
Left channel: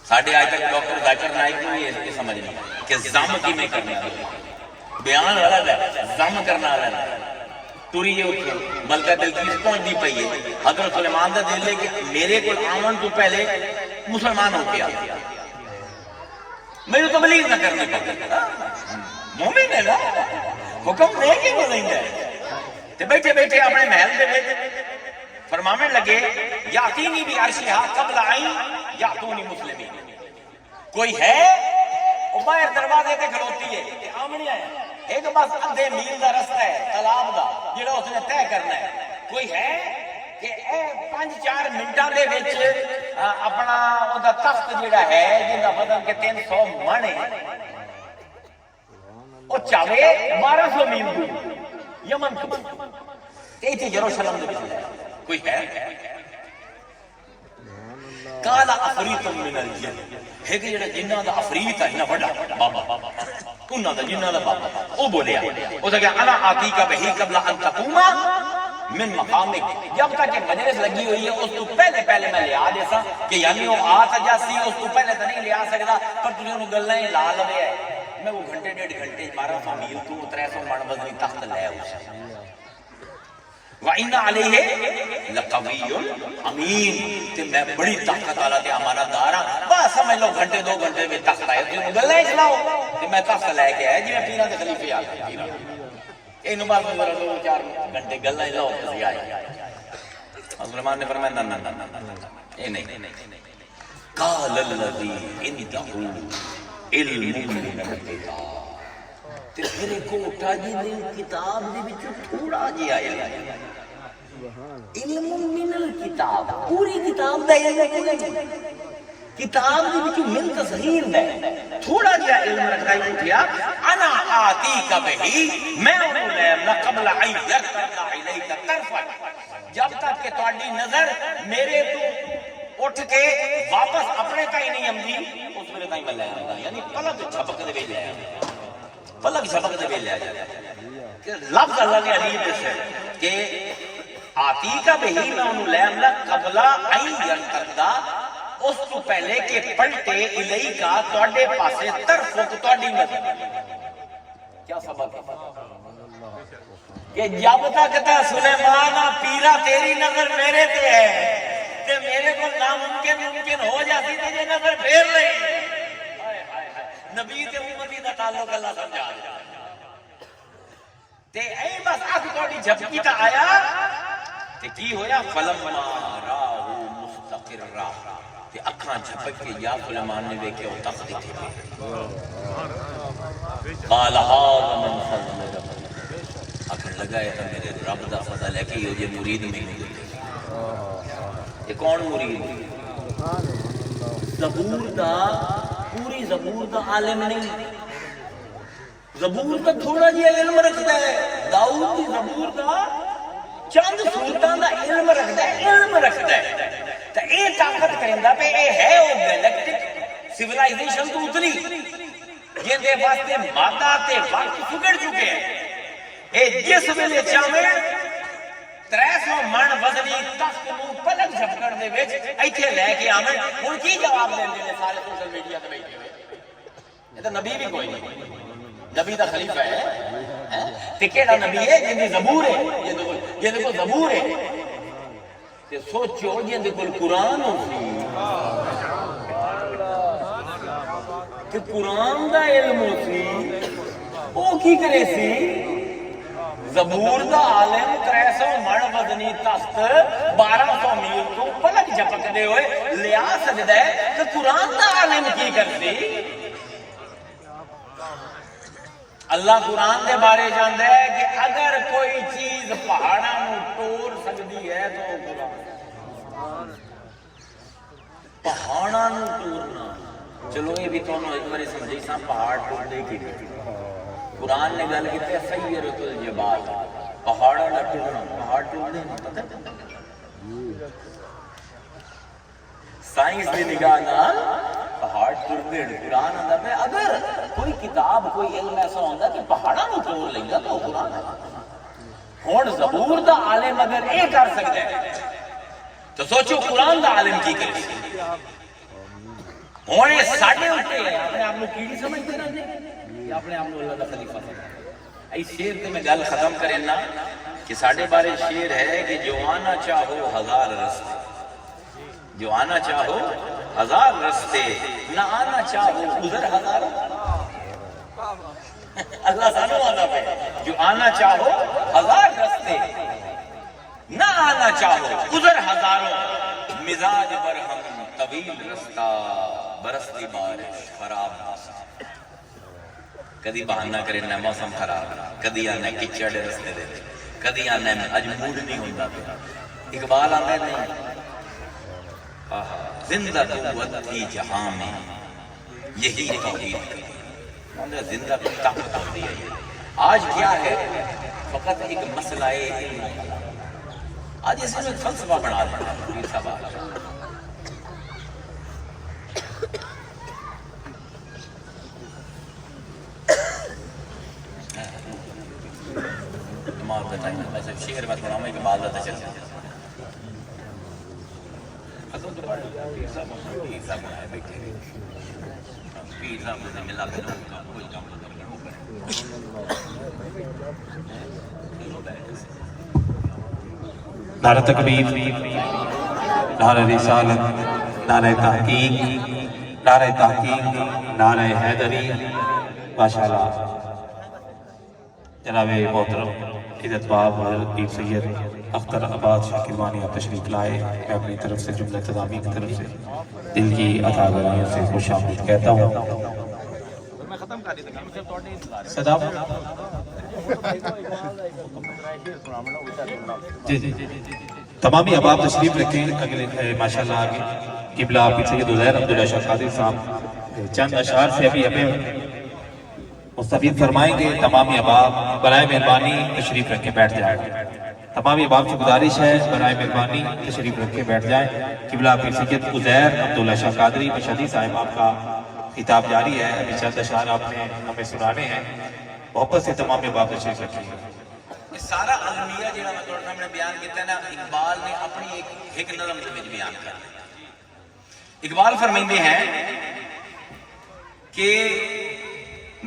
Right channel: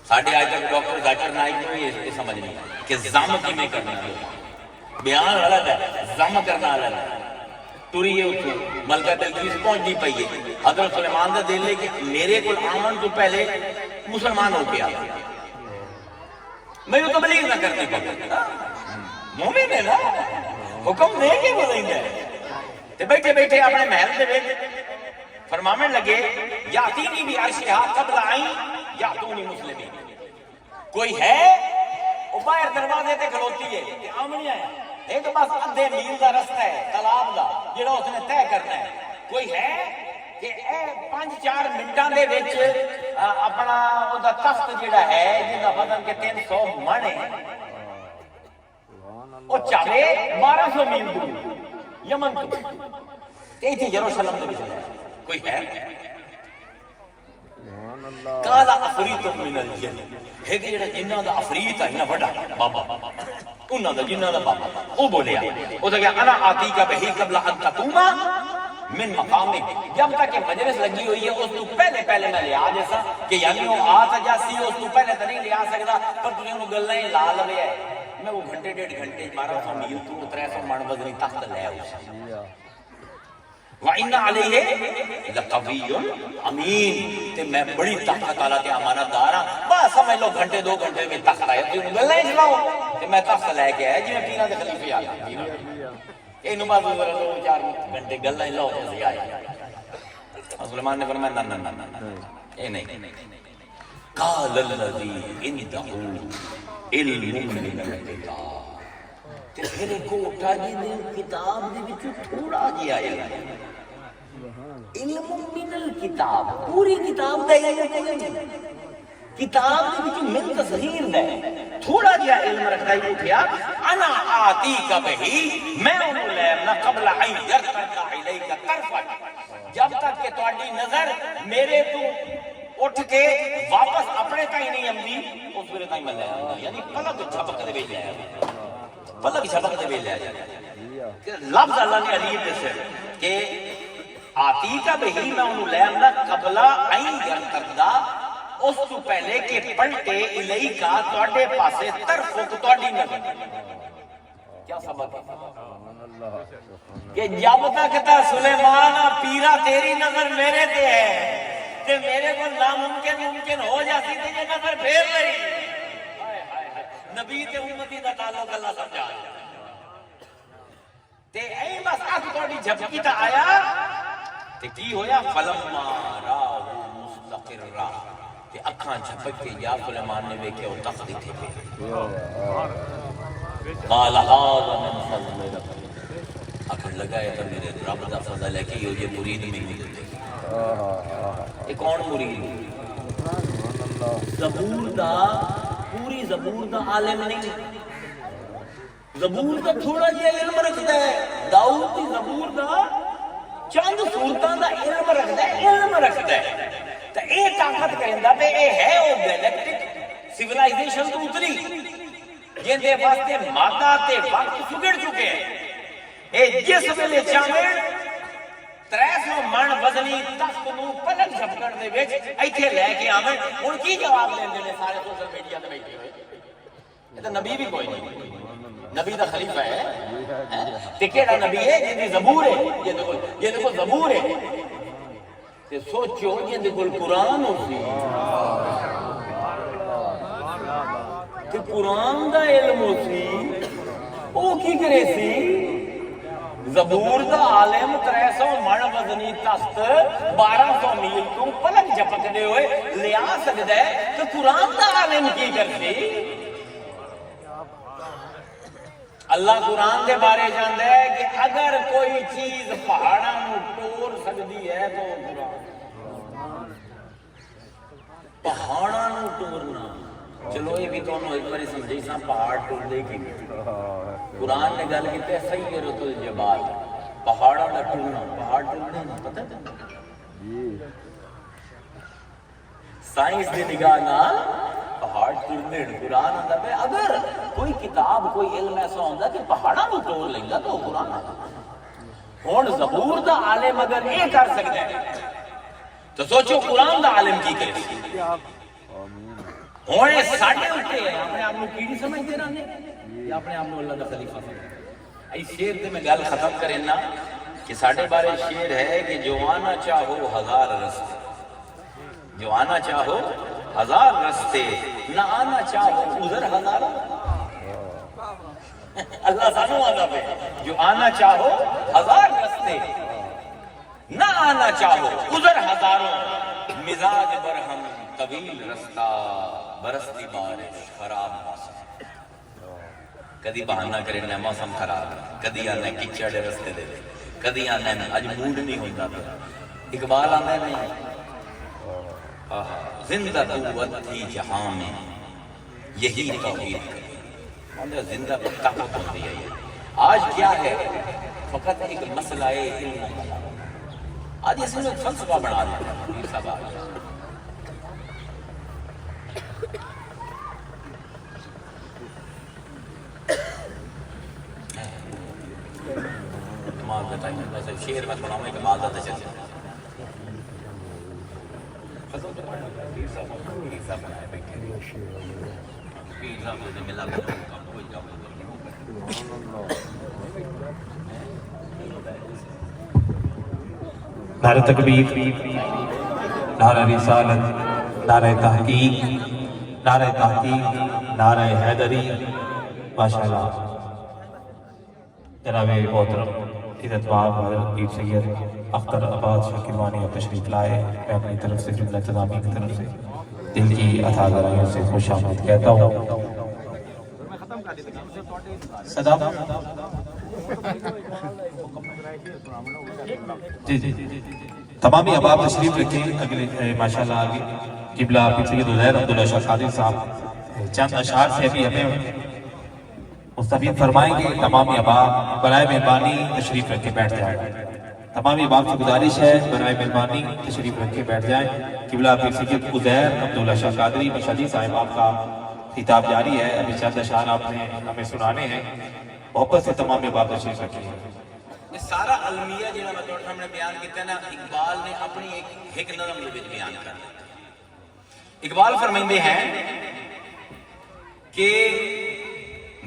ساڈے آج تک ڈاکٹر ذاکر نائک کو یہ سمجھ نہیں کہ زم کیویں کرنا ہے بیان غلط ہے زم کرنا غلط ہے ٹوری یہ اٹھی ملکہ بلقیس پہنچ دی پئی ہے حضرت سلیمان دا دل لے کہ میرے کو آمن تو پہلے مسلمان ہو کے آ میں نے تبلیغ نہ کرنے کا مومن ہے نا حکم دے کے بولیں گے تے بیٹھے بیٹھے اپنے محل دے وچ فرماون لگے یاتینی بھی عرشھا قبل عین یاتونی مسلمین کوئی ہے وہ باہر دروازے تے کھڑوتی ہے کہ آمنے ہے ایک بس ادھے میل دا رستہ ہے تالاب دا جڑا اس نے طے کرنا ہے کوئی ہے کہ اے 5-4 منٹاں دے وچ اپنا او دا تخت جڑا ہے جنہاں وزن کے 300 من ہے او چاہے 1200 میل دور یمن تو تے ایتھے یروشلم دے وچ کوئی ہے کالا افریت من الجن ایک جڑا جنہاں دا افریت ہے نا بڑا بابا انہاں دا جنہاں دا بابا او بولیا او کہ انا آتی کا بہی قبل ان تقوم من مقامک جب تک کہ مجلس لگی ہوئی ہے اس تو پہلے میں لیا جیسا کہ یعنی وہ آ سجا سی اس تو پہلے تو نہیں لیا سکتا پر تجھے وہ گلیں لا لوے ہے میں وہ گھنٹے 1.5 گھنٹے 1200 میل تو 300 من وزنی تخت لے اسے وَإِنَّ عَلَيْهِ لَقَوِيٌّ أَمِينٌ کہ میں بڑی طاقت والا تے امانت دار ہاں بس سمجھ لو گھنٹے 2 گھنٹے میں تخت آئے تو گلیں چلاؤ کہ میں تخت لے کے آئے جی میں پیرا دے خلیفے آ گئے اینو بس 2-4 گھنٹے گلیں لاؤ تے آئے مسلمان نے فرمایا نہ نہ نہ اے نہیں قال الذی عنده علم من الکتاب تے پھر کوٹا جی نے کتاب دے وچ تھوڑا جہا علم من الکتاب پوری کتاب دا علم کوئی نہیں کتاب دے وچ من تصغیر دا تھوڑا جہا علم رکھا ہی اٹھیا انا آتی کا بہی میں انہوں لے قبل عین یرتد الیک طرفا جب تک کہ تہاڈی نظر میرے تو اٹھ کے واپس اپنے تائیں نہیں آندی اس میرے تائیں میں لے یعنی پلک جھپک دے وچ لے پلک جھپک دے وچ لے لفظ اللہ نے علی دسیا کہ آتی کا بہی میں انہوں لے قبل عین یرتد اس تو پہلے کہ پلٹے الہی کا تواڈے پاسے طرف تواڈی نظر کیا سبب ہے کہ جب تک تے سلیمان پیرا تیری نظر میرے تے ہے تے میرے کو ناممکن ممکن ہو جاتی تے یہ نظر پھیر لے نبی تے امتی دا تعلق اللہ سمجھا تے اے بس اکھ تواڈی جھپکی تا آیا تے کی ہویا فلما راہ مستقرا کہ اکھاں جھپک کے یا سلیمان نے دیکھے وہ تخت تھے قال هذا من فضل اکھاں لگایا تو میرے رب دا فضل ہے کہ یہ مرید میں یہ کون مرید زبور دا پوری زبور دا عالم نہیں زبور دا تھوڑا جہا علم رکھتا ہے داؤد دی زبور دا چند سورتاں دا علم رکھتا ہے تو اے طاقت کہندا پہ اے ہے او گیلیکٹک سیولائزیشن تو اتری جن دے واسطے مادہ تے وقت سگڑ چکے ہیں اے جس ویلے چاہے 300 من وزنی تخت نو پلک جھپکڑ دے وچ ایتھے لے کے آویں ہن کی جواب دیندے نے سارے سوشل میڈیا تے بیٹھے ہوئے اے تے نبی بھی کوئی نہیں نبی دا خلیفہ ہے تے کیڑا نبی ہے جن دی زبور ہے یہ دیکھو زبور ہے تے سوچو جن دے کول قرآن ہو سی تے قرآن دا علم ہو سی وہ کی کرے سی زبور دا عالم 300 من وزنی تخت 1200 میل تو پلک جھپک دے ہوئے لیا سکتا ہے تو قرآن دا عالم کی کرتی اللہ قرآن دے بارے جانتا ہے کہ اگر کوئی چیز پہاڑوں کو توڑ سکتی ہے تو پہاڑوں کو توڑنا چلو یہ بھی تو ایک بار سمجھے سا پہاڑ توڑ دے کی قرآن نے گل کی سیرۃ الجبال پہاڑوں کا ٹوٹنا پہاڑ ٹوٹنے پتہ سائنس کی نگاہ نال پہاڑ ٹرتے قرآن آتا پہ. اگر کوئی کتاب کوئی علم ایسا ہوتا کہ پہاڑوں کو توڑ لینا تو قرآن ہوں زبور دا عالم اگر یہ کر سکتا ہے تو سوچو قرآن دا عالم کی کرے. ہوں ساڈے اٹھے ہیں اپنے آپ کو کیڑی سمجھتے رہتے یا اپنے آپ کو اللہ کا خلیفہ سمجھتے. اس شعر تے میں گل ختم کرنا کہ ساڈے بارے شعر ہے کہ جو آنا چاہو ہزار رستے، جو آنا چاہو ہزار رستے، نہ آنا چاہو ادھر ہزار. اللہ سانو آنا پہ جو آنا چاہو ہزار رستے، نہ آنا چاہو ادھر ہزاروں. مزاج برہم طویل رستہ، برستی بارش خراب موسم. کدی بہانہ کرے نہ موسم خراب، کدی آنا کچڑ رستے دے، کدی آنا اج موڈ نہیں ہوتا. اقبال آتا ہے نہیں زندہ قوت تھی جہاں میں یہی توحید کی. زندہ طاقت ہوتی ہے. آج کیا ہے فقط ایک مسئلہ ہے. آج اسے میں فلسفہ بنا دیا. شیر بات بناؤں میں اقبال کا چل نعرہ تکبیر، نعرہ رسالت، نعرہ تحقیق، نعرہ تحقیق، نعرہ حیدری. ماشاءاللہ جناب محترم عزت باب پیر سید اختر آباد شاکروانی اور تشریف لائے. میں اپنی طرف سے جملہ تمامی کی طرف سے دل کی عطا گاریوں سے خوش آمد کہتا ہوں. صدا جی جی تمامی احباب تشریف رکھیں. اگلے ماشاءاللہ قبلہ پیر سید عزیر عبداللہ شاہ قادری صاحب چند اشعار سے ابھی ہمیں مستفید فرمائیں گے. تمامی احباب برائے مہربانی تشریف رکھ کے بیٹھ جائیں. تمامی احباب کی گزارش ہے برائے مہربانی تشریف رکھ کے بیٹھ جائیں. قبلہ پیر سید عزیر عبداللہ شاہ قادری مشہدی صاحب آپ کا خطاب جاری ہے. ابھی چند اشعار آپ نے ہمیں سنانے ہیں. محبت سے تمام احباب تشریف رکھیں. یہ سارا المیہ جہاں میں تھوڑا سامنے بیان کیتا نا اقبال نے اپنی ایک نظم کے بیان کر دیا. اقبال فرمائندے ہیں کہ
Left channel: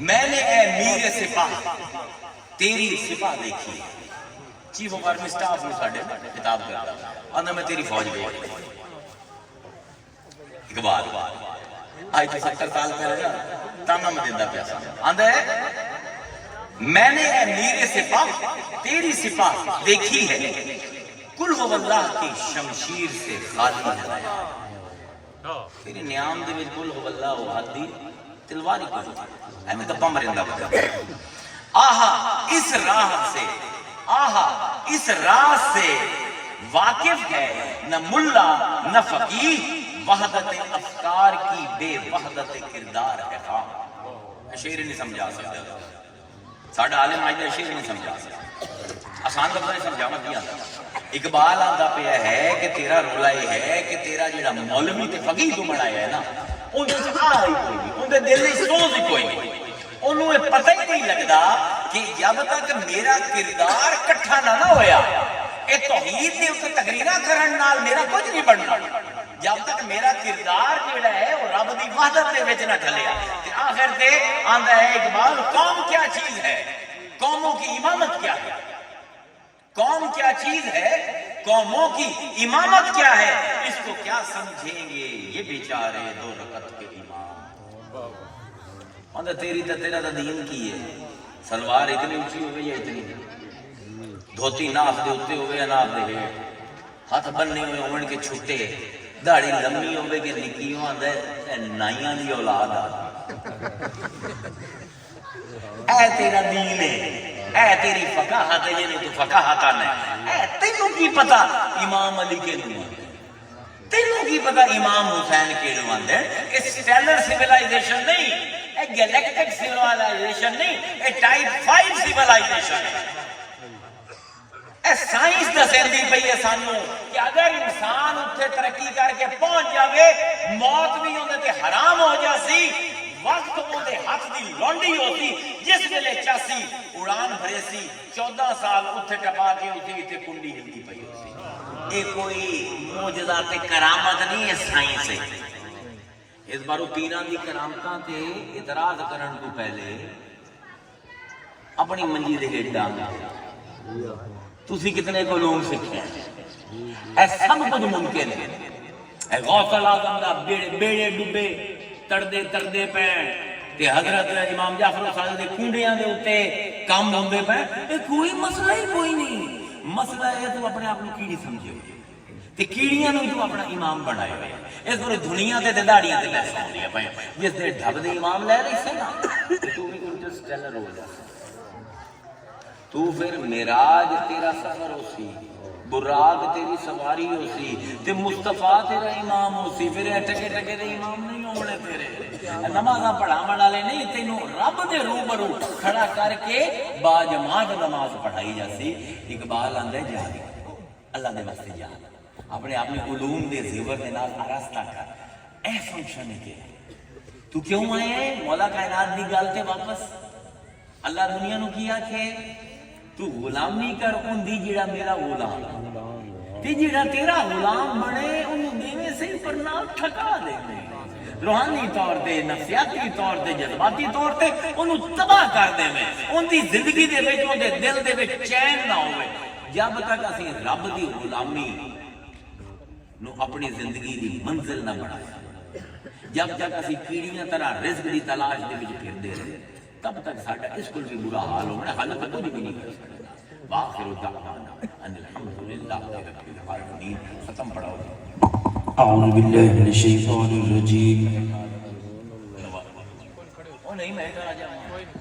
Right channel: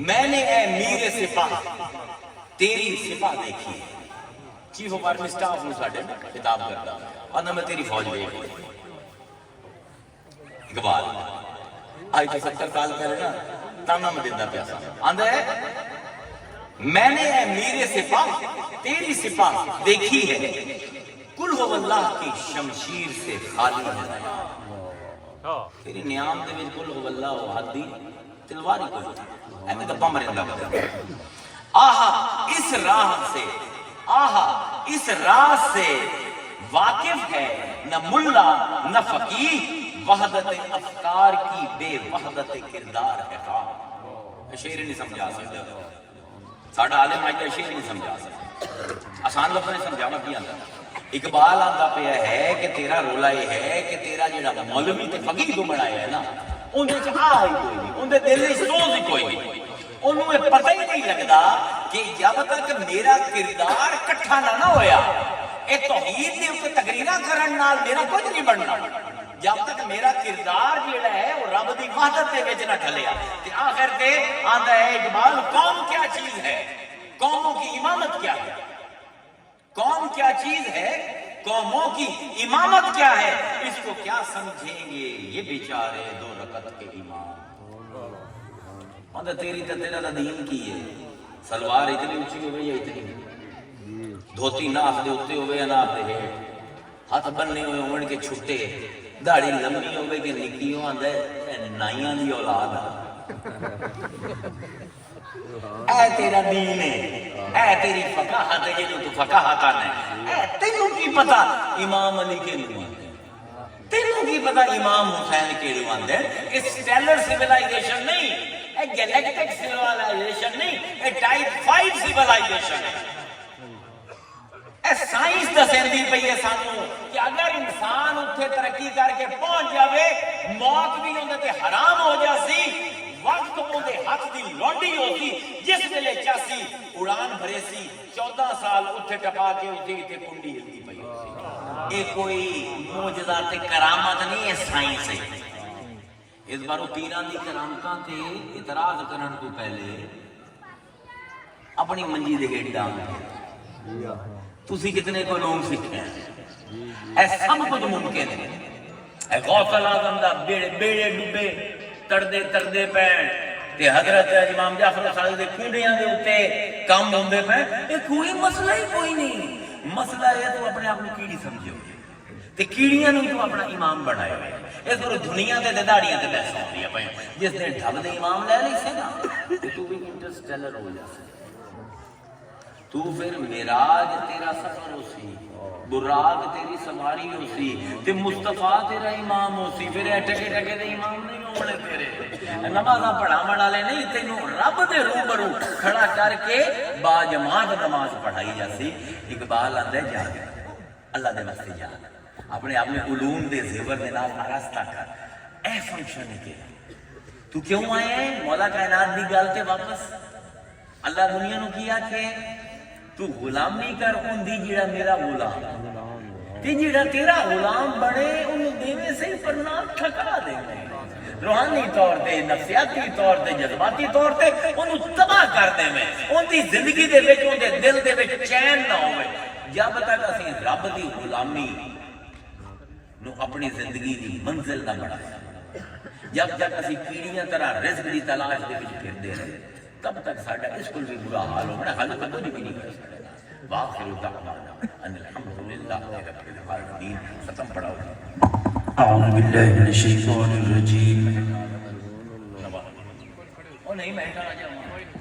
میں نے اے میر سپاہ تیری سپاہ دیکھی. چیف آف آرمی سٹاف نے ساڈے خطاب کرتا اور میں تیری فوج گئی. اقبال آج تو 70 سال پہلے نا تانا میں دیندہ پیسہ آندہ ہے میں نے اے میر سپاہ تیری سپاہ دیکھی ہے. کل ہو اللہ کی شمشیر سے خالی ہے. تیری نیام دے وچ کل ہو اللہ و حدی تلواری کرتی ایمیں گپا مرندہ بتا. آہا اس راہ سے آہا اس راہ سے واقف ہے نہ ملا نہ فقیہ. وحدت افکار کی بے وحدت کردار ہے. شعر نہیں سمجھا سکتا ساڑھا عالم مجھے شعر نہیں سمجھا سکتا. آسان لفظ نہیں سمجھا مت دیا. اقبال آندہ پہ ہے کہ تیرا رولا یہ ہے کہ تیرا جڑا مولوی تے فقیہ تو بنایا ہے نا ان دے آئی کوئی نہیں, ان دے دل میں سوز کوئی نہیں. انہوں نے پتہ ہی نہیں لگتا کہ جب تک میرا کردار کٹھا نہ ہویا اے توحید نے اسے تقریرہ کرن نال میرا کچھ نہیں بننا. جب تک میرا کردار جڑا ہے وہ رب دی وحدت دے وچ نہ ڈھلیا. آخر تے آندا ہے اقبال قوم کیا چیز ہے, قوموں کی امامت کیا ہے. قوم کیا چیز ہے, قوموں کی امامت کیا ہے. اس کو کیا سمجھیں گے یہ بیچارے دو رکعت کے امام. تیری تو تیرا دین کی ہے. سلوار اتنی اونچی ہوئے یا اتنی دھوتی ناف دے ہوتے ہوئے یا ناف دے ہیٹ, ہاتھ بننے ہوئے ہوئے کے چھٹے, داڑھی لمبی ہوئے کہ نکی ہو آندہ ہے نائیاں دی اولاد. اے تیرا دین ہے, اے تیری فقاہت ہے, یہ تو فقاہت آنا ہے. اے تینوں کی پتا امام علی کے نوم, تینوں کی پتا امام حسین کے نوم ہے. اسٹیلر سیولائزیشن نہیں, ایک گیلیکٹک سیولائزیشن نہیں, ایک ٹائپ 5 سیولائزیشن ہے. اے سائنس دا سیندی پئی ہے سانوں کہ اگر انسان اتنے ترقی کر کے پہنچ جاوے موت بھی اندر تے حرام ہو جاسی وقت اندے ہاتھ دی لونڈی ہوتی جس ویلے چاسی اڑان بھرے سی 14 سال اتنے ٹپا کے اتنے کنڈی ہلتی پئی ہوسی یہ کوئی معجزات کرامت نہیں ہے سائنس ہے اس بارو پیران دی کرامتاں تے اعتراض کرن کو پہلے اپنی منجی دے ہیٹھ ڈانگ تسی کتنے کو علوم سیکھے اے سب کچھ ممکن ہے اے غوث الاعظم دا بیڑے ڈبے تردے پہ تے حضرت امام جعفر صادق دے کنڈیاں دے اوتے کام ہوندے پہ اے کوئی مسئلہ ہی کوئی نہیں مسئلہ ہے تو اپنے آپ کو کیڑی سمجھو تے کیڑیاں نہیں تو اپنا امام بنائے ہوئے اس پورے دنیا تے داڑیاں تے پیسہ ہوندیاں پہ جس نے ڈھب دے امام لے لی سے نا تے تو بھی انٹرسٹیلر ہو جائے تو پھر معراج تیرا سفر ہو سی براق تیری سواری ہو سی تے مصطفیٰ تیرا امام ہو سی پھر ٹکے دے امام نہیں ہونے تیرے نمازاں پڑھاون والے نہیں تینوں رب دے روبرو کھڑا کر کے با جماعت نماز پڑھائی جاسی اقبال آندا جا اللہ دے واسطے جا اپنے علوم دے زیور دے نال آراستہ کر اے فنکشن ہے کہ تو کیوں آئے ہیں مولا کائنات دی گل تے واپس اللہ دنیا نو کیا کہ تو غلامی کر ان دی جڑا میرا غلام تے جڑا تیرا غلام بنے انہوں دینے سے پر نہ ٹھکا دے روحانی طور تے نفسیاتی طور تے جذباتی طور تے انہوں تباہ کر دے میں ان دی زندگی دے وچ ان دے دل دے وچ چین نہ ہوئے جب تک اسی رب دی غلامی نو اپنی زندگی دی منزل نہ بڑھایا جب تک اسی کیڑیاں طرح رزق دی تلاش دے وچ پھردے رہے تب تک ساڈا اس کو بھی برا حال ہونا حل تو کچھ بھی نہیں کر سکتا واخر دعوانا ان الحمدللہ رب العالمین ختم پڑھاؤ اعوذ باللہ من الشیطان الرجیم وہ نہیں میں کہنا چاہوں